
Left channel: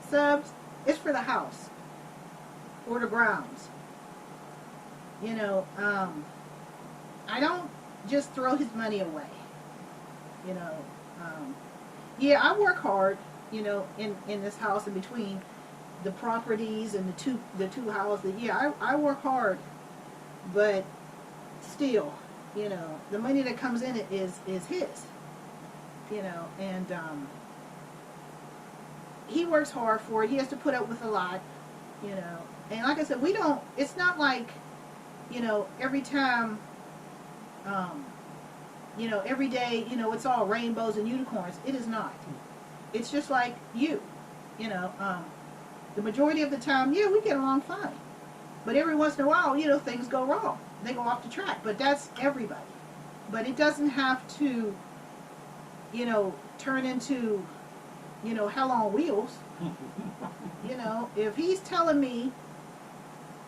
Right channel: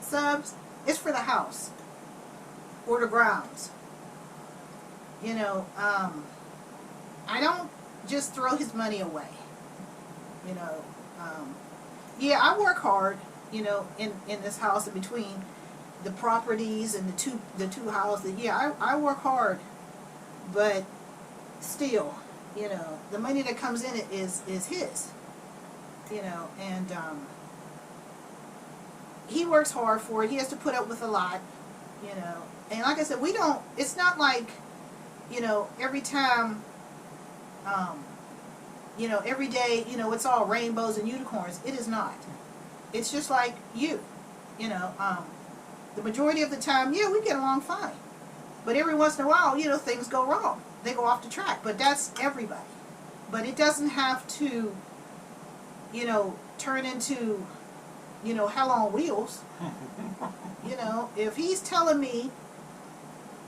subs, it's for the house or the grounds. You know, I don't just throw his money away. You know, yeah, I work hard, you know, in this house, in between the properties and the two houses. Yeah, I work hard, but still, you know, the money that comes in it is his. You know, and he works hard for it. He has to put up with a lot, you know. And like I said, we don't, it's not like, you know, every time, you know, every day, you know, it's all rainbows and unicorns. It is not. It's just like you know, the majority of the time, yeah, we get along fine. But every once in a while, you know, things go wrong. They go off the track. But that's everybody. But it doesn't have to, you know, turn into, you know, hell on wheels. You know, if he's telling me,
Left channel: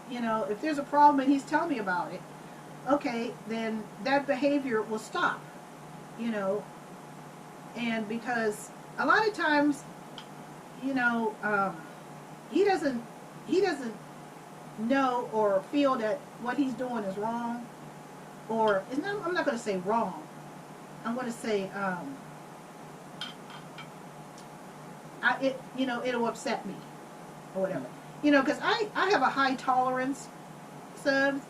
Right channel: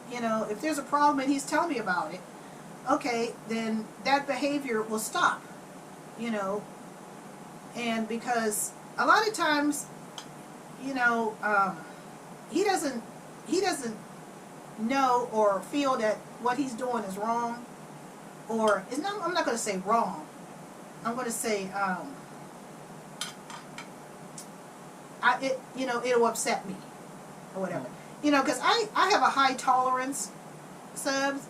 you know, if there's a problem and he's telling me about it, okay, then that behavior will stop, you know. And because a lot of times, you know, he doesn't know or feel that what he's doing is wrong, or it's not, I'm not going to say wrong. I'm going to say, you know, it'll upset me or whatever. You know, because I have a high tolerance, subs,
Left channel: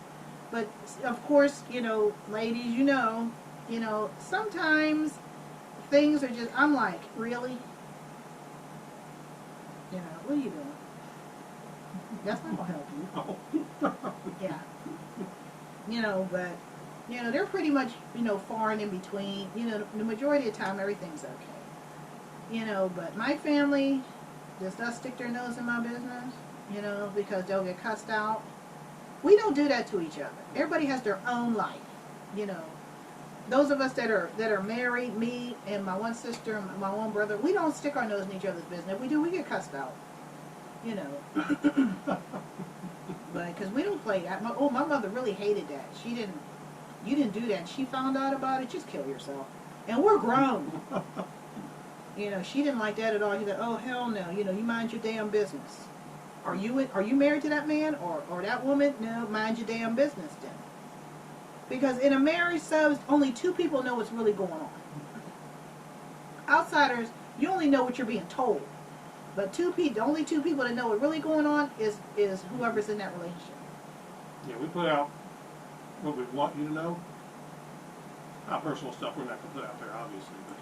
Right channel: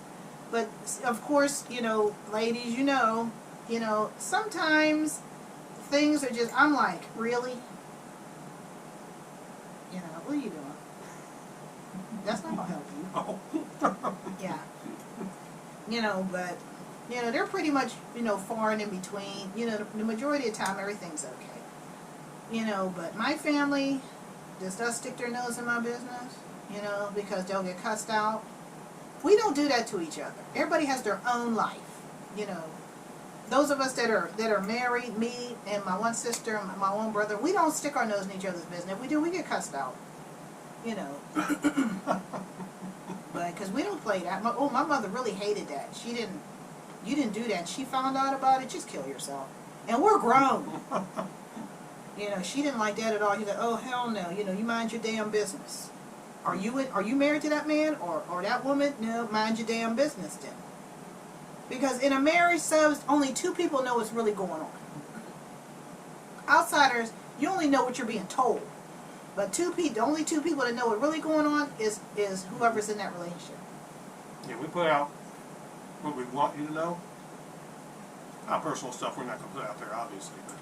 but of course, you know, ladies, you know, sometimes things are just, I'm like, really? You know, what are you doing? That's not going to help you. Yeah. You know, but, you know, they're pretty much, you know, far and in between. You know, the majority of the time, everything's okay. You know, but my family just does stick their nose in my business, you know, because they'll get cussed out. We don't do that to each other. Everybody has their own life, you know. Those of us that are married, me and my one sister and my one brother, we don't stick our nose in each other's business. If we do, we get cussed out, you know. But because we don't play that. My mother really hated that. You didn't do that. She found out about it. Just kill yourself. And we're grown. You know, she didn't like that at all. She's like, oh hell no. You know, you mind your damn business. Are you married to that man or that woman? No, mind your damn business then. Because in a marriage, subs, only two people know what's really going on. Outsiders, you only know what you're being told. But the only two people that know what's really going on is whoever's in that relationship. Yeah, we put out what we want you to know. Our personal stuff we're not going to put out there, obviously. But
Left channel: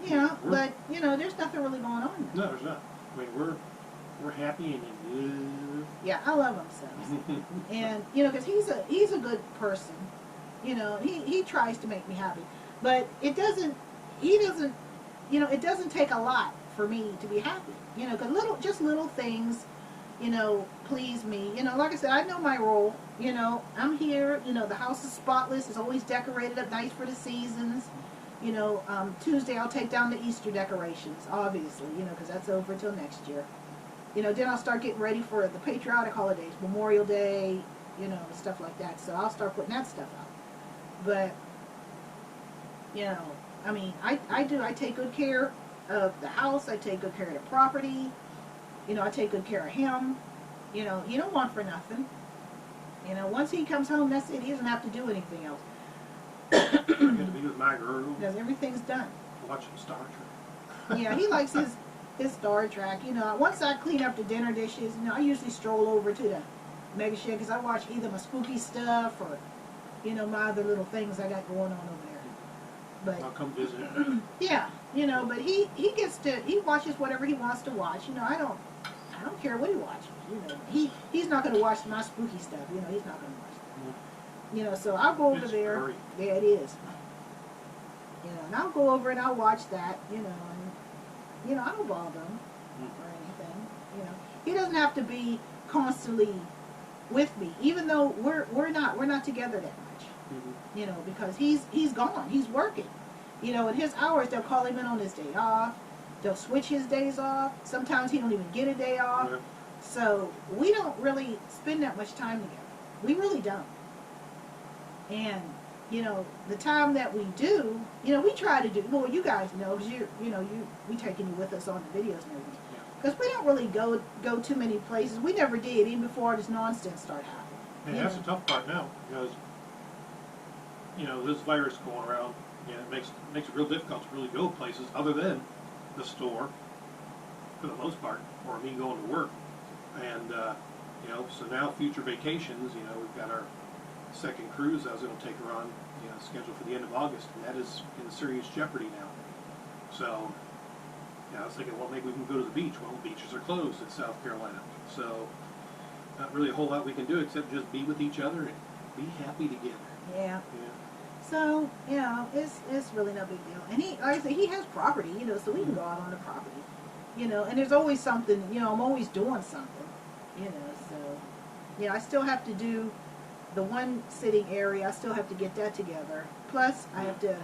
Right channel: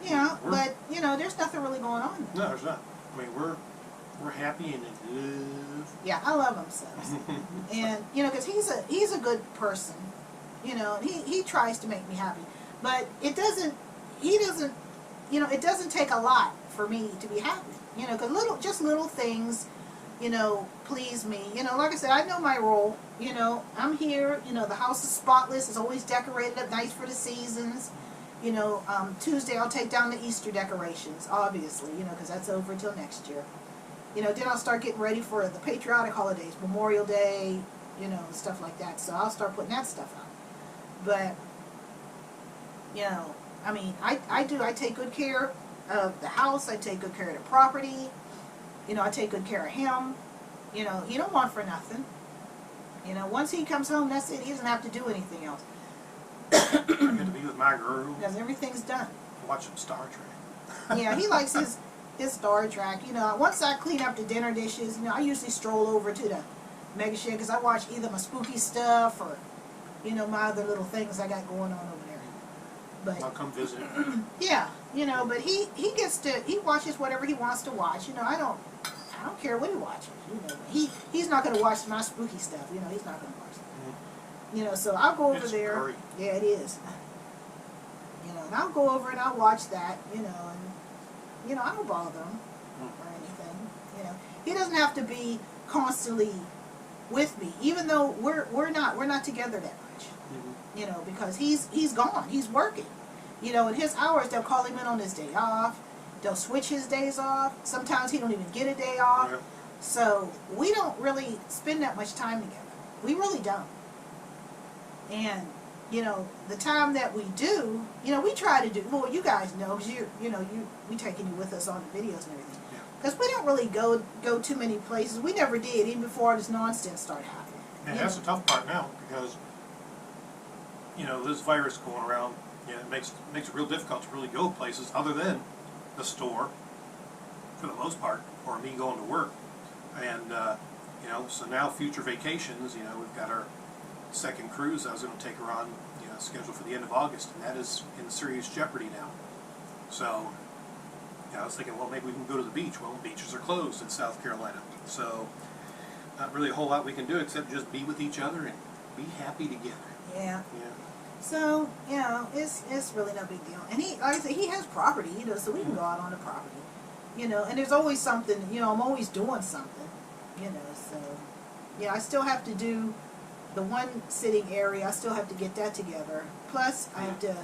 yeah, but, you know, there's nothing really going on there. No, there's not. I mean, we're happy and in love. Yeah, I love him, subs. And, you know, because he's a good person. You know, and he tries to make me happy. But it doesn't take a lot for me to be happy. You know, because little things, you know, please me. You know, like I said, I know my role. You know, I'm here. You know, the house is spotless. It's always decorated up nice for the seasons. You know, Tuesday I'll take down the Easter decorations, obviously, you know, because that's over till next year. You know, then I'll start getting ready for the patriotic holidays, Memorial Day, you know, stuff like that. So I'll start putting that stuff out. But, you know, I mean, I take good care of the house. I take good care of the property. You know, I take good care of him. You know, he don't want for nothing. You know, once he comes home, that's it. He doesn't have to do anything else. I get to be with my girl. Because everything's done. Watch some Star Trek. Yeah, he likes his his Star Trek. You know, once I clean up the dinner dishes, you know, I usually stroll over to the mega shed because I watch either my spooky stuff or, you know, my other little things I got going on over there. But I'll come visit. yeah, you know, but he watches whatever he wants to watch. You know, I don't care what he watches. You know, he's not going to watch my spooky stuff. You know, he's not going to watch that. Mm-hmm. You know, so I'll go over It's there. scary. Yeah, it is. You know, and I'll go over and I'll watch that. You know, and you know, I don't bother him or anything. You know, he doesn't have to be constantly with me, even though we're not together that much. Mm-hmm. You know, because he's gone, he's working. You know, in his hours, they'll call him in on his day off. They'll switch his days off. Sometimes he don't even get a day off. Yeah. So we don't really spend that much time together. We really don't. And you know, the time that we do, you know, we try to do. Well, you guys know because we taking you with us on the videos and everything. Yeah. Because we don't really go too many places. We never did, even before this nonsense started happening. And you that's know. the tough part now because, you know, this virus going around, you know, it makes it real difficult to really go places other than the store, for the most part, or me going to work. And, you know, so now future vacations, you know, we've got our second cruise I was going to take her on, you know, scheduled for the end of August, and that is in serious jeopardy now. So, you know, I was thinking, well, maybe we can go to the beach. Well, beaches are closed in South Carolina. So, not really a whole lot we can do except just be with each other and be happy together. Yeah. Yeah. So, you know, it's really no big deal. And he, like I said, he has property, you know, so we can go out on the property. You know, and there's always something, you know, I'm always doing something, you know, so, you know, I still have to do the one sitting area, I still have to get that together. Plus, I have to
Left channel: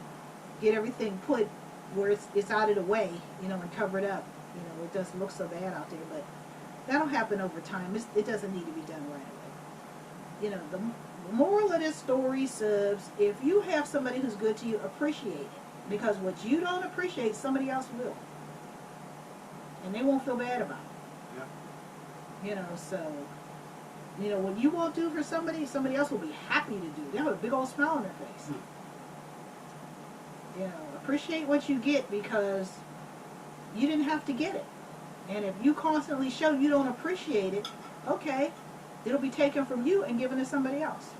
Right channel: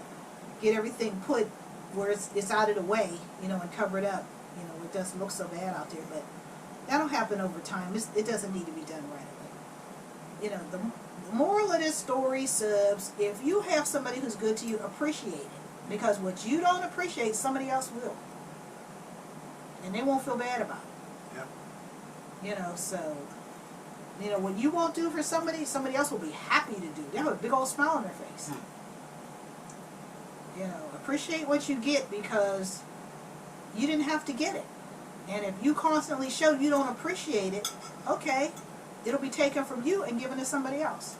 get everything put where it's out of the way, you know, and cover it up. You know, it doesn't look so bad out there, but that'll happen over time. It doesn't need to be done right away. You know, the moral of this story, subs, if you have somebody who's good to you, appreciate it. Because what you don't appreciate, somebody else will. And they won't feel bad about it. Yep. You know, so, you know, what you won't do for somebody, somebody else will be happy to do. They have a big old smile on their face. You know, appreciate what you get because you didn't have to get it. And if you constantly show you don't appreciate it, okay, it'll be taken from you and given to somebody else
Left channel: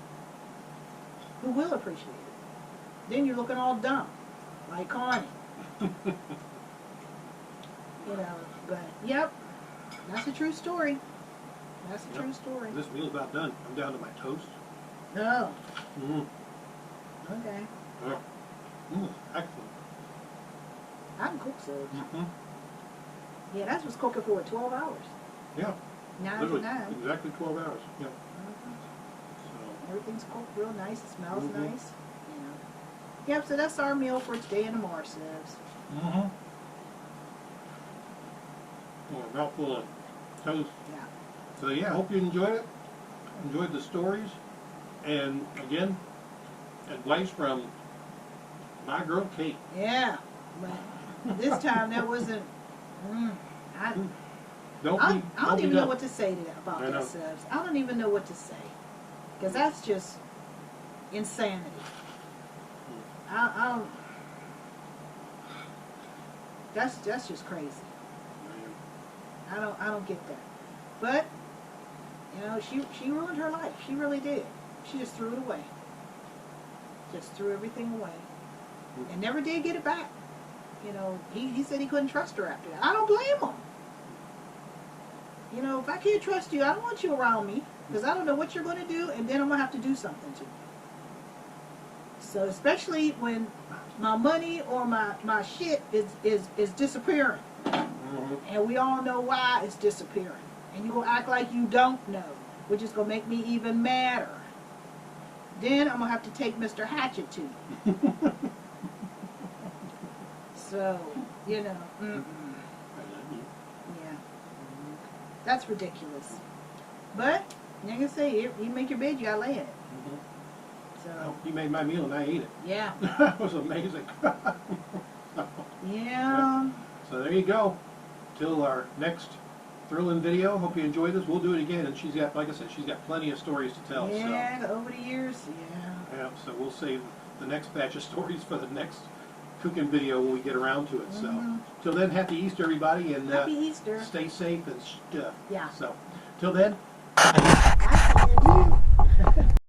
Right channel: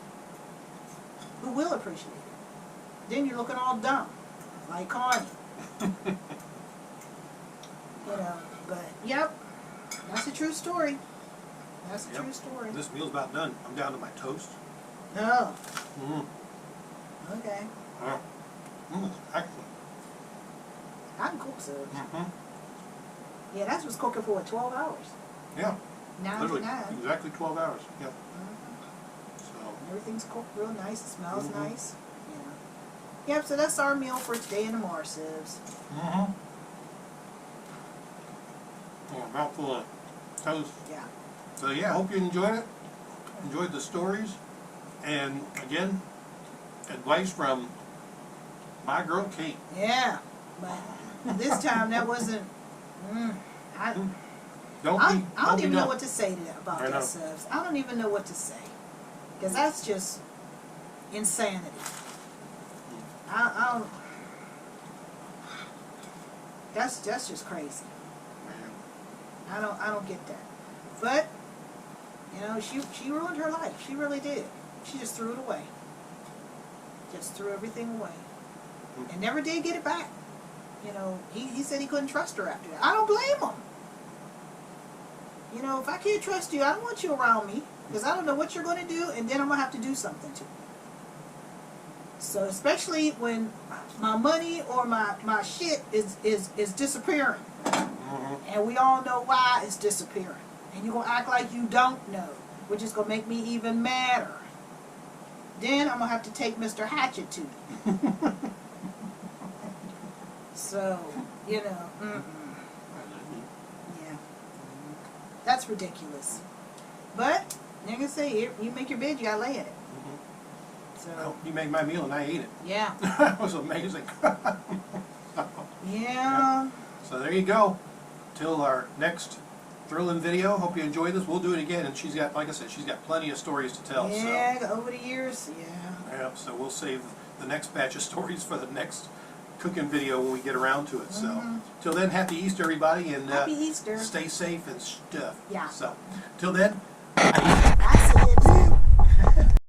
who will appreciate it. Then you're looking all dumb, like Connie. You know, but, yep, that's a true story. That's a true story. This meal's about done. I'm down to my toast. Oh, Mm. okay. Excellent. I can cook subs. Mm-hmm. Yeah, that's what's cooking for, 12 hours. Yeah. 9 to Literally, 9. exactly 12 hours. Yep. Mhm. So, Everything's cooked real nice, it smells Mhm. nice, you know. Yep, so that's our meal for today and tomorrow, subs. mm-hmm. Yeah, mouthful of toast. Yeah. So yeah, I hope you enjoyed it. Enjoyed the stories. And again, advice from my girl Kate. Yeah, but this time that wasn't, I don't even know what to say to that, about I that, know. subs. I don't even know what to say. Because that's just insanity. I don't, that's just crazy. Man. I don't get that. But, you know, she ruined her life. She really did. She just threw it away. Just threw everything away. And never did get it back. You know, he said he couldn't trust her after that. I don't blame him. You know, if I can't trust you, I don't want you around me. Because I don't know what you're going to do, and then I'm going to have to do something to you. So, especially when my money or my shit is disappearing. Mm-hmm. And we all know why it's disappearing. And you're going to act like you don't know, which is going to make me even madder. Then I'm going to have to take Mr. Hatchet to you. So, you know, yeah. That's ridiculous. But, like I say, you make your bed, you got to lay in it. Mm-hmm. So, Well, you made my meal and I ate it. yeah. That was amazing. Yeah. So there you go. Till our next thrilling video. Hope you enjoyed this. We'll do it again. And she's got, like I said, she's got plenty of stories to tell. Yeah, over the years, yeah. So, yeah, so we'll save the next batch of stories for the next cooking video when we get around to it. So, till then, happy Easter, everybody, and Happy Easter. stay safe and stuff. Yeah. So, till then, adios.